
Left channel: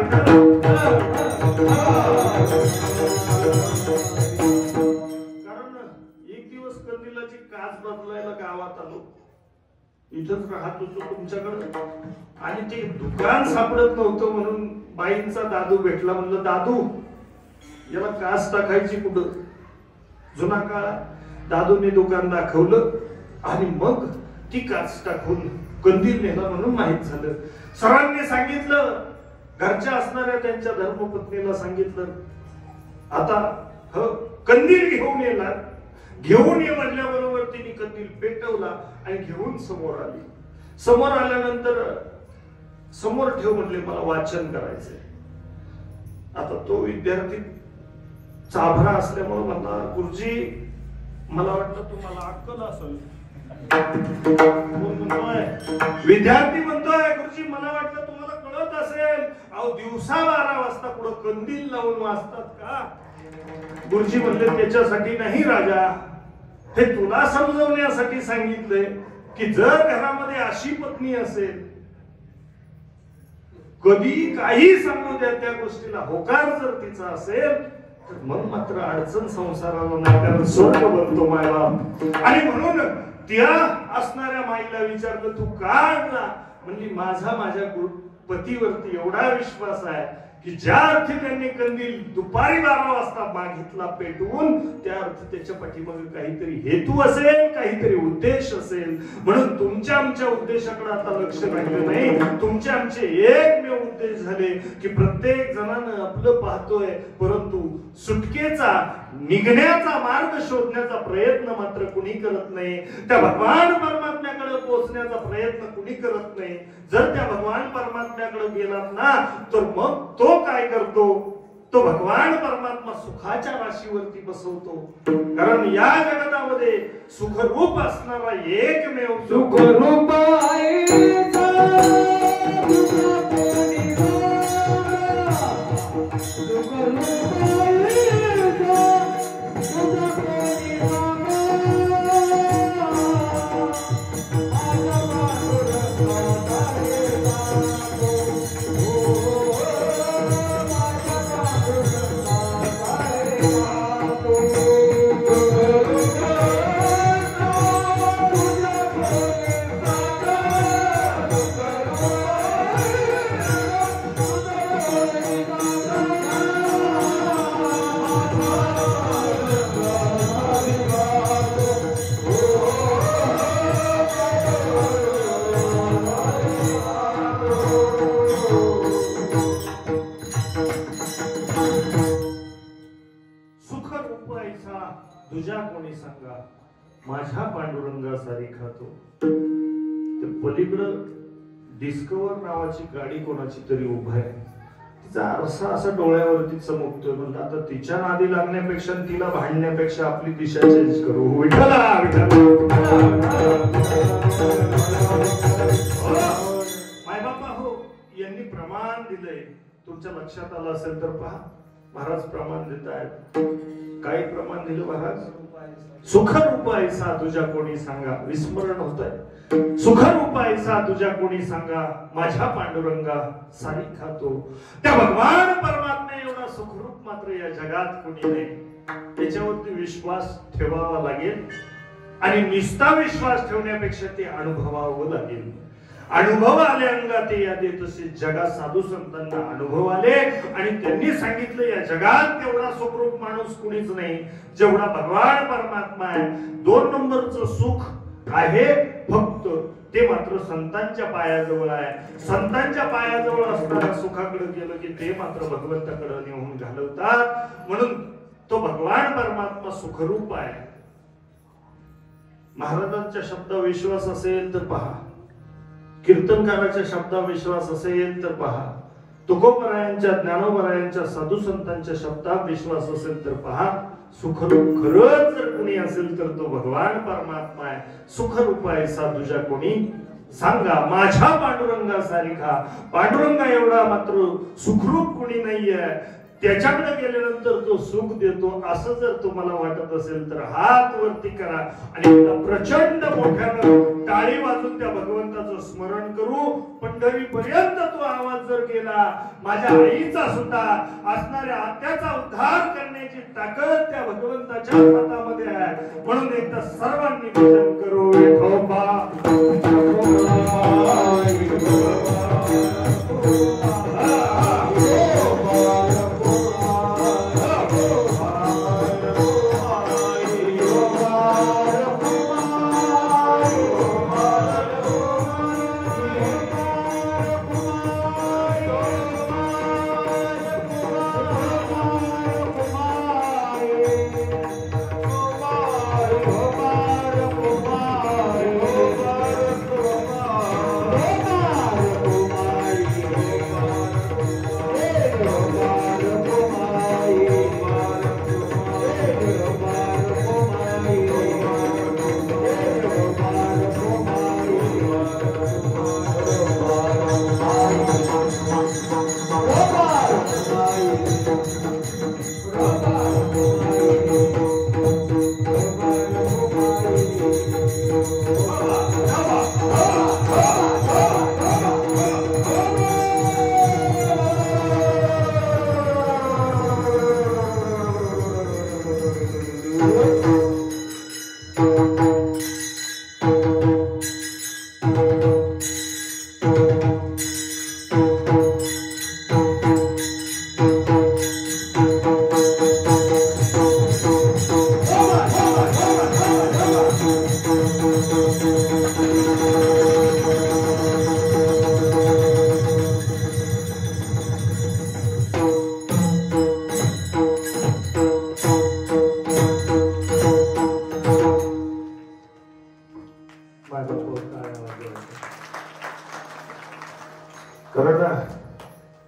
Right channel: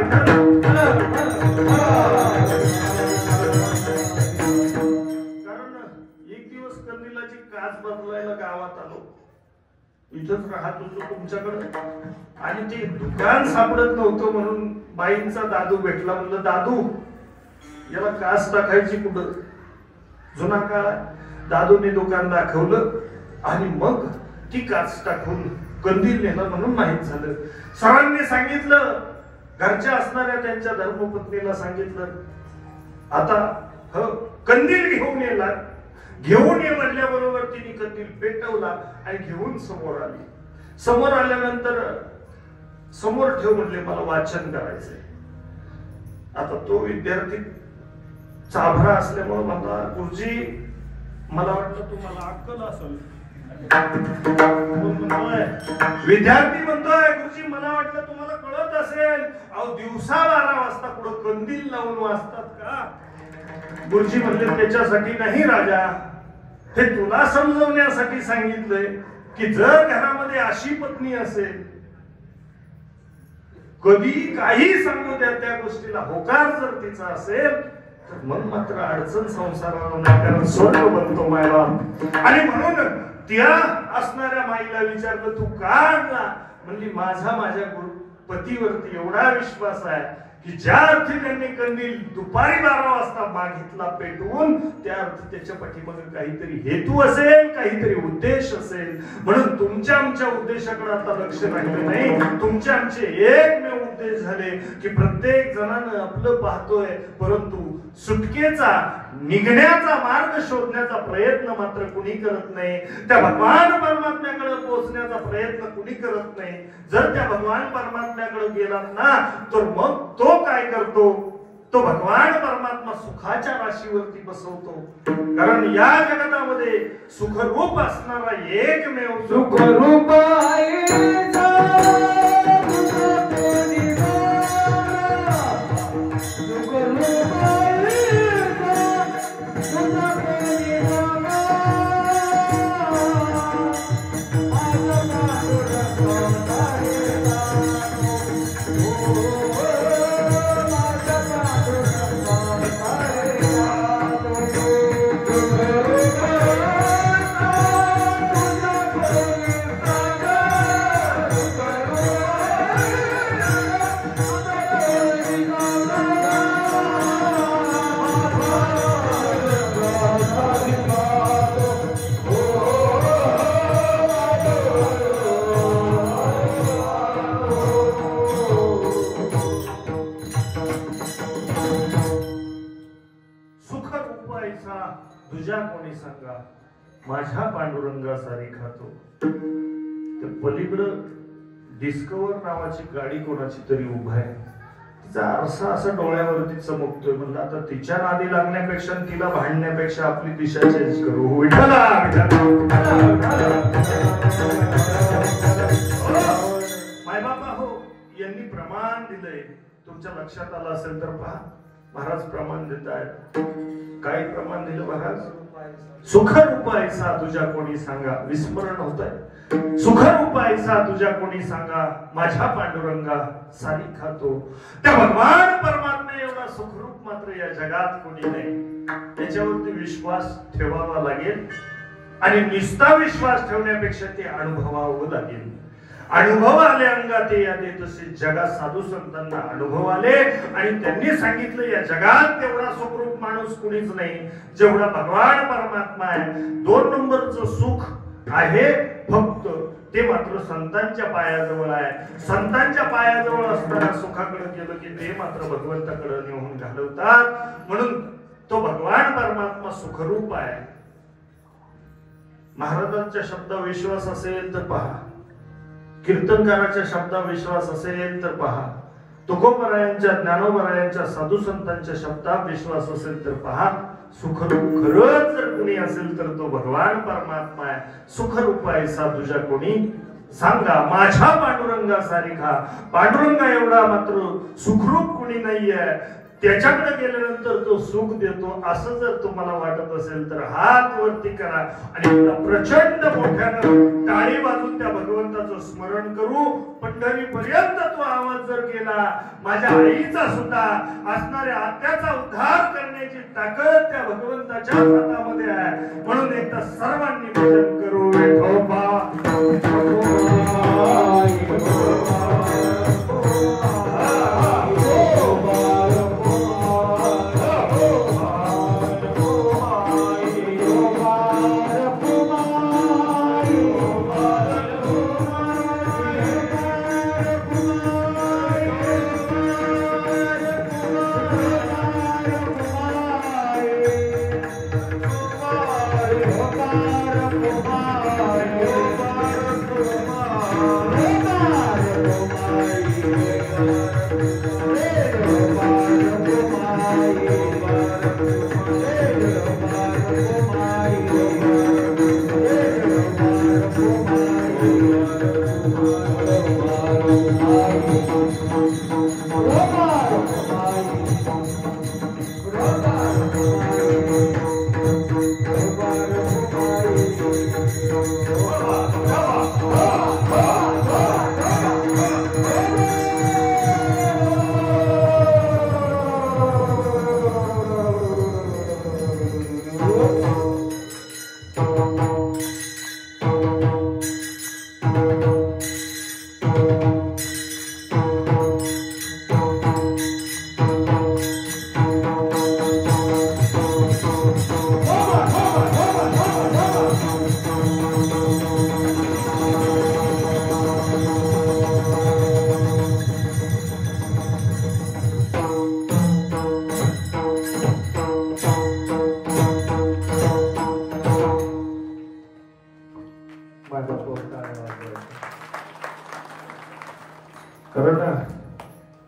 कारण एक दिवस कंदिलाची काच बदलायला गावात आलो इथंच राहत होतो तुमच्याकडे आणि ते दुकान सापडत नव्हतं म्हणून बाईंचा दादू भेटला म्हणलं दादू याला काच टाकायची कुठं जुना काळ दादूने दुकान दाखवलं आणि मग ती काच टाकून कंदील नेला म्हणून माहित झालं सरांनी सांगितलं घरच्या असणाऱ्या त्यांच्या धर्मपत्नीला सांगितलं आता कंदील घेऊन येणार घेऊन ये म्हणल्याबरोबर तिने कंदील पेटवला आणि घेऊन समोर आली समोर आल्यानंतर समोर ठेव म्हणले मला वाचन करायचंय आता तो विद्यार्थी चाभरा असल्यामुळे मला गुरुजी मला वाटतं तुम्हाला अक्कल असेल विद्यार्थी म्हणतोय गुरुजी मला वाटलं तुम्हाला कळत असेल अहो दिवसा 12 वाजता पुढे कंदील लावून वाजतात का गुरुजी म्हणले त्याच्यासाठी नाही राजा हे तुला समजवण्यासाठी सांगितलंय की जर घरामध्ये अशी पत्नी असेल कधी काही सांगू द्या त्या गोष्टीला होकार जर तिचा असेल तर मग मात्र अडचण संसाराला नाही स्वर्ग बनतो मायला आणि म्हणून त्या असणाऱ्या माईला विचारलं तू का आणला म्हणजे माझ्या पतीवरती एवढा विश्वास आहे की ज्या अर्थी त्यांनी कंदील दुपारी 12 वाजता मागितला पेटवून त्या अर्थी त्याच्या पाठीमागे काहीतरी हेतू असेल काहीतरी उद्देश असेल म्हणून तुमच्या आमच्या उद्देशाकडे आता लक्ष राहिलं नाही तुमचे आमचे एकमेव उद्देश झाले की प्रत्येक जणांना आपलं पाहतोय परंतु सुटकेचा निघण्याचा मार्ग शोधण्याचा प्रयत्न मात्र कुणी करत नाही त्या भगवान परमात्म्याकडे पोहोचण्याचा प्रयत्न कुणी करत नाही जर त्या भगवान परमात्म्याकडे गेलात ना तर मग तो काय करतो तो भगवान परमात्मा सुखाच्या राशीवरती बसवतो कारण या जगतामध्ये सुखरूप असणारा एकमेव सुखरूप आहे तुझ्या कोणी सांगा माझ्या पांडुरंगा सारी खातो. ते पलीकडं डिस्कवर नावाची गाडी कोणाची तरी उभा आहे. तिचा आरसा असं डोळ्यावरती चमकतोय. म्हणलं आता तिच्या नादी लागण्यापेक्षा तिला भांडण्यापेक्षा आपली दिशा चेंज करू. विठ्ठला मायबापा हो, यांनी प्रमाण दिलंय. तुमच्या लक्षात आलं असेल तर पहा, महाराज प्रमाण देत आहेत. काय प्रमाण दिलं महाराज? सुखरूप ऐसा तुझ्या कोणी सांगा. विस्मरण होत आहे. सुखरूप ऐसा तुझ्या कोणी सांगा माझ्या पांडुरंगा सारी खातो. त्या भगवान परमात्मा एवढा सुखरूप मात्र या जगात कोणी नाही. त्याच्यावरती विश्वास ठेवावा लागेल आणि निस्ता विश्वास ठेवण्यापेक्षा ते अनुभवावं लागेल. अनुभव आले अंगात यादे तसे जगात साधू संतांना अनुभव आले आणि त्यांनी सांगितलं या जगात तेवढा सुखरूप माणूस कुणीच नाही जेवढा भगवान परमात्मा आहे. 2 नंबरचं सुख आहे फक्त ते मात्र संतांच्या पायाजवळ आहे. संतांच्या पायाजवळ असणाऱ्या सुखाकडे गेलं की ते मात्र भगवंताकडे नेऊन घालवतात. म्हणून तो भगवान परमात्मा सुखरूप आहे. महाराजांच्या शब्दावर विश्वास असेल तर पहा, कीर्तनकाराच्या शब्दावर विश्वास असेल तर पहा, तुकोबरायांच्या ज्ञानोबरायांच्या साधू संतांच्या शब्दात विश्वास असेल तर पहा. सुखरूप खरंच जर कोणी असेल तर तो भगवान परमात्मा आहे. सुखरूप ऐसा तुझ्या कोणी सांगा माझ्या पांडुरंगा सारिखा. पांडुरंगा एवढा मात्र सुखरूप कोणी नाहीये. त्याच्याकडे गेल्यानंतर तो सुख देतो असं जर तुम्हाला वाटत असेल तर हात वरती करा आणि प्रचंड मोठ्यानं टाळी वाजून त्या भगवंताचं स्मरण करू. पंढरी पर्यंत तो आवाज जर गेला, माझ्या आईचा सुद्धा असणाऱ्या आत्याचा उद्धार करण्याची ताकद त्या भगवंताच्या हातामध्ये आहे. म्हणून एकदा सर्वांनी भजन करू. विठोबा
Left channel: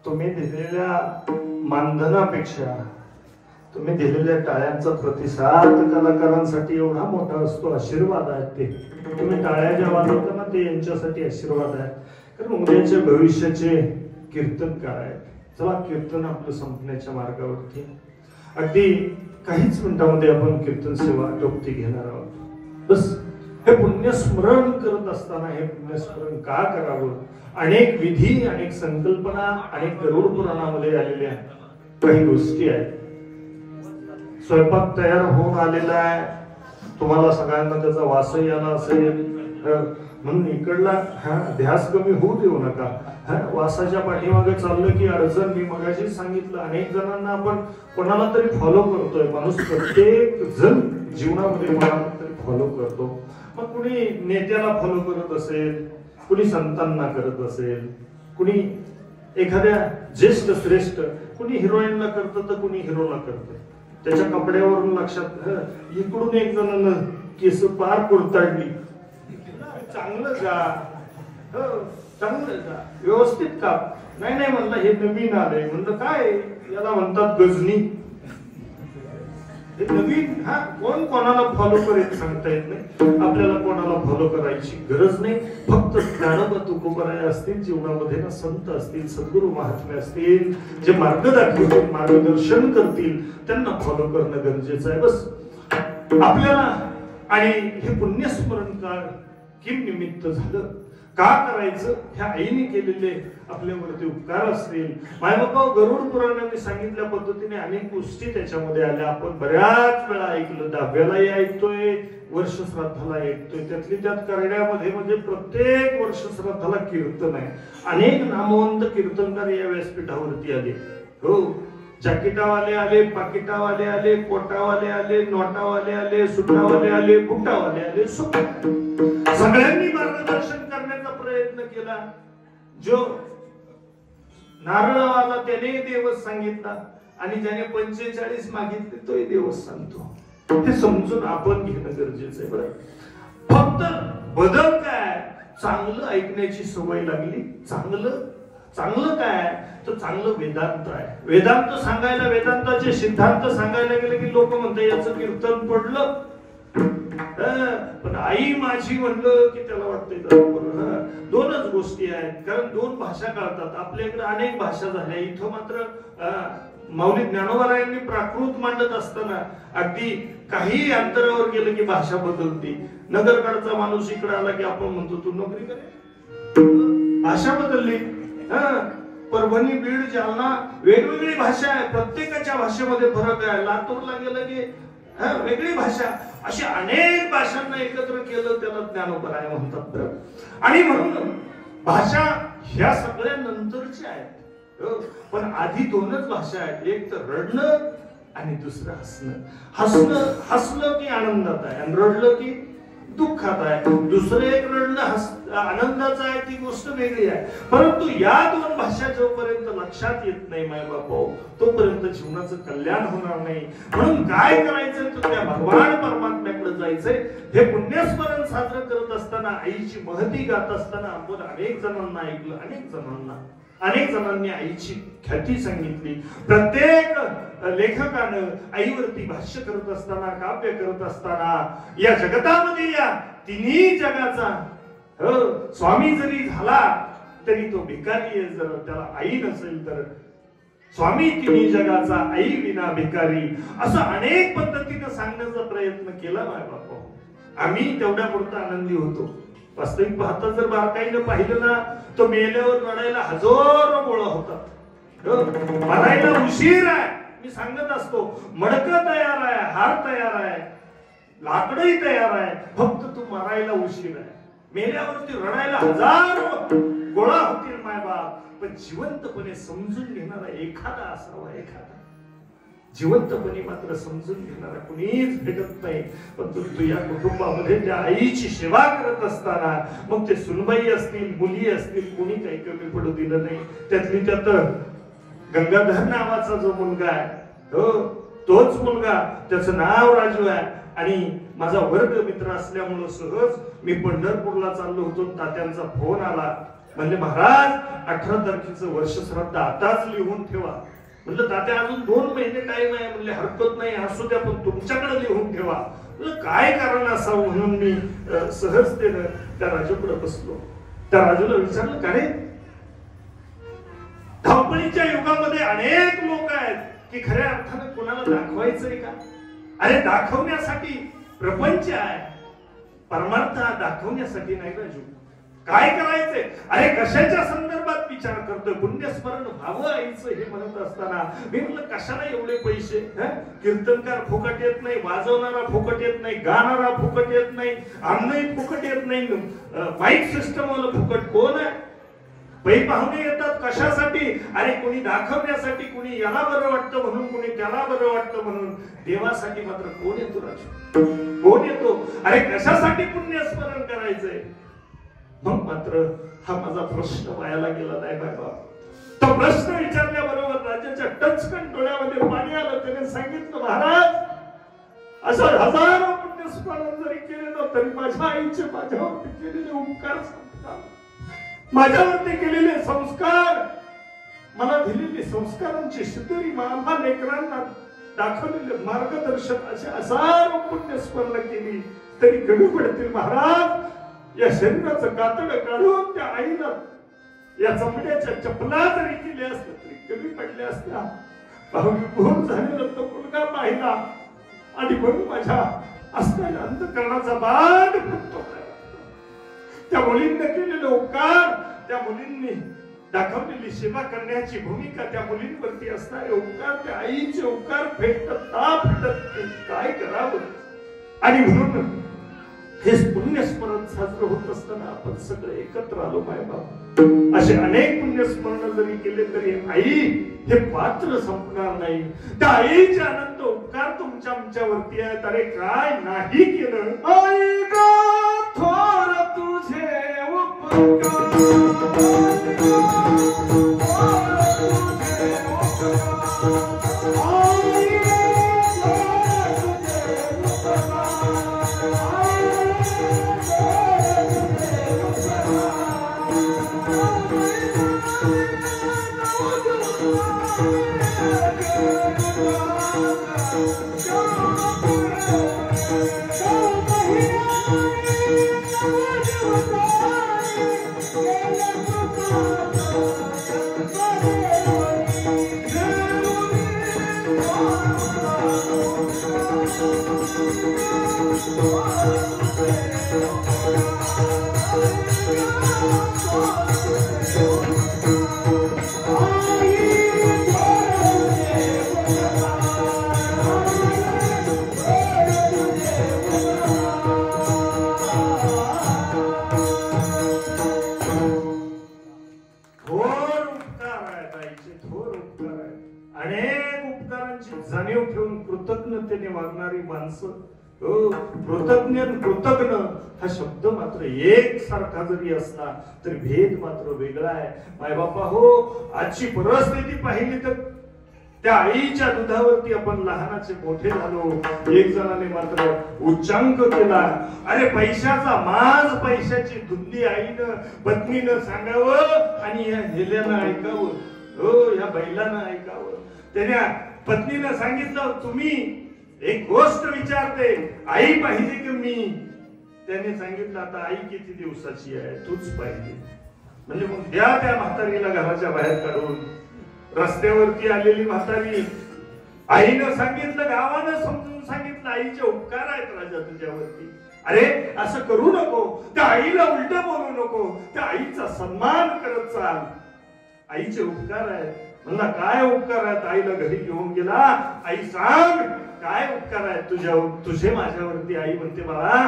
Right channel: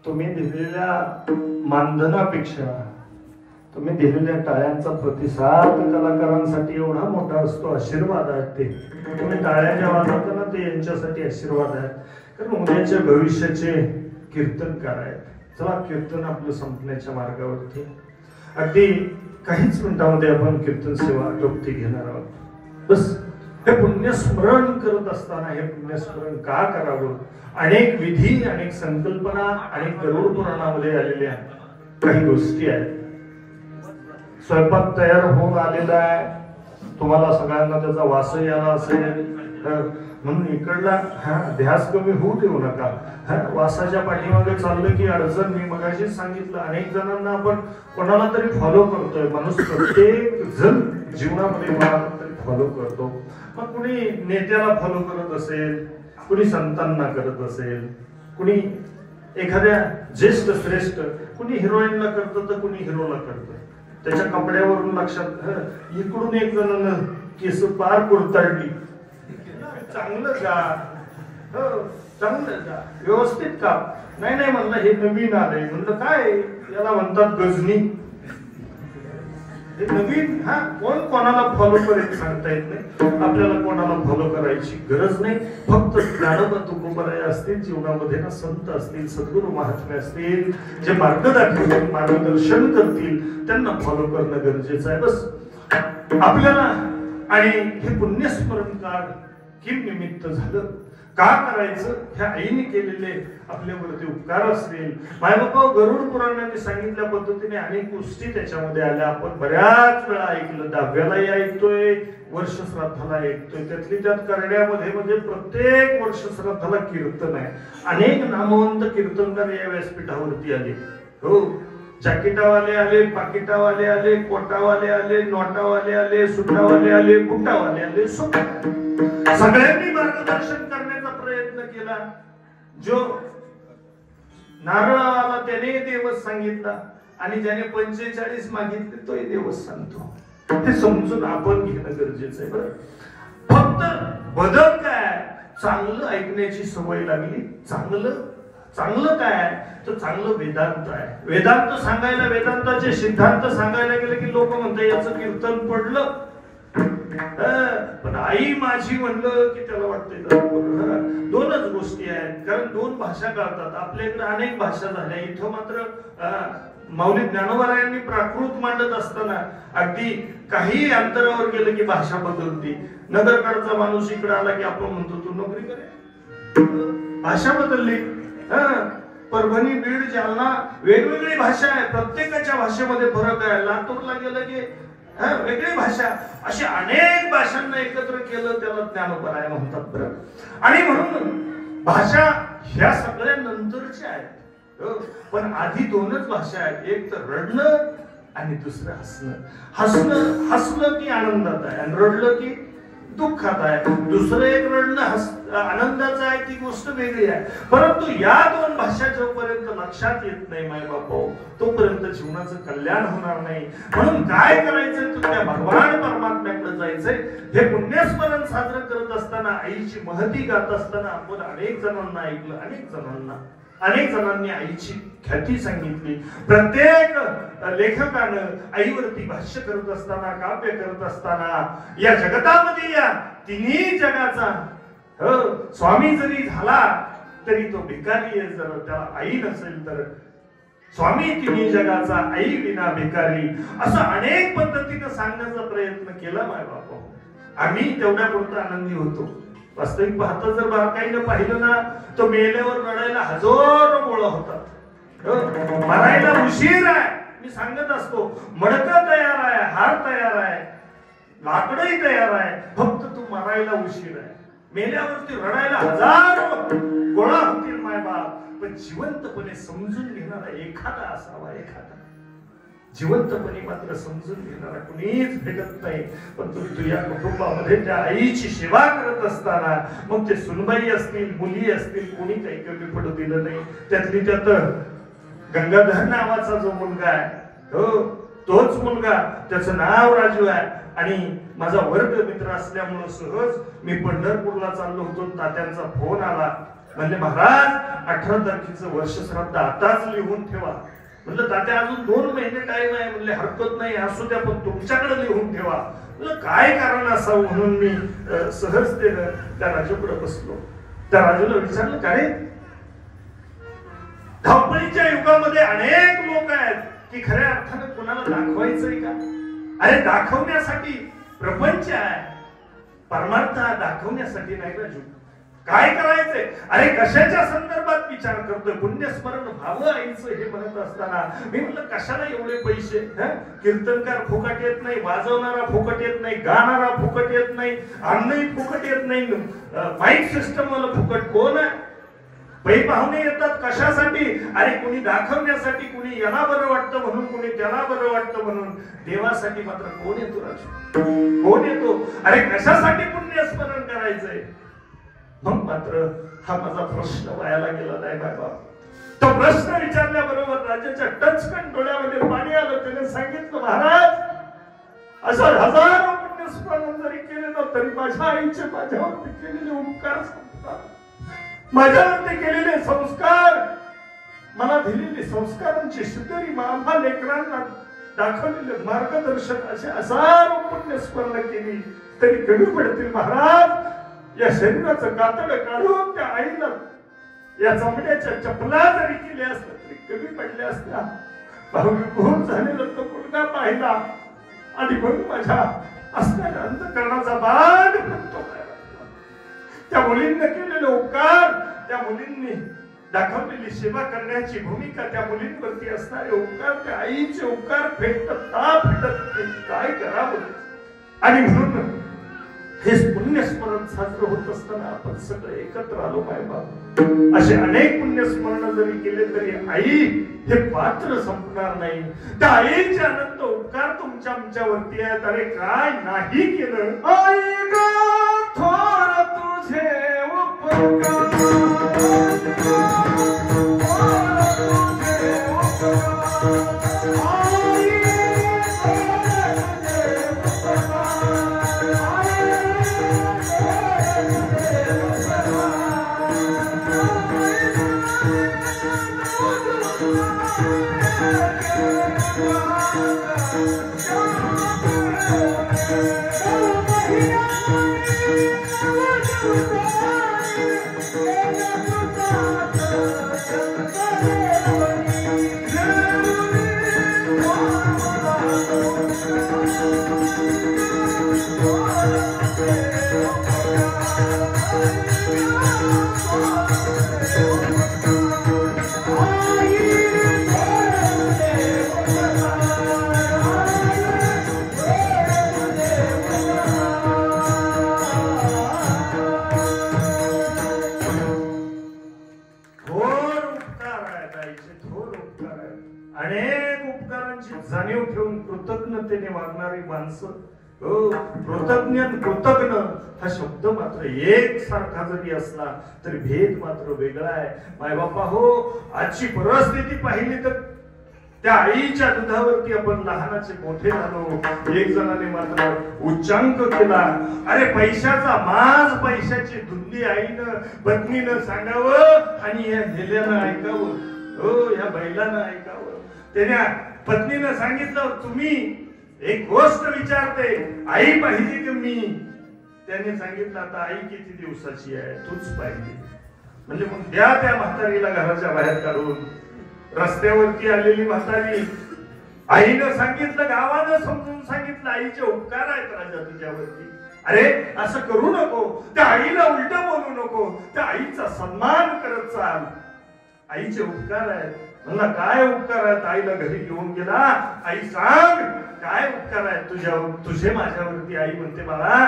तुम्ही दिलेल्या मानधनापेक्षा तुम्ही दिलेल्या टाळ्यांचा प्रतिसाद कलाकारांसाठी एवढा मोठा असतो. आशीर्वाद आहेत ते. तुम्ही टाळ्या ज्या वाजवता ना ते यांच्यासाठी आशीर्वाद आहेत. कारण उद्याच्या भविष्याचे कीर्तनकार आहेत. चला कीर्तन आपलं संपण्याच्या मार्गावरती अगदी काहीच मिनिटांमध्ये आपण कीर्तन सेवा गप्ती घेणार आहोत. बस हे पुण्यस्मरण करत असताना हे पुण्यस्मरण का करावं? अनेक विधी, अनेक संकल्पना, अनेक गरुड पुराणामध्ये आलेल्या काही गोष्टी आहेत. स्वयंपाक तयार होऊन आलेला आहे, तुम्हाला सगळ्यांना त्याचा वासही आला असेल म्हणून इकडला ध्यास कमी होऊ देऊ नका. वासाच्या पाठीमागे चाललं की अडचण. मी मगाशीच सांगितलं, अनेक जणांना आपण कोणाला तरी फॉलो करतोय. माणूस प्रत्येक जण जीवनामध्ये फॉलो करतो. मग कुणी नेत्याला फॉलो करत असेल, कुणी संतांना करत असेल, कुणी एखाद्या ज्येष्ठ श्रेष्ठ, कुणी हिरोईनला करतं तर कुणी हिरोला करतं. त्याच्या कपड्यावरून लक्षात इकडून एक जणांना केस पार कुरतडली. चांगलं जा, चांगलं जा, व्यवस्थित का. नाही नाही म्हणलं हे नवीन आलंय. म्हणलं काय, याला म्हणतात गजनी. हे नवीन. हा, कोण कोणाला फॉलो करेल सांगता येत नाही. आपल्याला कोणाला फॉलो करायची गरज नाही. फक्त ज्ञानोबा तुकोबराय असतील जीवनामध्ये ना, संत असतील, सद्गुरू महात्मे असतील, जे मार्ग दाखवतील, मार्गदर्शन करतील, त्यांना फॉलो करणं गरजेचं आहे. बस आपल्याला. आणि हे पुण्यस्मरण काळ किम निमित्त झालं, का करायचं, ह्या आईने केलेले आपल्यावरती उपकार असतील. मायबापा गरुड पुराणाने सांगितल्या पद्धतीने अनेक गोष्टी त्याच्यामध्ये आल्या. आपण बऱ्याच वेळा ऐकलं, 10व्यालाही ऐकतोय, वर्ष श्राद्धाला ऐकतोय. त्यातली त्यात करण्यामध्ये म्हणजे प्रत्येक वर्ष श्राद्धाला कीर्तन आहे. अनेक नामवंत कीर्तनकार या व्यासपीठावरती आले. हो, जाकिटावाले आले, पाकिटावाले आले, कोटावाले आले, नोटावाले आले, सुटावाले आले, बुटावाले आले, सगळ्यांनी मार्गदर्शन करण्याचा प्रयत्न केला. जो नारळाला त्याने देवच सांगितला आणि ज्याने 45 मागितले तोही देवच सांगतो. हे समजून आपण घेणं गरजेचं आहे. बरं, फक्त बदल काय, चांगलं ऐकण्याची सवय लागली. चांगलं काय तर चांगलं वेदांत आहे. वेदांत सांगायला, वेदांताचे सिद्धांत सांगायला गेले की लोक म्हणतात याचं कीर्तन पडलं. पण आई माझी म्हणलं की त्याला वाटतंय. दोनच गोष्टी आहेत, कारण दोन भाषा कळतात. आपल्याकडे अनेक भाषा झाल्या. इथं मात्र माऊली ज्ञानोबारायांनी प्राकृत मांडत असताना अगदी काही अंतरावर गेलं की भाषा बदलते. नगरकडचा माणूस इकडे आला की आपण म्हणतो तू नोकरी करे, भाषा बदलली. परभणी, बीड, जालना वेगवेगळी भाषा आहे. प्रत्येकाच्या भाषेमध्ये फरक आहे. लातूरला गेलं की वेगळी भाषा. अशी अनेक भाषांना एकत्र केलं त्याला ज्ञानोबराय म्हणतात. आणि म्हणून भाषा ह्या सगळ्या नंतरच्या आहेत. पण आधी दोनच भाषा आहेत, एक तर रडणं आणि दुसरं हसणं. हसलं की आनंदात आहे आणि रडलं की दुःखात आहे. दुसरं एक रडणं आनंदाचं आहे, ती गोष्ट वेगळी आहे. परंतु या दोन भाषा जोपर्यंत लक्षात येत नाही मायबापो, तोपर्यंत जीवनाचं कल्याण होणार नाही. म्हणून काय करायचं तर त्या भगवान परमात्म्याकडे जायचंय. हे पुण्यस्मरण साजरं करत असताना, आईची महती गात असताना आपण अनेक जणांना ऐकलं, अनेक जणांनी आईची ख्याती सांगितली. प्रत्येक लेखकानं आईवरती भाष्य करत असताना, काव्य करत असताना, या जगतामध्ये या तिन्ही जगाचा स्वामी जरी झाला तरी तो भिकारी आहे. जर त्याला आई नसेल तर स्वामी तिन्ही जगाचा, आई विना भिकारी, असं अनेक पद्धतीने सांगण्याचा प्रयत्न केला मायबापा. आम्ही तेवढ्या पुरता आनंदी होतो. वास्तविक पाहता जर बारकाईने पाहिलं ना, तो मेल्यावर रडायला हजारो गोळा होतात. मरायला उशीर आहे. मी सांगत असतो, मडकं तयार आहे, हार तयार आहे, लाकडही तयार आहे, फक्त तू मरायला उशीर आहे. मेल्यावरती रडायला हजारो गोळा होतील मायबाप. पण जिवंतपणे समजून घेणारा एखादा असावा. एखादा जिवंतपणे मात्र समजून घेणारा कुणीच भेटत नाही. पण तू या कुटुंबामध्ये त्या आईची सेवा करत असताना, मग ते सुनबाई असतील, मुली असतील, कोणी काही कमी पडू दिलं नाही. त्यातली त्यात गंगाधर नावाचा जो मुलगा आहे, तोच मुलगा, त्याचं नाव राजू आहे. आणि माझा वर्ग मित्र असल्यामुळे सहज मी पंढरपूरला चाललो होतो. तात्यांचा फोन आला. म्हणले महाराज 18 तारखेचं वर्ष श्राद्ध आताच लिहून ठेवा. म्हणलं तात्या अजून 2 महिने टाइम आहे. म्हणले हरकत नाही, असू द्या, पण तुमच्याकडे लिहून ठेवा. म्हणलं काय कारण असावं म्हणून मी सहजतेनं त्या राजूकडे बसलो. त्या राजूला विचारलं, का रे, धावपळीच्या युगामध्ये अनेक लोक आहेत की खऱ्या अर्थाने कोणाला दाखवायचंय का? अरे दाखवण्यासाठी प्रपंच आहे, परमार्थ दाखवण्यासाठी नाही राजू. काय करायचंय? अरे कशाच्या संदर्भात विचार करतोय? पुण्यस्मरण व्हावं आईचं हे म्हणत असताना मी म्हणलं कशाला एवढे पैसे? कीर्तनकार फुकट येत नाही, वाजवणारा फुकट येत नाही, गाणारा फुकट येत नाही, अन्नही फुकट येत नाही, माईक सिस्टम वाला फुकट कोण आहे? पै पाहुणे येतात कशासाठी? अरे कोणी दाखवण्यासाठी, कोणी याला बरं वाटतं म्हणून, कोणी त्याला बरं वाटतं म्हणून. देवासाठी मात्र कोण येतो राजू? कोण येतो? अरे कशासाठी पुण्यस्मरण करायचंय? मग मात्र हा माझा प्रश्न वायाला गेला नाही बाबा. तो प्रश्न विचारल्याबरोबर राजाच्या टचकन डोळ्यामध्ये पाणी आलं. त्याने सांगितलं, महाराज अशा हजारो पुण्यस्मरण जरी केले ना तरी माझ्या आईचे माझ्यावरती केलेले उपकार संपतात. माझ्यावरती केलेले संस्कार, मला दिलेली संस्कारांची शिदोरी, आम्हा लेकरांना दाखवलेले मार्गदर्शन, असे हजारो पुण्यस्मरण केली तरी कमी पडतील. महाराज या शरीराचं कातड काढून त्या आईला या चामड्याच्या चपला जरी केल्या असत्या तरी कमी पडल्या असत्या. भावविभोर झालेला तो मुलगा पाहिला आणि म्हणून माझ्या असणाऱ्या अंतकरणाचा बाण फुटतो. त्या मुलींना केलेले उपकार, त्या मुलींनी दाखवलेली सेवा करण्याची भूमिका, त्या मुलींवरती असणारे उपकार, त्या आईचे उपकार फेटत काय करावं. आणि म्हणून हे पुण्यस्मरण साजरं होत असताना आपण सगळे एकत्र आलो मायबाप. असे अनेक पुण्यस्मरण जरी केले तरी आई हे पात्र संपणार नाही. त्या आईचे अनंत उपकार तुमच्या आमच्यावरती आहेत. अरे काय नाही केलं आई ग थोर तुझे उपकार, जाणीव ठेवून कृतज्ञतेने वागणारी माणसं. कृतज्ञ कृतज्ञ हा शब्द मात्र एक सारखा जरी असला तरी भेद मात्र वेगळा आहे. मायबापा हो, आजची परिस्थिती पाहिली तर त्या आईच्या दुधावरती आपण लहानाचे मोठे झालो. एक जणाने मात्र उच्चांक केला, अरे पैशाचा माज, पैशाची धुंदी आईनं पत्नीनं सांगावं आणि या हेल्यानं ऐकावं, हो या बैलानं ऐकावं. त्याने पत्नीनं सांगितलं, तुम्ही एक गोष्ट विचारते, आई पाहिजे की मी? त्याने सांगितलं, आता आई किती दिवसाची आहे तूच पाहिजे. म्हणजे मग द्या त्या म्हातारीला घराच्या बाहेर काढून. रस्त्यावरती आलेली म्हातारी, आईनं सांगितलं, गावानं समजून सांगितलं, आईचे उपकार आहेत राजा तुझ्यावरती. अरे असं करू नको, त्या आईला उलट बोलू नको, त्या आईचा सन्मान करत चाल. आईचे उपकार आहेत. म्हणला काय उपकार आहेत? आईला घरी घेऊन गेला. आई सांग काय उपकार आहेत तुझे माझ्यावरती? आई म्हणते, बाळा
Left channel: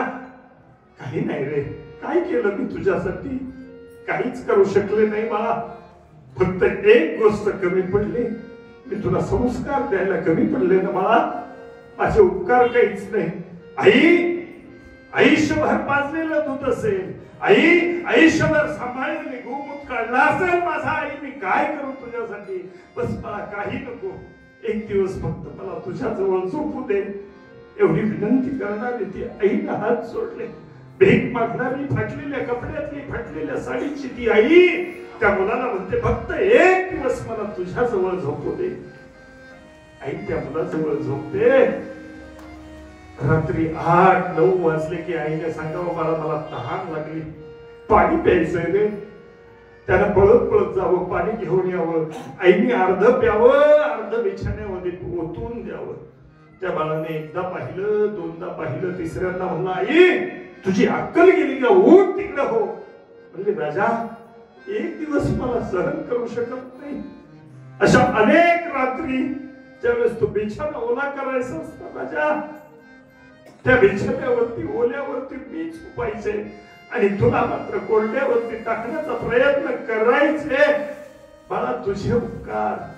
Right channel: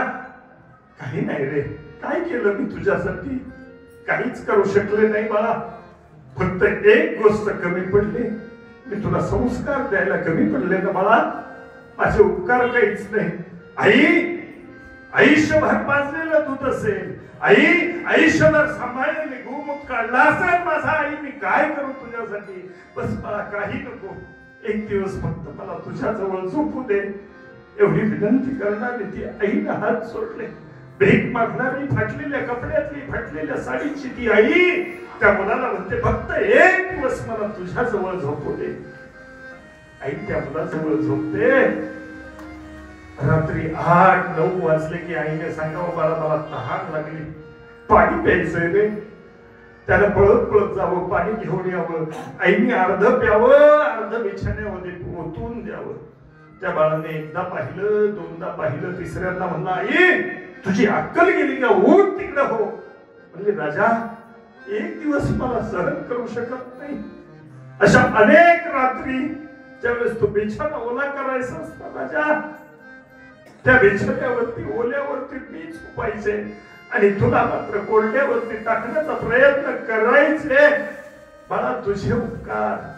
काही नाही रे, काय केलं मी तुझ्यासाठी? काहीच करू शकले नाही बाळा. फक्त एक गोष्ट कमी पडली, मी तुला संस्कार द्यायला कमी पडले ना बाळा. माझे उपकार काहीच नाही. आई आयुष्यभर पाजलेलं दूध असेल, आई आयुष्यभर सांभाळलेली गोमूत काढला असेल माझा, आई मी काय करू तुझ्यासाठी? बस मला काही नको, एक दिवस फक्त मला तुझ्या जवळ झोपू दे. एवढी विनंती करणारी ती आईने हात सोडले. भीक मागणारी, फाटलेल्या कपड्यातली, फाटलेल्या साडीची ती आई त्या मुलाला म्हणते, फक्त एक दिवस मला तुझ्या जवळ झोपू दे. आई त्या मुलाजवळ झोपते. रात्री 8-9 वाजले की आईने सांगावं, बाळा मला तहान लागली, पाणी प्यायचंय रे. त्याला पळत पळत जावं, पाणी घेऊन यावं. आईने अर्ध प्यावं, अर्ध बिछाण्यामध्ये ओतून द्यावं. त्या बाळाने एकदा पाहिलं, दोनदा पाहिलं, तिसऱ्यांदा म्हणला, आई तुझी अक्कल गेली का? उठ तिकडे हो. म्हणजे राजा एक दिवस मला सहन करू शकत नाही. अशा अनेक रात्री ज्यावेळेस तो बिछाना ओला करायचा असता राजा, त्या बिछाण्यावरती ओल्यावरती मीच उपायचे आणि तुला मात्र कोरड्यावरती टाकण्याचा प्रयत्न करायचे. बाळा तुझे उपकार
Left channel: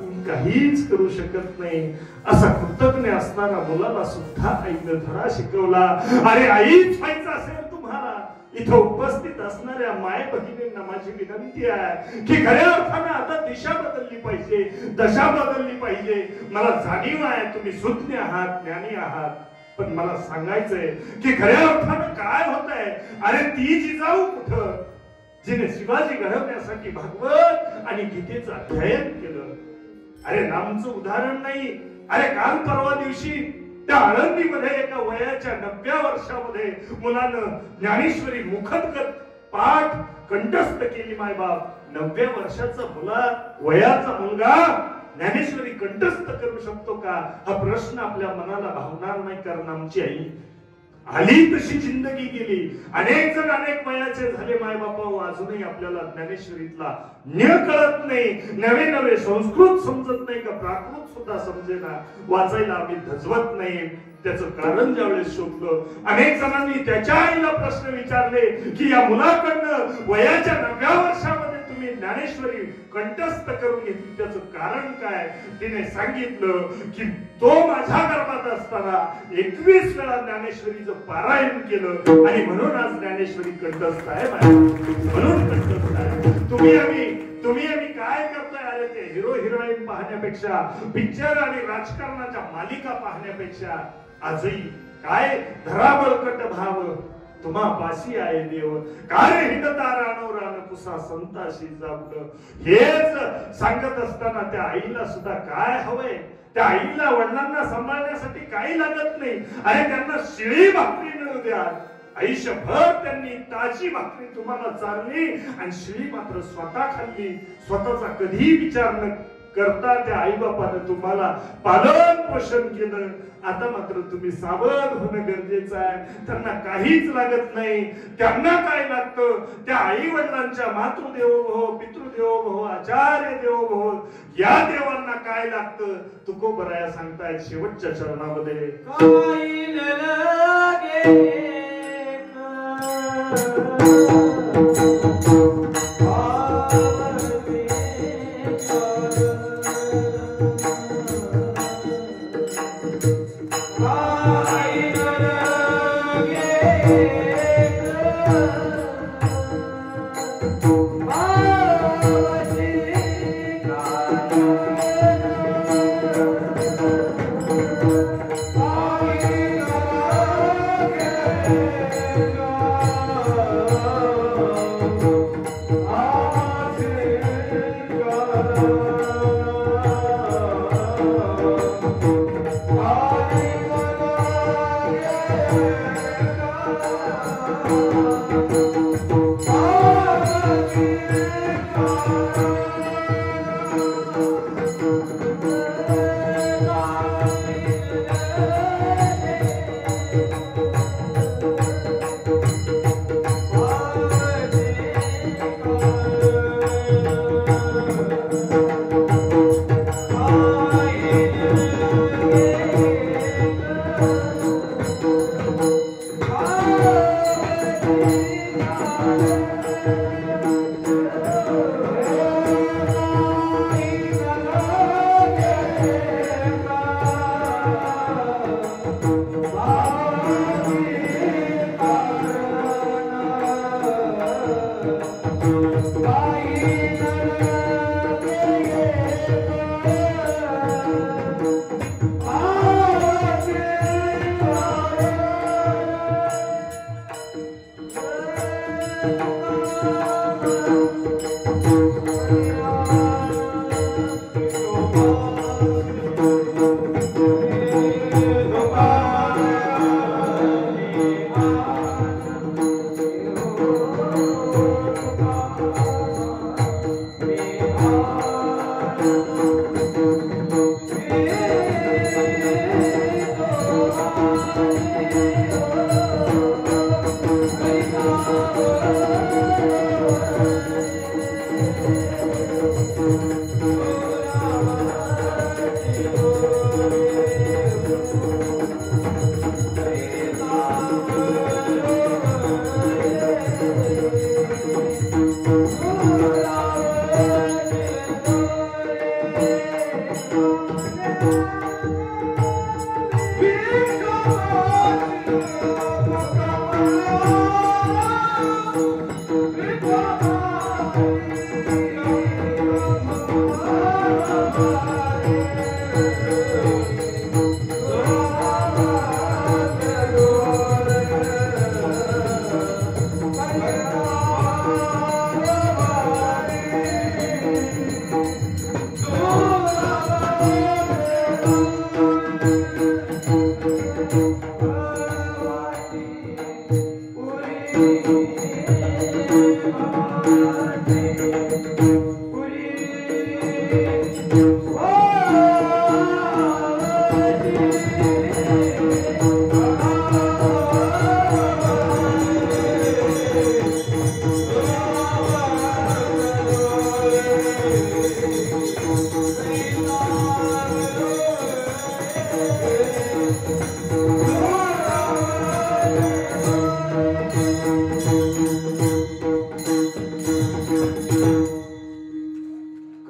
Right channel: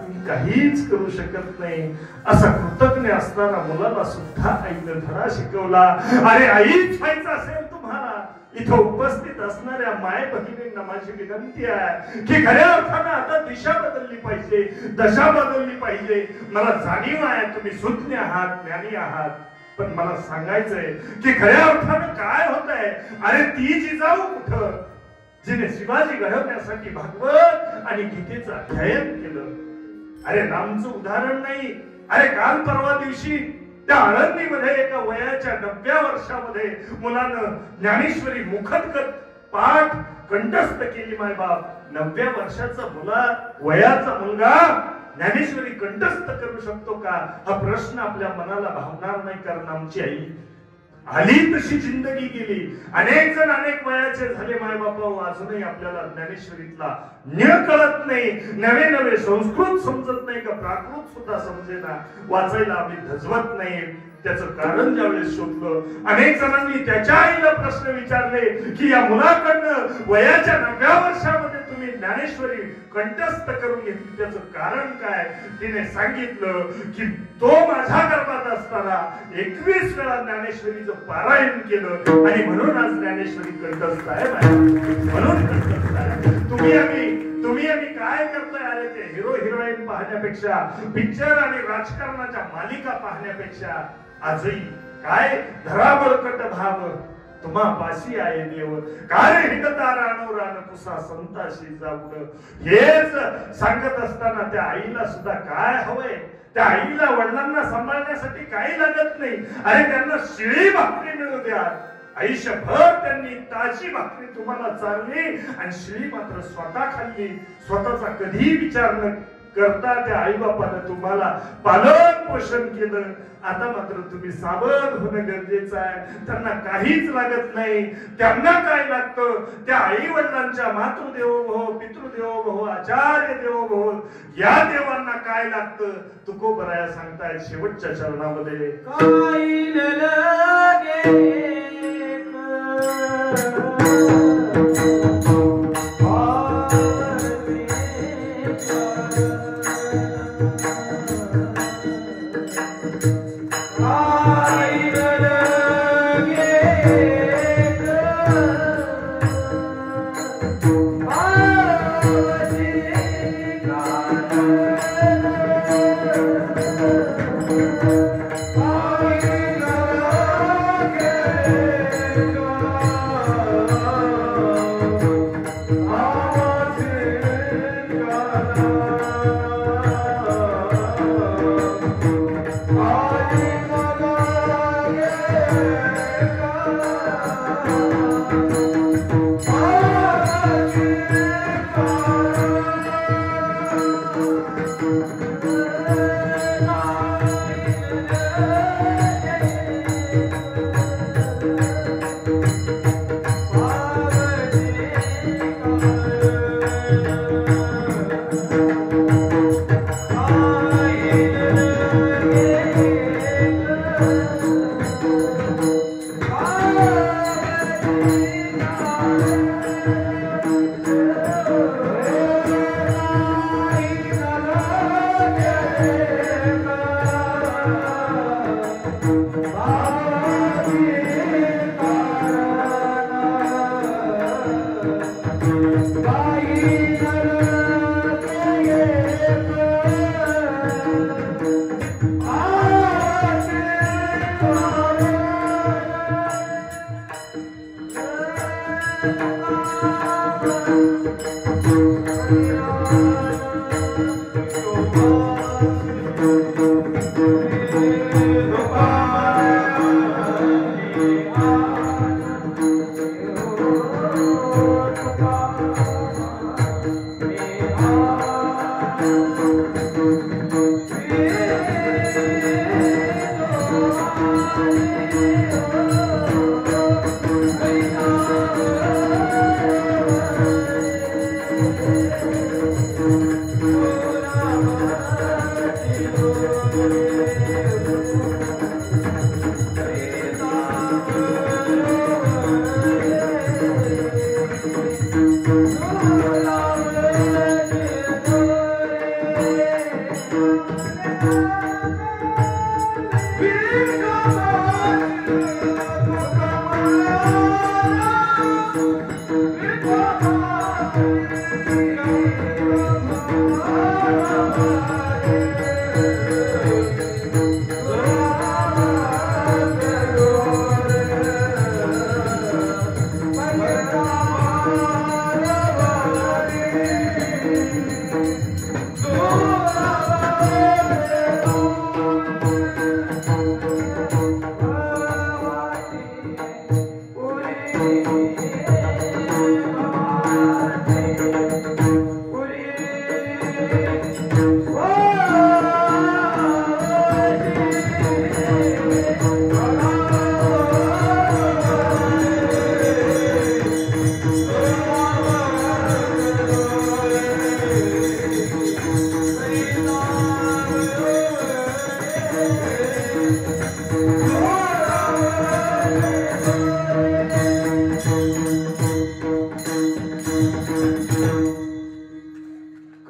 मी काहीच करू शकत नाही. असा कृतज्ञ असताना मुलाला सुद्धा आईने धडा शिकवला. अरे आईच व्हायचं असेल तुम्हाला, इथं उपस्थित असणाऱ्या माय भगिनींना माझी विनंती आहे की खऱ्या अर्थानं आता दिशा बदलली पाहिजे, दशा बदलली पाहिजे. मला जाणीव आहे तुम्ही सुज्ञ आहात, ज्ञानी आहात, पण मला सांगायचंय की खऱ्या अर्थानं काय होत आहे. अरे ती जिजाऊ कुठं जिने शिवाजी घडवण्यासाठी भागवत आणि गीतेचं अध्ययन केलं. अरे रामचं उदाहरण नाही. अरे काल परवा दिवशी त्या आळंदीमध्ये एका वयाच्या 90 वर्षामध्ये मुलानं ज्ञानेश्वरी मुखदगत पाठ कंठस्थ केली. मायबाप 90 वर्षाचा वयाचा मुलगा ज्ञानेश्वरी कंठस्थ करू शकतो का, हा प्रश्न आपल्या मनाला भावणार नाही. कारण आमची आई आली तशी जिंदगी गेली. अनेक जण अनेक वयाचे झाले मायबापा, अजूनही आपल्याला ज्ञानेश्वरीतला न्य कळत नाही. नवे नवे संस्कृत समजत नाही का प्राकृत सुद्धा समजेना. वाचायला आम्ही धजवत नाही. त्याचं कारण ज्यावेळेस शोधलं, अनेक जणांनी त्याच्या आईला प्रश्न विचारले की या मुलाकडनं वयाच्या 90 वर्षामध्ये तुम्ही ज्ञानेश्वरी कंठस्थ करून घेतली, त्याचं कारण काय. तिने सांगितलं की तो माझ्या गर्भात असताना 21 वेळा ज्ञानेश्वरीचं पारायण केलं आणि म्हणून आज ज्ञानेश्वरी कंठस्थ आहे. म्हणून कंठस्थ आहे. तुम्ही आम्ही काय करतोय. अरे ते हिरो हिरोईन पाहण्यापेक्षा, पिक्चर आणि राजकारणाच्या मालिका पाहण्यापेक्षा आजही काय धराबळकट भाव तुम्हा पाशी आहे देव, काय हिंडता रानो रान कुसा संताशी जावड. हेच सांगत असताना त्या आईला सुद्धा काय हवंय. त्या आईला वडिलांना सांभाळण्यासाठी काही लागत नाही. अरे त्यांना शिळी भाकरी मिळू द्या. आयुष्यभर त्यांनी ताजी भाकरी तुम्हाला चालली आणि शिळी मात्र स्वतः खाल्ली. स्वतःचा कधी विचार न करता त्या आई बापानं तुम्हाला पालन पोषण केलं. आता मात्र तुम्ही सावध होणं गरजेचं आहे. त्यांना काहीच लागत नाही. त्यांना काय लागतं, त्या आई वडिलांच्या मातृदेवो भव, पितृदेवो भव, आचार्य देवो भव, या देवांना काय लागतं. तुकोबराया सांगतायत शेवटच्या चरणामध्ये, काही न लागे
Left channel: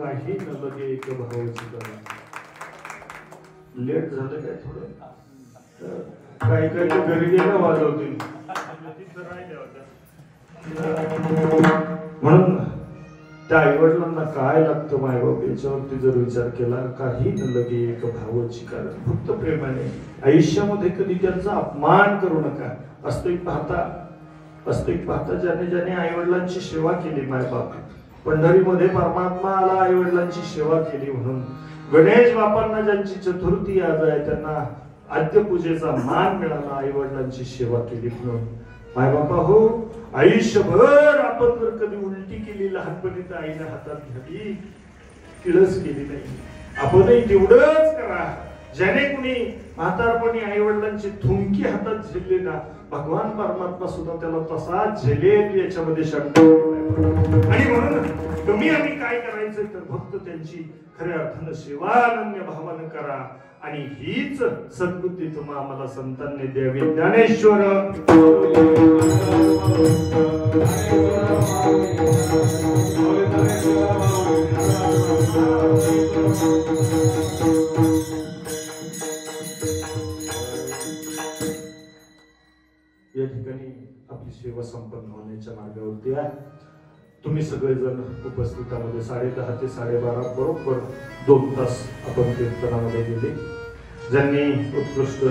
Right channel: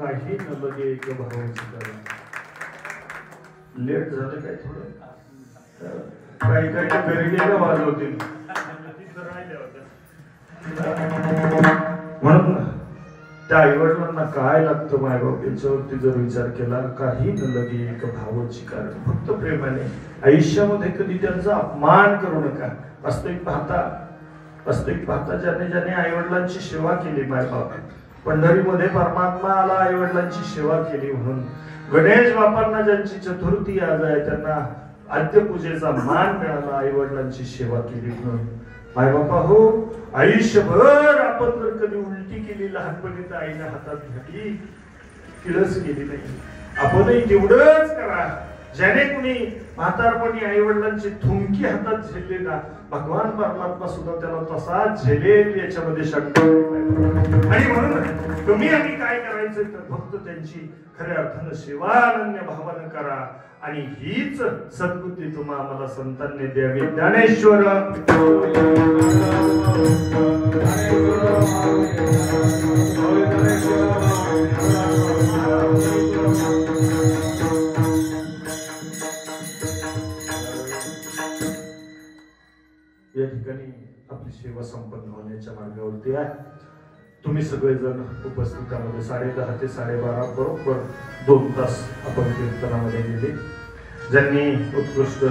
काही न लगे एक भावाची करा. लेट झालं काय थोडं काही काही तर घरी गेलं वाजवतील म्हणून त्या आईवडिलांना काय लागतं मायबाप याच्यावरती जर विचार केला काही न लगे एक भावाची कारण फक्त प्रेमाने आयुष्यामध्ये कधी त्यांचा अपमान करू नका. वास्तविक पाहता ज्याने ज्याने आईवडिलांची सेवा केली मायबाप पंढरीमध्ये परमात्मा आला आईवडिलांची सेवा केली म्हणून गणेश बापांना ज्यांची चतुर्थी आज आहे त्यांना आद्यपूजेचा मान मिळाला आईवडिलांची सेवा केली म्हणून. मायबापा हो आयुष्यभर आपण जर कधी उलटी केली लहानपणी तर आईने हातात घेतली किळस केली नाही. आपणही तेवढंच करा. ज्याने कुणी म्हातारपणी आई वडिलांची थुंकी हातात झेलली ना भगवान परमात्मा सुद्धा त्याला तसाच झेलेल याच्यामध्ये शंका नाही. आणि म्हणून तुम्ही आम्ही काय करायचं तर फक्त त्यांची खऱ्या अर्थानं सेवानन्य भावानं करा आणि हीच सद्बुद्धी तुम्हाला आम्हाला संतांनी द्यावी. ज्ञानेश्वर या ठिकाणी आपली सेवा संपन्न होण्याच्या मार्गावरती आहे. तुम्ही सगळेजण उपस्थितामध्ये 10:30 ते 12:30 बरोबर 2 तास आपण कीर्तनामध्ये गेले. ज्यांनी उत्कृष्ट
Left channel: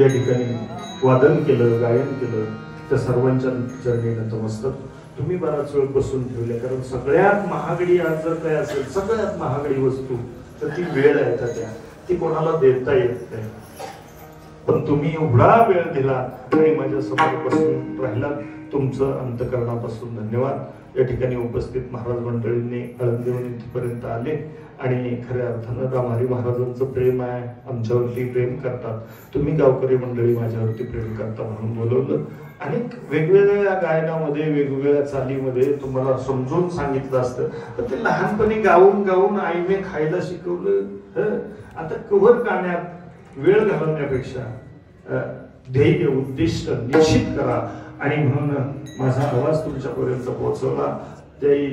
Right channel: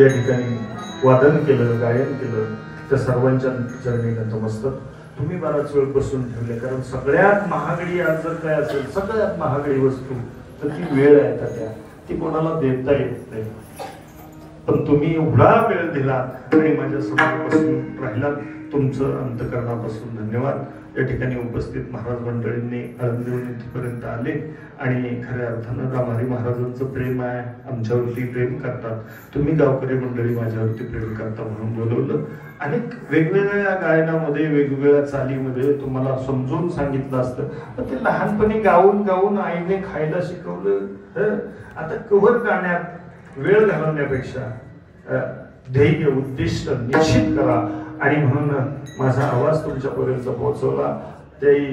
या ठिकाणी वादन केलं गायन केलं त्या सर्वांच्या चरणी नतमस्तक. तुम्ही बराच वेळ बसून ठेवले कारण सगळ्यात महागडी आज जर काय असेल सगळ्यात महागडी वस्तू तर ती वेळ आहे त्या ती कोणाला देता येत नाही. पण तुम्ही एवढा वेळ दिला आणि माझ्या समोर बसून राहिला तुमचं अंतकरणापासून धन्यवाद. या ठिकाणी उपस्थित महाराज मंडळींनी आळंदीहून इथपर्यंत आले आणि खऱ्या अर्थानं रामहरी महाराजांचं प्रेम आहे आमच्यावरती प्रेम करतात. तुम्ही गावकरी मंडळी माझ्यावरती प्रेम करता म्हणून बोलवलं. अनेक वेगवेगळ्या गायनामध्ये वेगवेगळ्या चालीमध्ये तुम्हाला समजून सांगितलं असतं पण ते लहानपणी गाऊन गाऊन आईने खायला शिकवलं. आता कव्हर गाण्यात वेळ घालवण्यापेक्षा ध्येय उद्दिष्ट निश्चित करा आणि म्हणून माझा आवाज तुमच्यापर्यंत पोहोचवला त्याही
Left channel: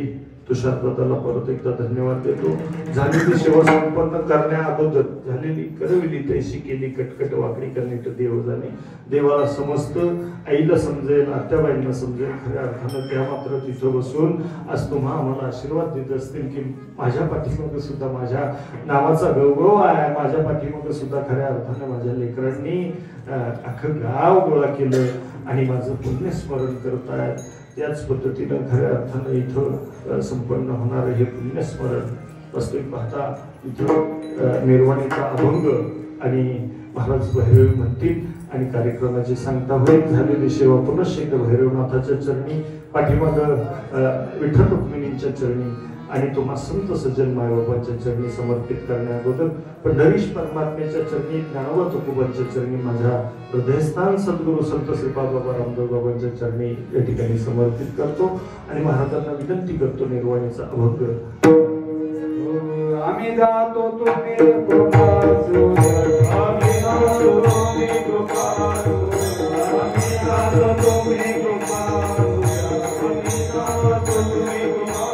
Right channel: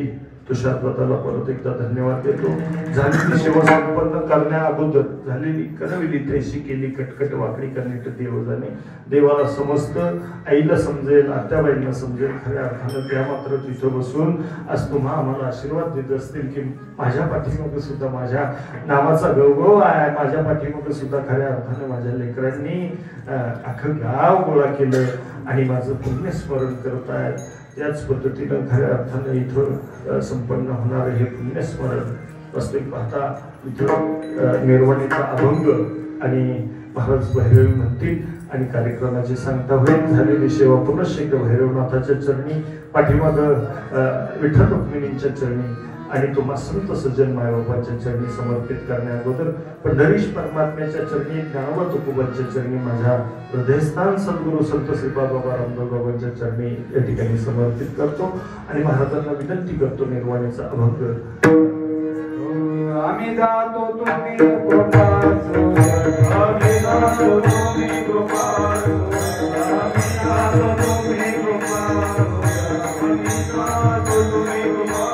तुषार दादाला परत एकदा धन्यवाद देतो. झालेली सेवा संपन्न करण्या अगोदर झालेली करविली तैशी केली कटकट वाकडी करणे देव जाणे. देवाला समजतं आईला समजेल आत्याबाईंना समजेल खऱ्या अर्थानं त्या मात्र तिथं बसून आज तुम्हा आम्हाला आशीर्वाद देत असतील की माझ्या पाठीमागे सुद्धा माझ्या नावाचा गौरव आहे. माझ्या पाठीमागे सुद्धा खऱ्या अर्थानं माझ्या लेकरांनी अख्खं गाव गोळा केलं आणि माझं पुण्यस्मरण करतायत. त्याच पद्धतीनं खऱ्या अर्थानं इथं संपन्न होणारं हे पुण्यस्मरण वास्तविक पाहता इथं निर्वाणीचा अभंग आणि महाराज भैरवी म्हणतील आणि कार्यक्रमाची सांगता होईल. झालेली सेवा पुनश्च एकदा भैरवनाथाच्या चरणी पाठीमाग विठ्ठल रुक्मिणींच्या चरणी आणि तुम्हा संत सज्जन मायबापांच्या चरणी समर्पित करण्या अगोदर पंढरीश परमात्म्याच्या चरणी ज्ञानोबा तुकोबांच्या चरणी माझ्या हृदयस्थान सद्गुरू संत श्रीपाद बाबा रामदेव बाबांच्या चरणी या ठिकाणी समर्पित करतो आणि महाराजांना विनंती करतो निर्वाणीचा अभंग. आम्ही जातो तुम्ही कृपा आम्ही जातो तुम्ही कृपा आम्ही जातो तुम्ही कृपा आम्ही जातो तुम्ही कृपा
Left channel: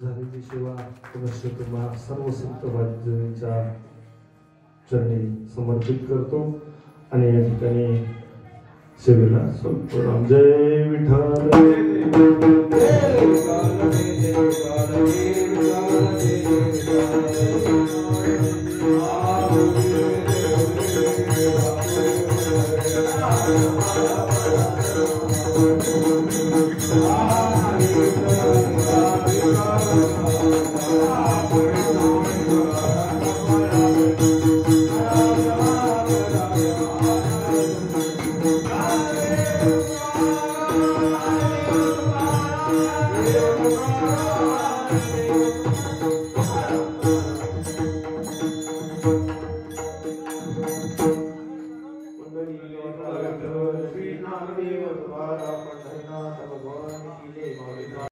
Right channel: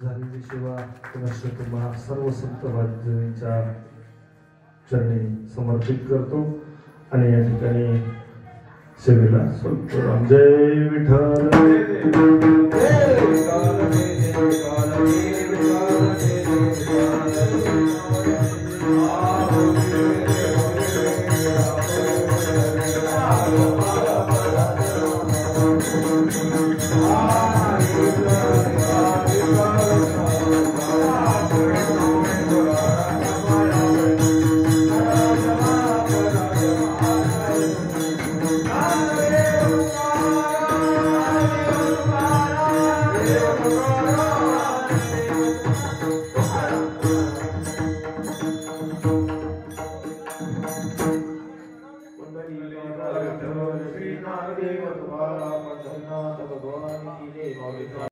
झाले महाराजांची सेवा पुनश्च तुम्हा सर्व संत वाजवींच्या चरणी समर्पित करतो आणि या ठिकाणी सेवेला स्वल्प जय विठ्ठल Thank you.